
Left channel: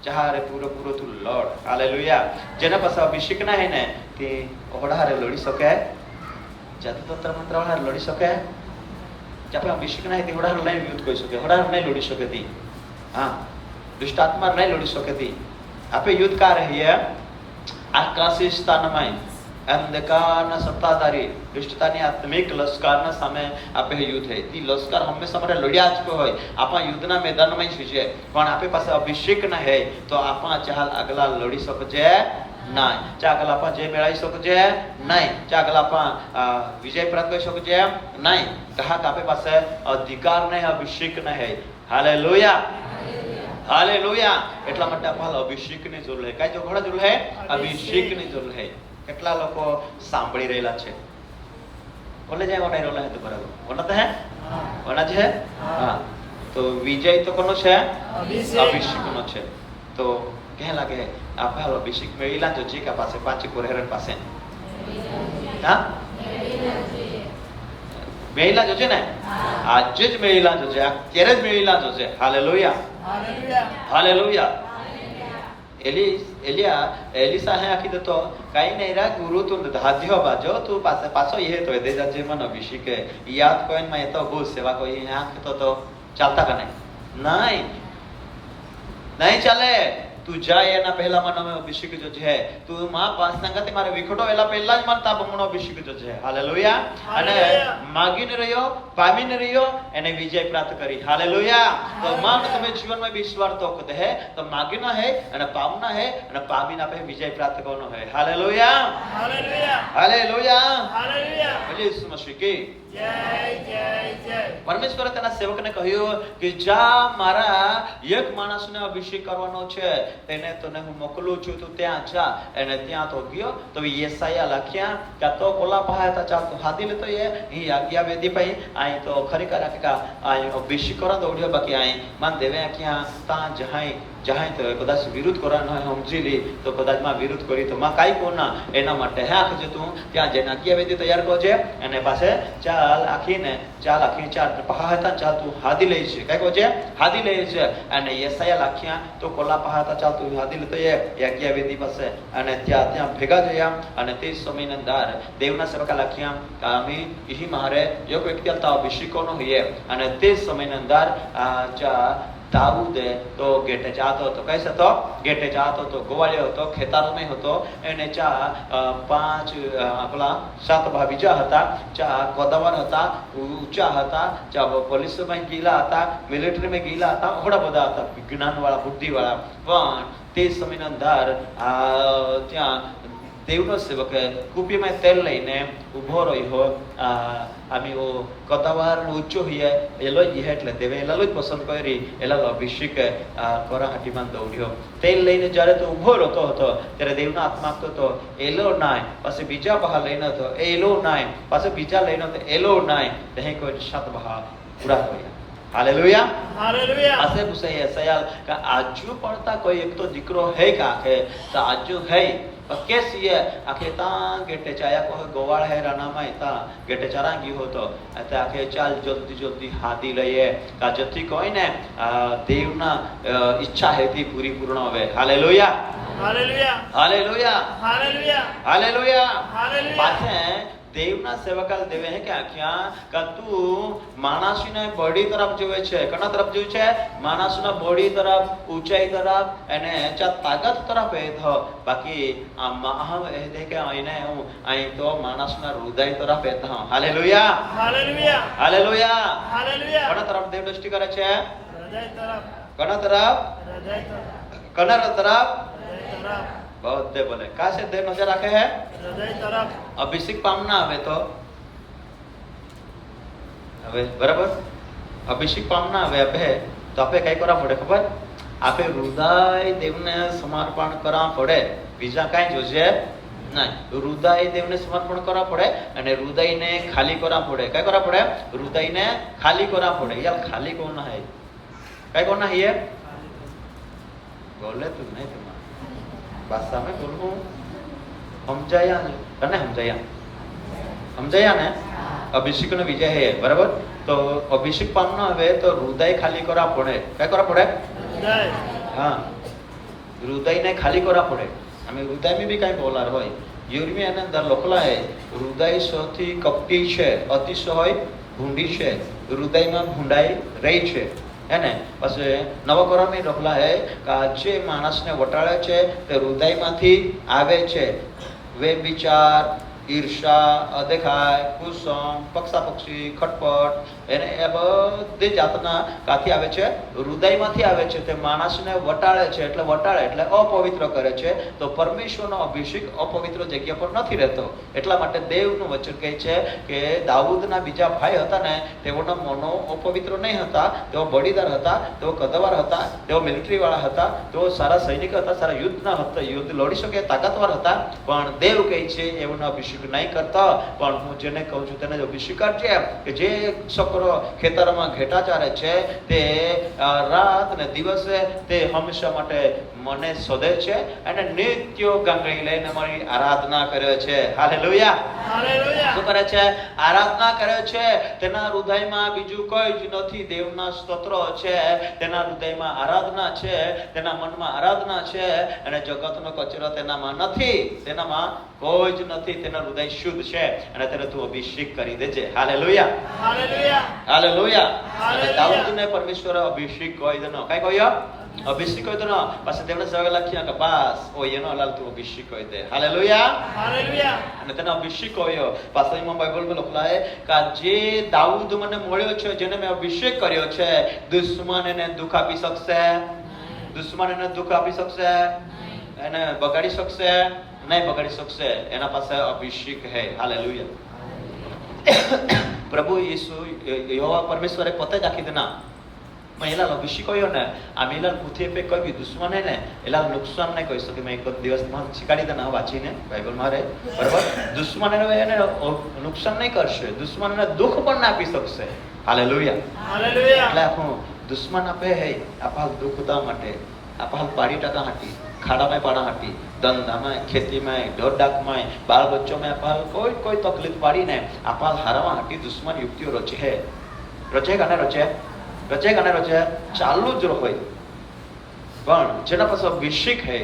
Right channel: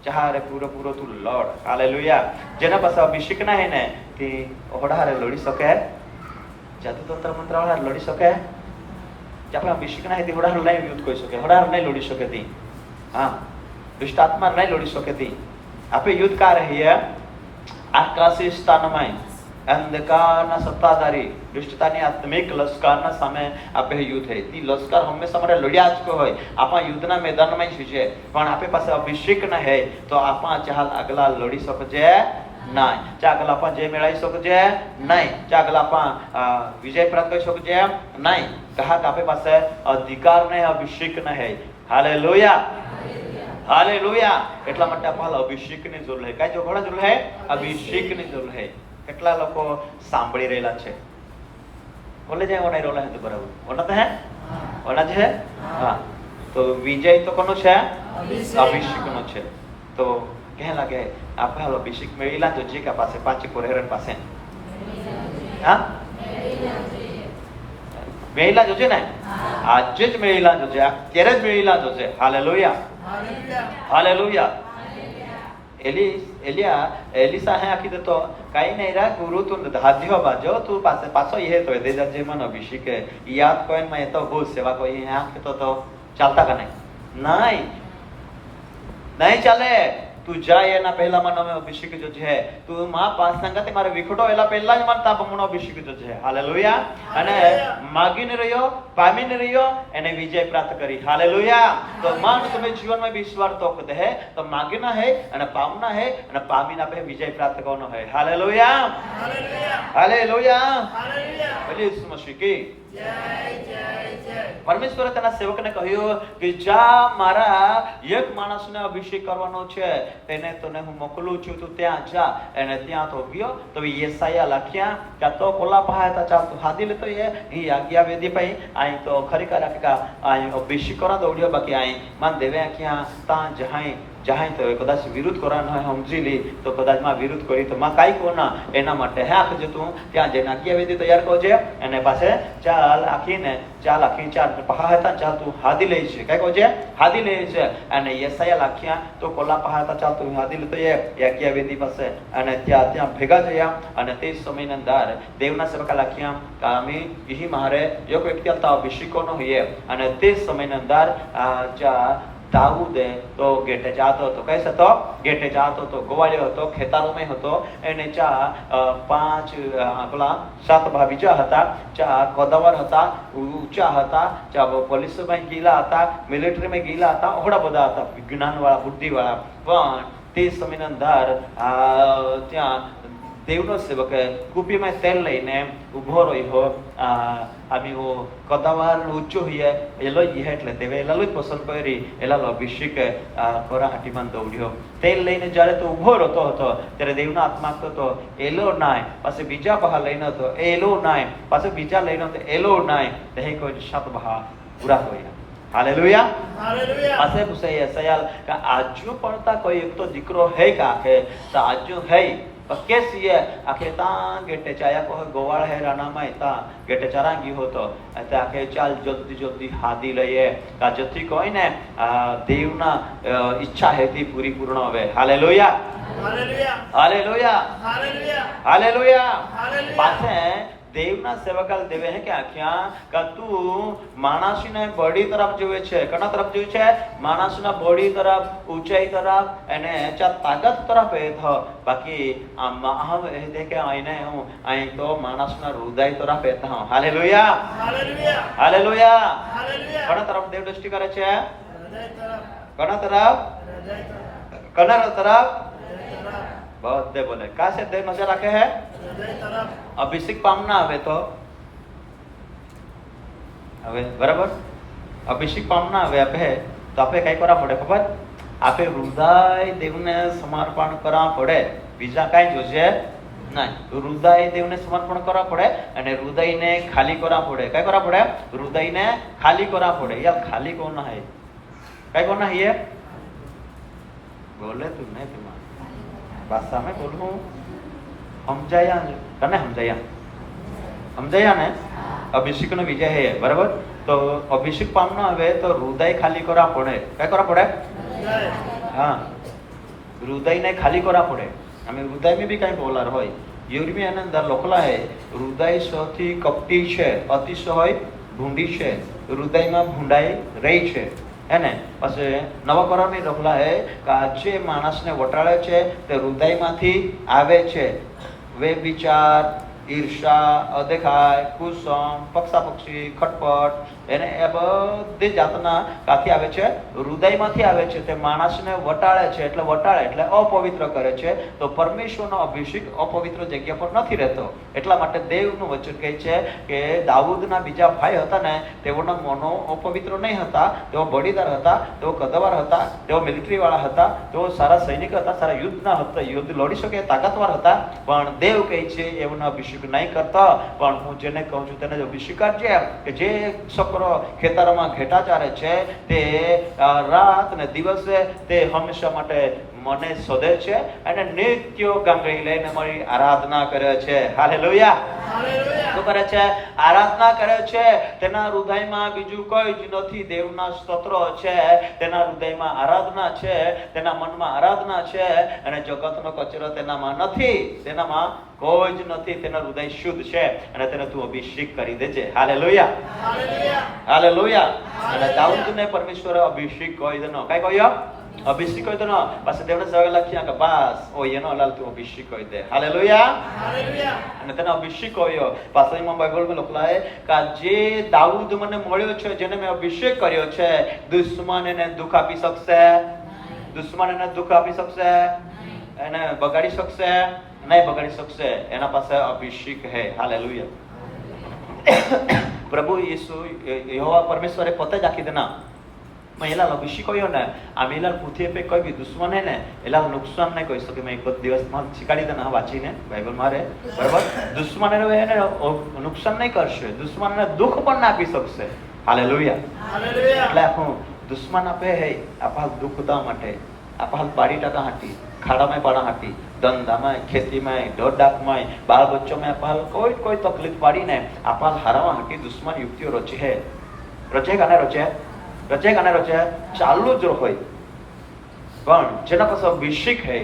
ચારે પૂરેપૂરો તું લડ। હાલેલુયા। જેના પાસે અભિષેક ના હૈ ને તે ઓઢારે લડી શકે, જાદુ તંત્ર મંત્રાળા લડી શકે, જ્યાં અભિષેક ના હૈ તે ઓઢારે નહીં યુદ્ધ કરી શકે, ઓઢારે નહીં લડી શકે તી। हाँ दुष्ट आत्मा नहीं लड़ी શકે તી। આપે યુદ્ધ કા રહીએ આકાશી સ્થાનમાં અંધકારના સત્તાધારી દુષ્ટતાની આત્મિક લશ્કરના સામે આપે યુદ્ધ છે। તી લશ્કર હંમેશા માટે લડ્યા જ હોય, આપણા યુદ્ધના મેદાનમાં જ છે, પણ આપે પાસે અભિષેક ના હે તો આપણા ચાલ આગલા લડી શકજે નહીં, ચાગલા આપા જય મેળવી શકજે નહીં, ચાગલા આપા વિજય પ્રાપ્ત કરી શકજે નહીં। કહા કે આપે પાસે અધિકાર નહીં, અભિષેક ના હે। હાલેલુયા હાલેલુયા। એટલા માટે આપણા અભિષેકની જરૂર છે। કઈ જોગડા જરૂર છે? અભિષેકની જરૂર છે। કેટલા લોકો સાંભળી રહેલા છે બોલે જાય ઓને રોલા હે તો બરાબર ઓના તો હે ઓના છે હા તો વિજય તો કોનો છે? અભિષેકનો છે। તો કહે લાગે આપણે અભિષેક મેળીલા તો જે કે પાસે પાંચ કોરેર પાસે હા મેળીલા જો છે ને આજે જ મેળીલા જો છે, અત્યારે જ મેળીલા જો છે। હાલેલુયા હાલેલુયા. એલિસા હે આખી તો કાઈ નહીં રા ગુરુ તું હાથ્યો બાજો તું પાછો એ તો દે જે મન અભિષેક યાદ કોઈ માં તો હો સેવા કોઈ આંખ તો ચાલતા કે નહીં ચાલે તું જાય એના પહેલા મને અભિષેક જો છે તું માં પાસ સંગતે મારે વિખડો એલા પહેલા જ મને તાપ મનો અભિષેક જો છે હાલેલુયા અને માગીને રહ્યો પામીને રહ્યો એને વિજય પ્રાપ્ત કરી હાલેલુયા તો માં તમે જીવનમાં વિશ્વાસ તો કદે હે તો માગીના હે અને પામના હે અને પામીના પે વિજય પ્રાપ્ત કરવાનો હે હાલેલુયા હાલેલુયા. હાલેલુયા હાલેલુયા. યીશુ મસીહ કી જય જય જય. પરમેશ્વરે તેના સેવકને કહ્યું કે જા મારા એક માણસને અભિષેક કરવાનો છે તેને તને હું મોકલું છું તું ત્યાં જા અને ત્યાં તો ગયો તો યેસાયા લખ્યા કે તો કોલા પહાતા ચાલ તું હાદી લેતો એ આજ્ઞા વેદી ભાઈ આઈ તો ખરી કરા આઈ અભિષેક કરો દોડ્યો બાકી આઈ મન દેવે ક્યાં તા જહાય તો કદાચ વિરુદ્ધ કરવાનો હોય સમજી લી તો કદાચ માં વિરુદ્ધ કરી તો માં કાઈ કોના એના માટે હે આખ જે તું ત્યાં જઈને આજ્ઞા વેદી તૈયાર કરજે અને પાસે ચાલ આખી ચાર પહાતા ચાલ તું હાદી લઈ છે કઈ કહે હાદી લઈ છે અને યેસાયા લખ્યા તો કોલા પહાતા ચાલ તું હાદી લેતો એ આજ્ઞા વેદી પાસે અને ત્યાં ભેગા થયા અને તે સમયની અંદર દેવના સેવકા લખ્યા કામી ઈ મારે એક વ્યક્તિ હતા અભિષેકોનો હોય અને તે સમયની અંદર દાઉદે તો ગેટે જાતો હતો કઈ હતો ગેટે જાતો હતો ગોવાળ્યો હતો ખેતરોમાં હતો એને પાંચ આપણા 7 બીજા હતા કોદવાર હતા ઊંચા હતા પોલીસમાં ગયેલા હતા મિલિટરીમાં ગયેલા હતા ઘણા બધા હતા જ્ઞાનવાળા બુદ્ધિવાળા પણ તે સમયની અંદર ત્યાં દેવનો સેવક કુપીમાં તેલ લઈને ઉભો રહ્યો આમી ઓ કતાવાર ઊંચો હોય એલો જ એટલે દેવે એલાલો જ પસંદ કરી એલાલો અભિષેક કોરા હાટીમાં દોડ્યો તેલ લઈને જ્યારે તો ઉભો રહેતો હતો ત્યારે દેવનો આત્મા કહતો એલો નાય પછી બીજા બહા લઈને હતો એલો નાય પછી બીજા લઈને હતો એલો નાય તે કોઈ 7 બહા પૂરા હોય હાલેલુયા હાલેલુયા. પાસે પૂછે યસાયા કે આજુ પડતા કોઈ એક તો દીકરો હે કાકે તો આજુ હે કેસી આખે તા ગેટે ચાયા કોઈ ગોવાળ હે રાણામાં તા ગેટે ચારાંગી હોતો એટલે આખે ચાલ જલ્દી હાદી લઈએ કાજથી કોઈ ને દેવના ઈચ્છા હેતી પૂર્ણ હવે hallelujah hallelujah. Hallelujah hallelujah. Hallelujah hallelujah. પાસે દેવના સેવકા દેવે હે કે આખ્યા કે તું માણસને બોડી તરફ જોવે છે કના તરફ જોવે છે માણસના બોડી તરફ ઊંચાઈ તરફ અને ચા તાકાત તરફ એ થ બાકી આ મહાવ એ દે કે આઈને હું આઈ તો માણસના હૃદય તરફ એ થ હાલેલુયા હાલેલુયા. હાલેલુયા હાલેલુયા. કના તરફ દેવ દ્રષ્ટિ કરે છે હૃદય તરફ. કના તરફ હૃદય તરફ. કના તરફ હૃદય તરફ. बहुत दे बोले का से देव नजर रखे है હૃદય તરફ. અભિષેક પામના આવે તો હવે બરાબર અભિષેક પામના આવે આપે તો આપણે કઈ કરવા પડે ખબર આપે હૃદય દેવને સમર્પણ કરવા પડે બીજા કાઈ જોશે ના હૃદય દેવને સમર્પણ કરવા પડે અને હૃદયને ખાલી કરવા પડે કઈ કરવા પડે હૃદયને ખાલી કરવા પડે યાર ખાલી કોણ હે કઈ કોણ હે બોલે તું ને भाषा में बोलूं समझाया कने समझाया ने अभिषेक नो विजय है बराबर तो अभिषेक पामना हवे तो हृदय खाली करा पड़े क्या करा पड़े હૃદય. हां हृदय ने खाली करा पड़े हमें हृदय में भी कई बोलर होय यूरोपीय ने अंदर लखला है हृदय सौથી કપટી છે અતિશય ભૂંડી છે હૃદયમાં ભૂંડાઈ રહી છે એને પછી નવા કરામી લખલા હે કે આજે માણસને વટાળે છે તે હૃદયમાંથી આવે છે વે વિચાર ઈર્ષા અદેખાય કુસમ પક્ષાપક્ષી ખટપટ એને એ બધી જાતના કાથી આવે છે હૃદયમાંથી આવે છે તે માણસને વટાળે છે એટલે અપવિત્ર કરે છે તો પરમેશ્વરનો અભિષેક અપવિત્ર જગ્યા પર નથી રહેતો એટલા માટે દેવનું વચન કહે છે કે દાઉદના બીજા ભાઈ હતા ને તેઓના મનો અપવિત્ર નહીં હતા તેઓ બળીદાર હતા તેઓ કદવાર હતા તેઓ મિલિટરી વાળા હતા તેઓ સારા સૈનિક હતા સારા યુદ્ધના હતા યુદ્ધ લડી શકે તાકાતવાર હતા પણ દેવ કહે છે એઓનો અભિષેક નહીં કરતા પણ હું જેને કહું છું તેને અભિષેક કરજે કે જે છોકરો ખેતરમાં ઘેટા ચારે છે તે રાત ને દિવસે તે હંમેશા માટે મને શોધે છે અને નિત્ય ગાંગડી લઈને મારી આરાધના કરે છે. હાલેલુયા. હાલેલુયા. શું કરે છે? આરાધના કરે છે. તેના હૃદયમાં બીજું કોઈ જ નથી. દેવના સ્તોત્રો છે, તેના હૃદયમાં આરાધના છે, તેના મનમાં આરાધના છે અને જગતનો કચરો તેનામાં નથી. તેનામાં કોઈ જ નથી. તેનું હૃદય શુદ્ધ છે અને તેને તું અભિષેક કરી દેજે. હાલેલુયા. હાલેલુયા. હાલેલુયા. હાલેલુયા. દાઉદને પરમેશ્વરે અભિષેક કહી દેનો. કઈ કહ્યો? અભિષેક કહી દેનો. પછી દેવને સવાલ લખ્યા કે બસ ઓ એનો લાલ તું અભિષેક કહી દે. હાલેલુયા. હાલેલુયા. અને તેને અભિષેક કહ્યો. પાછળમાં બાઇબલમાં લખાય કે જે દાઉદ મને મળ્યો છે, જેને મેં અભિષેક કર્યો છે, દુશ્મન એને દુઃખ આપી શકશે? દુશ્મન એને દુઃખ આપી શકશે? એને બગાડી શકશે? નહીં બગાડી શકશે. એના પાસે અભિષેક હે. હાલેલુયા. પ્રભુ ઈસુ યહોવા પરમેશ્વરે પોતે જ આખી દેના મેં એલા અભિષેક કર્યો ને આમ એલા પૃથ્વી પે કોઈ બી દુશ્મન હે ને એલા નુકસાન નહીં કરી શકે. મેં એક દિવસમાં શીખાડી દેના વાંચીને બાઇબલ મારે બરાબર. દુશ્મન એને નુકસાન નહીં કરશે, દુશ્મનને દુઃખ પણ ના આપી શકશે. હાલેલુયા. હાલેલુયા. એટલે હું દુશ્મન આપે આપા દુઃખ દા માટે આપા બારી ટકા હાટી ખાડામાં પાડા હાટી ધંધામાં ખેતીમાં ઢોરડાકમાં બાળ બચ્ચોમાં આપા કોઈ તકલીફ પાડીને આપા હારામાં હાટી દુશ્મન યુક્તિઓ રચે હે. રચે કાને રચે? રચે કાને રચે? ચાલુ જ હોય. પણ જેના પાસે અભિષેક હે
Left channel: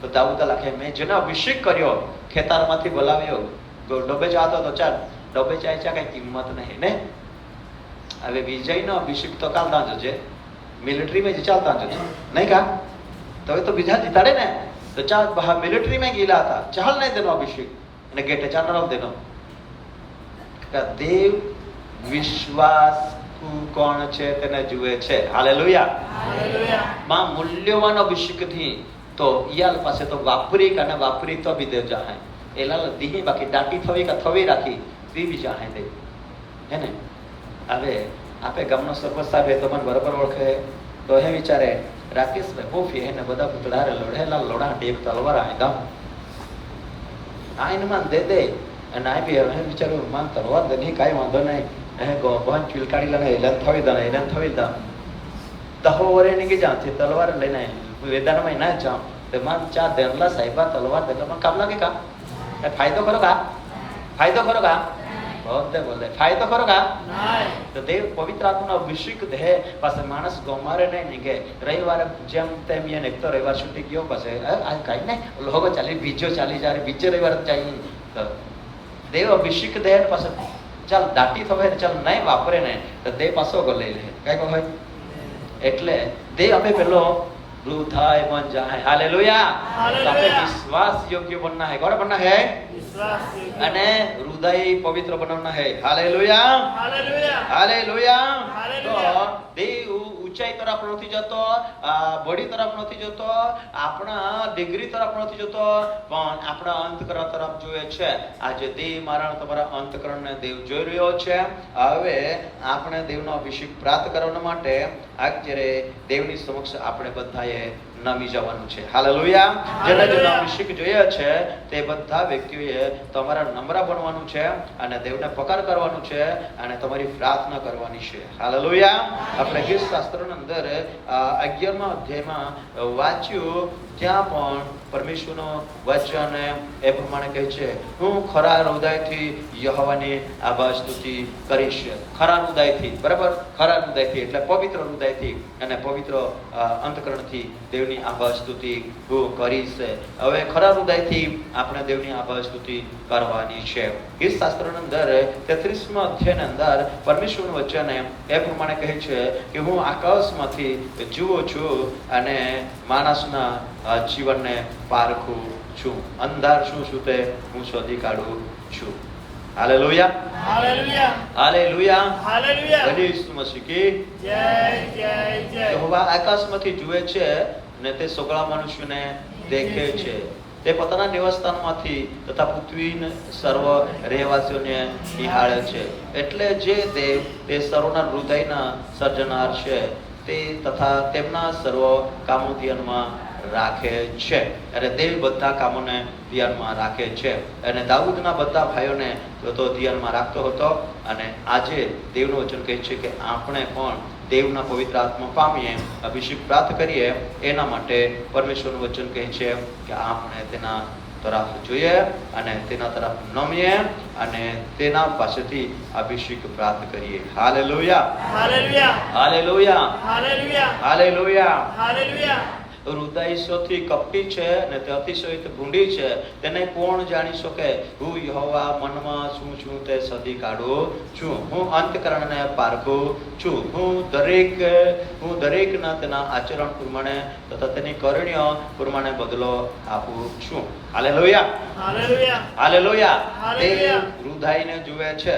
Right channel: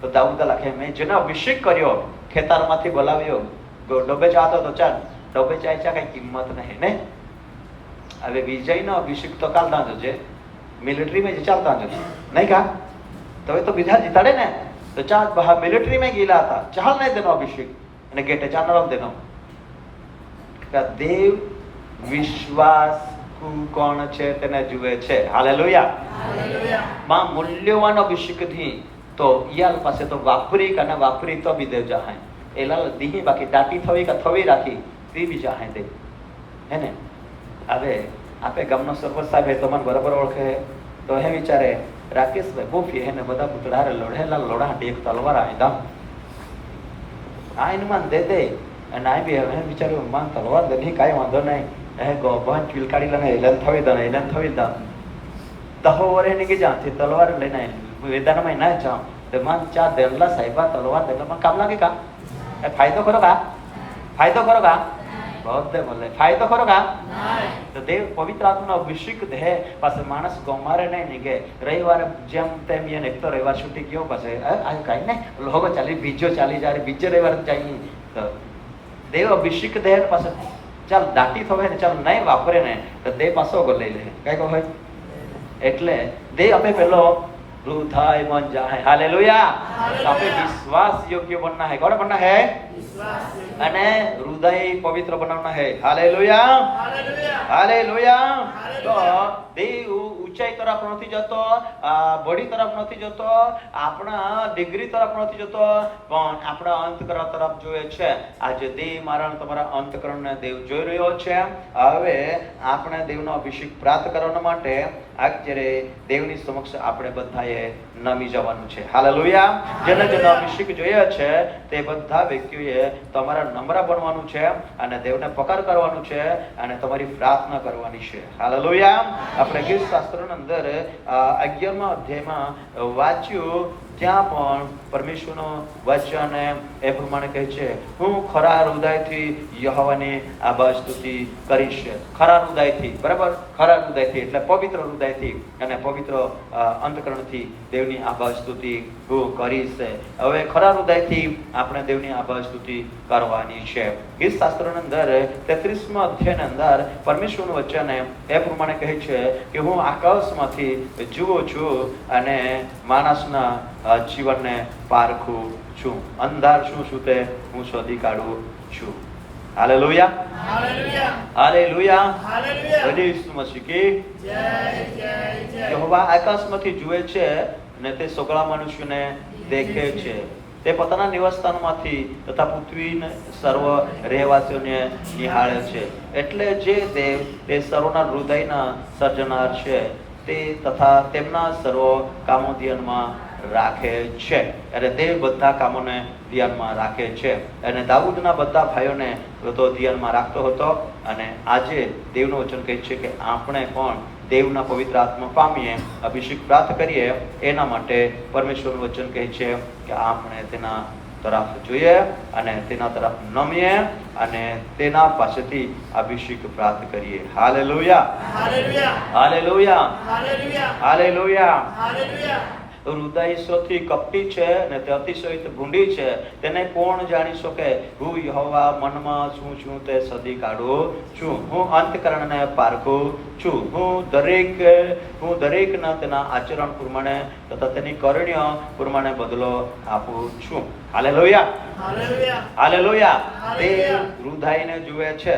તો દાઉદ લખે મેં જેને અભિષેક કર્યો ખેતરમાંથી બોલાવ્યો ડોબે જાતો તો ચાલ ડોબે જાય છે કઈ કિંમત નહીં ને. હવે વિજયનો અભિષેક તો કાલતા જશે મિલિટરીમાં જ ચાલતા જશે નહીં કા? તો હવે તો બીજા જીતાડે ને તો ચાલ બહાર મિલિટરીમાં ગયેલા હતા ચાલ નહીં તેનો અભિષેક અને ગેટે ચાલ તેનો દેવ વિશ્વાસ કોણ છે તેને જુએ છે. હાલેલુયા. હાલેલુયા. માં મૂલ્યવાન અભિષેકથી તો ઈયાલ પાસે તો વાપરી અને વાપરી તો બી દે જાહે એલા દીહી બાકી દાટી થવી કે થવી રાખી તે બી જાહે દે હે ને. હવે આપે ગામનો સરપંચ સાહેબ તમારે બરાબર ઓળખે તો હે વિચારે રાકેશભાઈ બોફી એને બધા પુતળારે લોઢેલા લોડા ટેપ તલવાર આયદા આ એનું માન દે દે અને આ બી હવે વિચાર્યું માન તલવાર દે નહીં કાંઈ વાંધો નહીં હે ગો બહન ચીલકાડી લને એલન થવી દે એલન થવી દે તહો વરે ને કે જાથી તલવાર લઈને વેદાનમાં ના જાઓ તે માન ચા દેરલા સાહેબા તલવાર દેમાં કામ ના કે કા એ ફાયદો કરો કા? ફાયદો કરો કા? બહુ બોલે ફાયદો કરો કા? તો દેવ પવિત્ર આત્માનો અભિષેક દે પાસે માણસ ગમારે નહીં નીકે રવિવારે જેમ તેમ એને એક તો રવિવાર છૂટી ગયો પછી આ કાઈ ને લોકો ચાલી બીજો ચાલી જાય બીજો રવિવાર જાય તો દેવ અભિષેક દે પાસે ચાલ દાટી થવાય ને ચાલ નહીં વાપરે ને તો દેવ પાછો લઈ લે કઈ કહે એટલે દેવ અમે પેલો થાય મન જાય. હાલેલુયા. આપણે વિશ્વાસ યોગ્ય બનના है. કોણ બનના है? વિશ્વાસ યોગ્ય. અને હૃદય પવિત્ર બનાવના है. હાલેલુયા. હાલેલુયા. હાલેલુયા. હાલેલુયા. તો દેવ ઊંચાઈ તરફ નથી જતો, બોડી તરફ નથી જતો, આપણા ડિગ્રી તરફ નથી જતો, પણ આપણા અંતકરણ તરફ જોવે છે. આજે દેવ મારા તમારા અંતકરણને દેવ જોઈ રહ્યો છે. હવે આપણે દેવનો અભિષેક પ્રાપ્ત કરવા માટે અત્યારે દેવની સમક્ષ આપણે બધાએ નમી જવાનું છે. હાલેલુયા. જેને જેનો અભિષેક જોઈએ છે તે બધા વ્યક્તિઓએ તમારા નમ્ર બનવાનું છે અને દેવને પકડ કરવાનું છે અને તમારી પ્રાર્થના કરવાની છે. હાલેલુયા. આપણે ગીત શાસ્ત્રોની અંદર 11મા અધ્યાયમાં વાંચ્યું ત્યાં પણ પરમેશ્વરનું વચન એ પ્રમાણે કહે છે હું ખરા હૃદયથી યહોવાની આભાર સ્તુતિ કરીશ. ખરા હૃદયથી બરાબર ખરા હૃદયથી એટલે પવિત્ર હૃદયથી અને પવિત્ર અંતકરણથી દેવની આભાર સ્તુતિ હું કરીશ. હવે ખરા હૃદયથી આપણે દેવની આભાર સ્તુતિ કરવાની છે. ગીત શાસ્ત્રની અંદર 33મા અધ્યાયની અંદર પરમેશ્વરનું વચન એ પ્રમાણે કહે છે કે હું આકાશમાંથી જુઓ છું અને માણસના જીવનને પારખું છું. અંધાર શું શું તે હું શોધી કાઢું છું. હાલેલુયા. હાલેલુયા. હાલેલુયા. હાલેલુયા. બધી ઈસુ મસીહ કી જય જય જય. યહોવા આકાશમાંથી જુએ છે ને તે સગળા મનુષ્યને દેખે છે. તે પોતાના નિવાસસ્થાનમાંથી તથા પૃથ્વીના સર્વ રહેવાસીઓને નિહાળે છે. એટલે જે દેવ તે સર્વના હૃદયના સર્જનાર છે તે તથા તેમના સર્વ કામો ધ્યાનમાં રાખે છે. અને તે બધા કામોને ધ્યાનમાં રાખે છે. અને દાઉદના બધા ભાઈઓને તો ધ્યાનમાં રાખતો હતો. અને આજે દેવનું વચન કહે છે કે આપણે પણ દેવના પવિત્ર આત્મા પામીએ, અભિષેક પ્રાપ્ત કરીએ. એના માટે પરમેશ્વરનું વચન કહે છે કે આપણે તેના તરફ જોઈએ અને તેના તરફ નમીએ અને તેના પાસેથી અભિષેક પ્રાપ્ત કરીએ. Hallelujah, hallelujah, hallelujah, hallelujah, hallelujah. Hallelujah. હૃદય સૌથી કપટી છે ને તે અતિશય ભૂંડી છે, તેને કોણ જાણી શકે? હું યહોવા મનમાં છું તે સદી કાઢું છું. હું અંતકરણને પારખું છું. હું દરેકના તેના આચરણ પ્રમાણે તથા તેની કરણીઓ પ્રમાણે બદલો આપું છું. Hallelujah, hallelujah, hallelujah. તે હાલેલુયા. હૃદયને જુએ છે.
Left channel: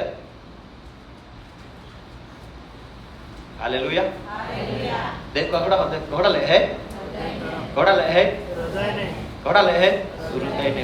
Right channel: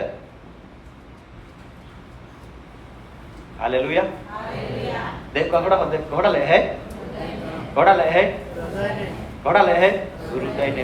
હાલેલુયા. દેખ ઘોડા લે હે, ઘોડા લે હે, હૃદયને ઘોડા લે હે, હૃદયને